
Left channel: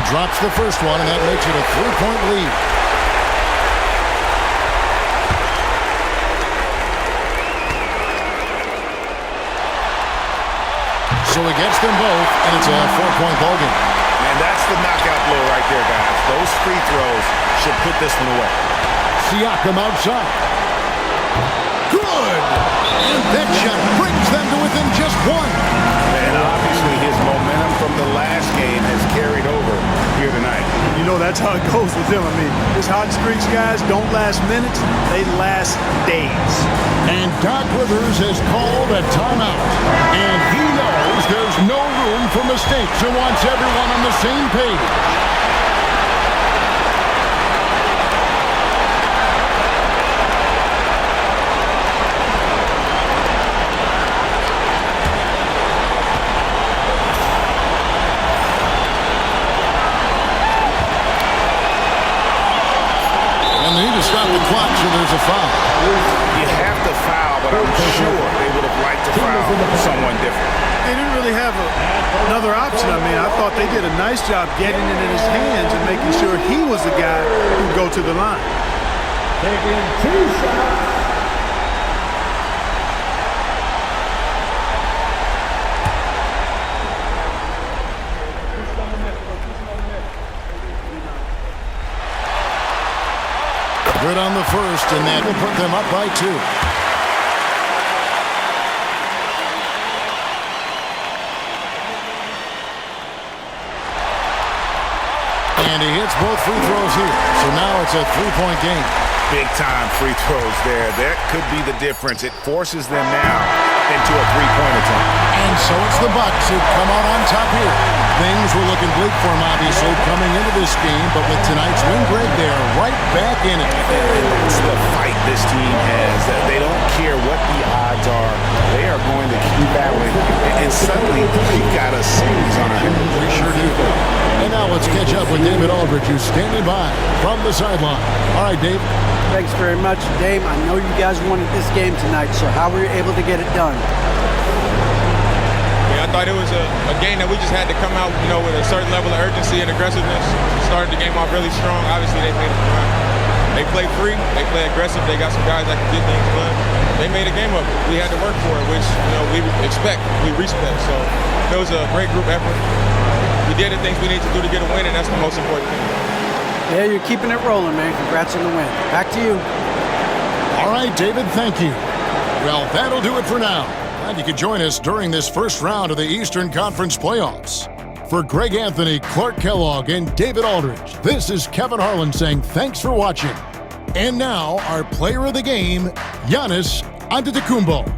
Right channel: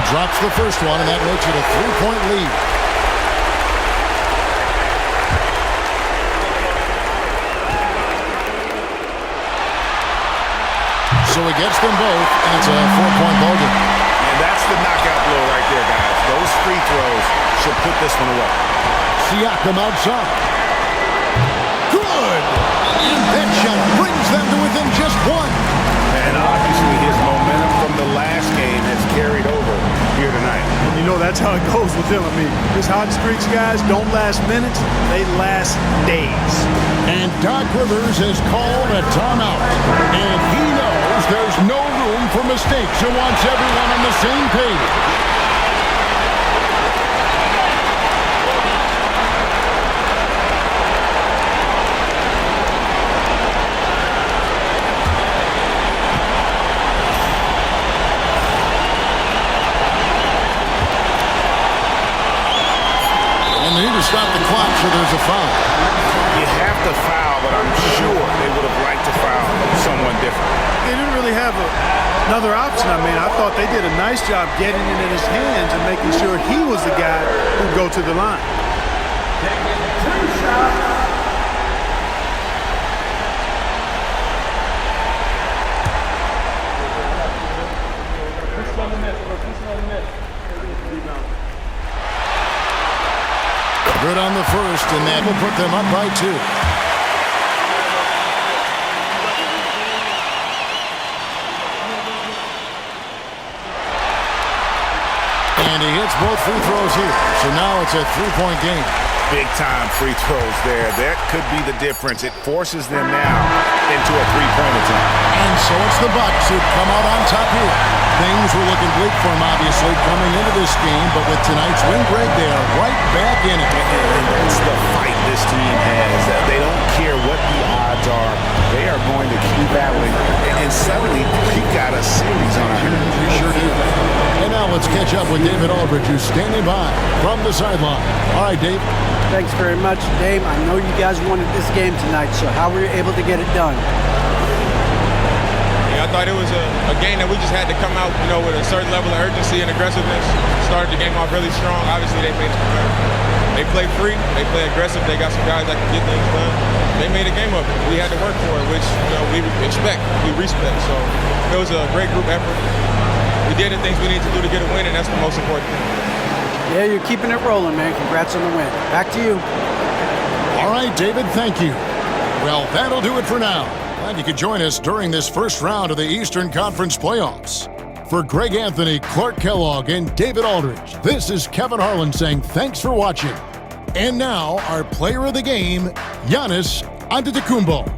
Drops the first one, and that makes it a 3-point lead. so he gets them both, and it's a 4-point ball game. And that's the knockout blow right there, guys. Those free throws should put this one away. Siakam outside. Good! And that shot brings them to within just one. And obviously his momentum from the last game has carried over here tonight. You know, that's how it goes with him. I mean, his hot streaks, guys, don't last minutes. They last days. And Doc Rivers has called a timeout. And he knows there's no room for mistakes and wants everyone on the same page. They need to stop the clock, so there's a foul. You have to foul, but I'm sure they would have liked to foul someone different. They didn't really have another option. I mean, I thought they did a nice job getting it in his hands and making sure he was the guy who'd go to the line. Taking 2 shots. Good on the first, and that will put them up by 2. And he hits both free throws here. So now it's a 3-point game. Big-time free throws there. That could be the difference. It forces them now into a 3-point attempt. And so it's the Bucks who come out on top here. Things were looking bleak for him, obviously, coming into this game. But with tonight's win, Greg, they are right back in it. And that's the fight this team has. They don't care what the odds are. They are going to keep battling. And suddenly, we got a series on our hands. We sure do. And now let's catch up with David Aldridge, who's standing by from the sideline. All right, Dave. Thanks very much, Dave. I know you guys wanted this game tonight, so how were you able to get it done? I thought it was a game that we just had to come out, with a certain level of urgency and aggressiveness. Started the game off really strong. Obviously, they made us run. They play free. They play aggressive. They got some guys that can get things done. They made a game of it. We had to work for it, which, we expect, we respect. So it was a great group effort. We did the things we need to do to get a win, and that's the most important thing. Yeah, you're keeping it rolling, man. Congrats on the win. Back to you. All right, David, thank you. Well, that'll do it for now. Glad you could join us during this first round of the Eastern Conference playoffs. For Greg Anthony, Clark Kellogg, and David Aldridge, this is Kevin Harlan saying thanks for watching. And now, our player of the game, Giannis Antetokounmpo.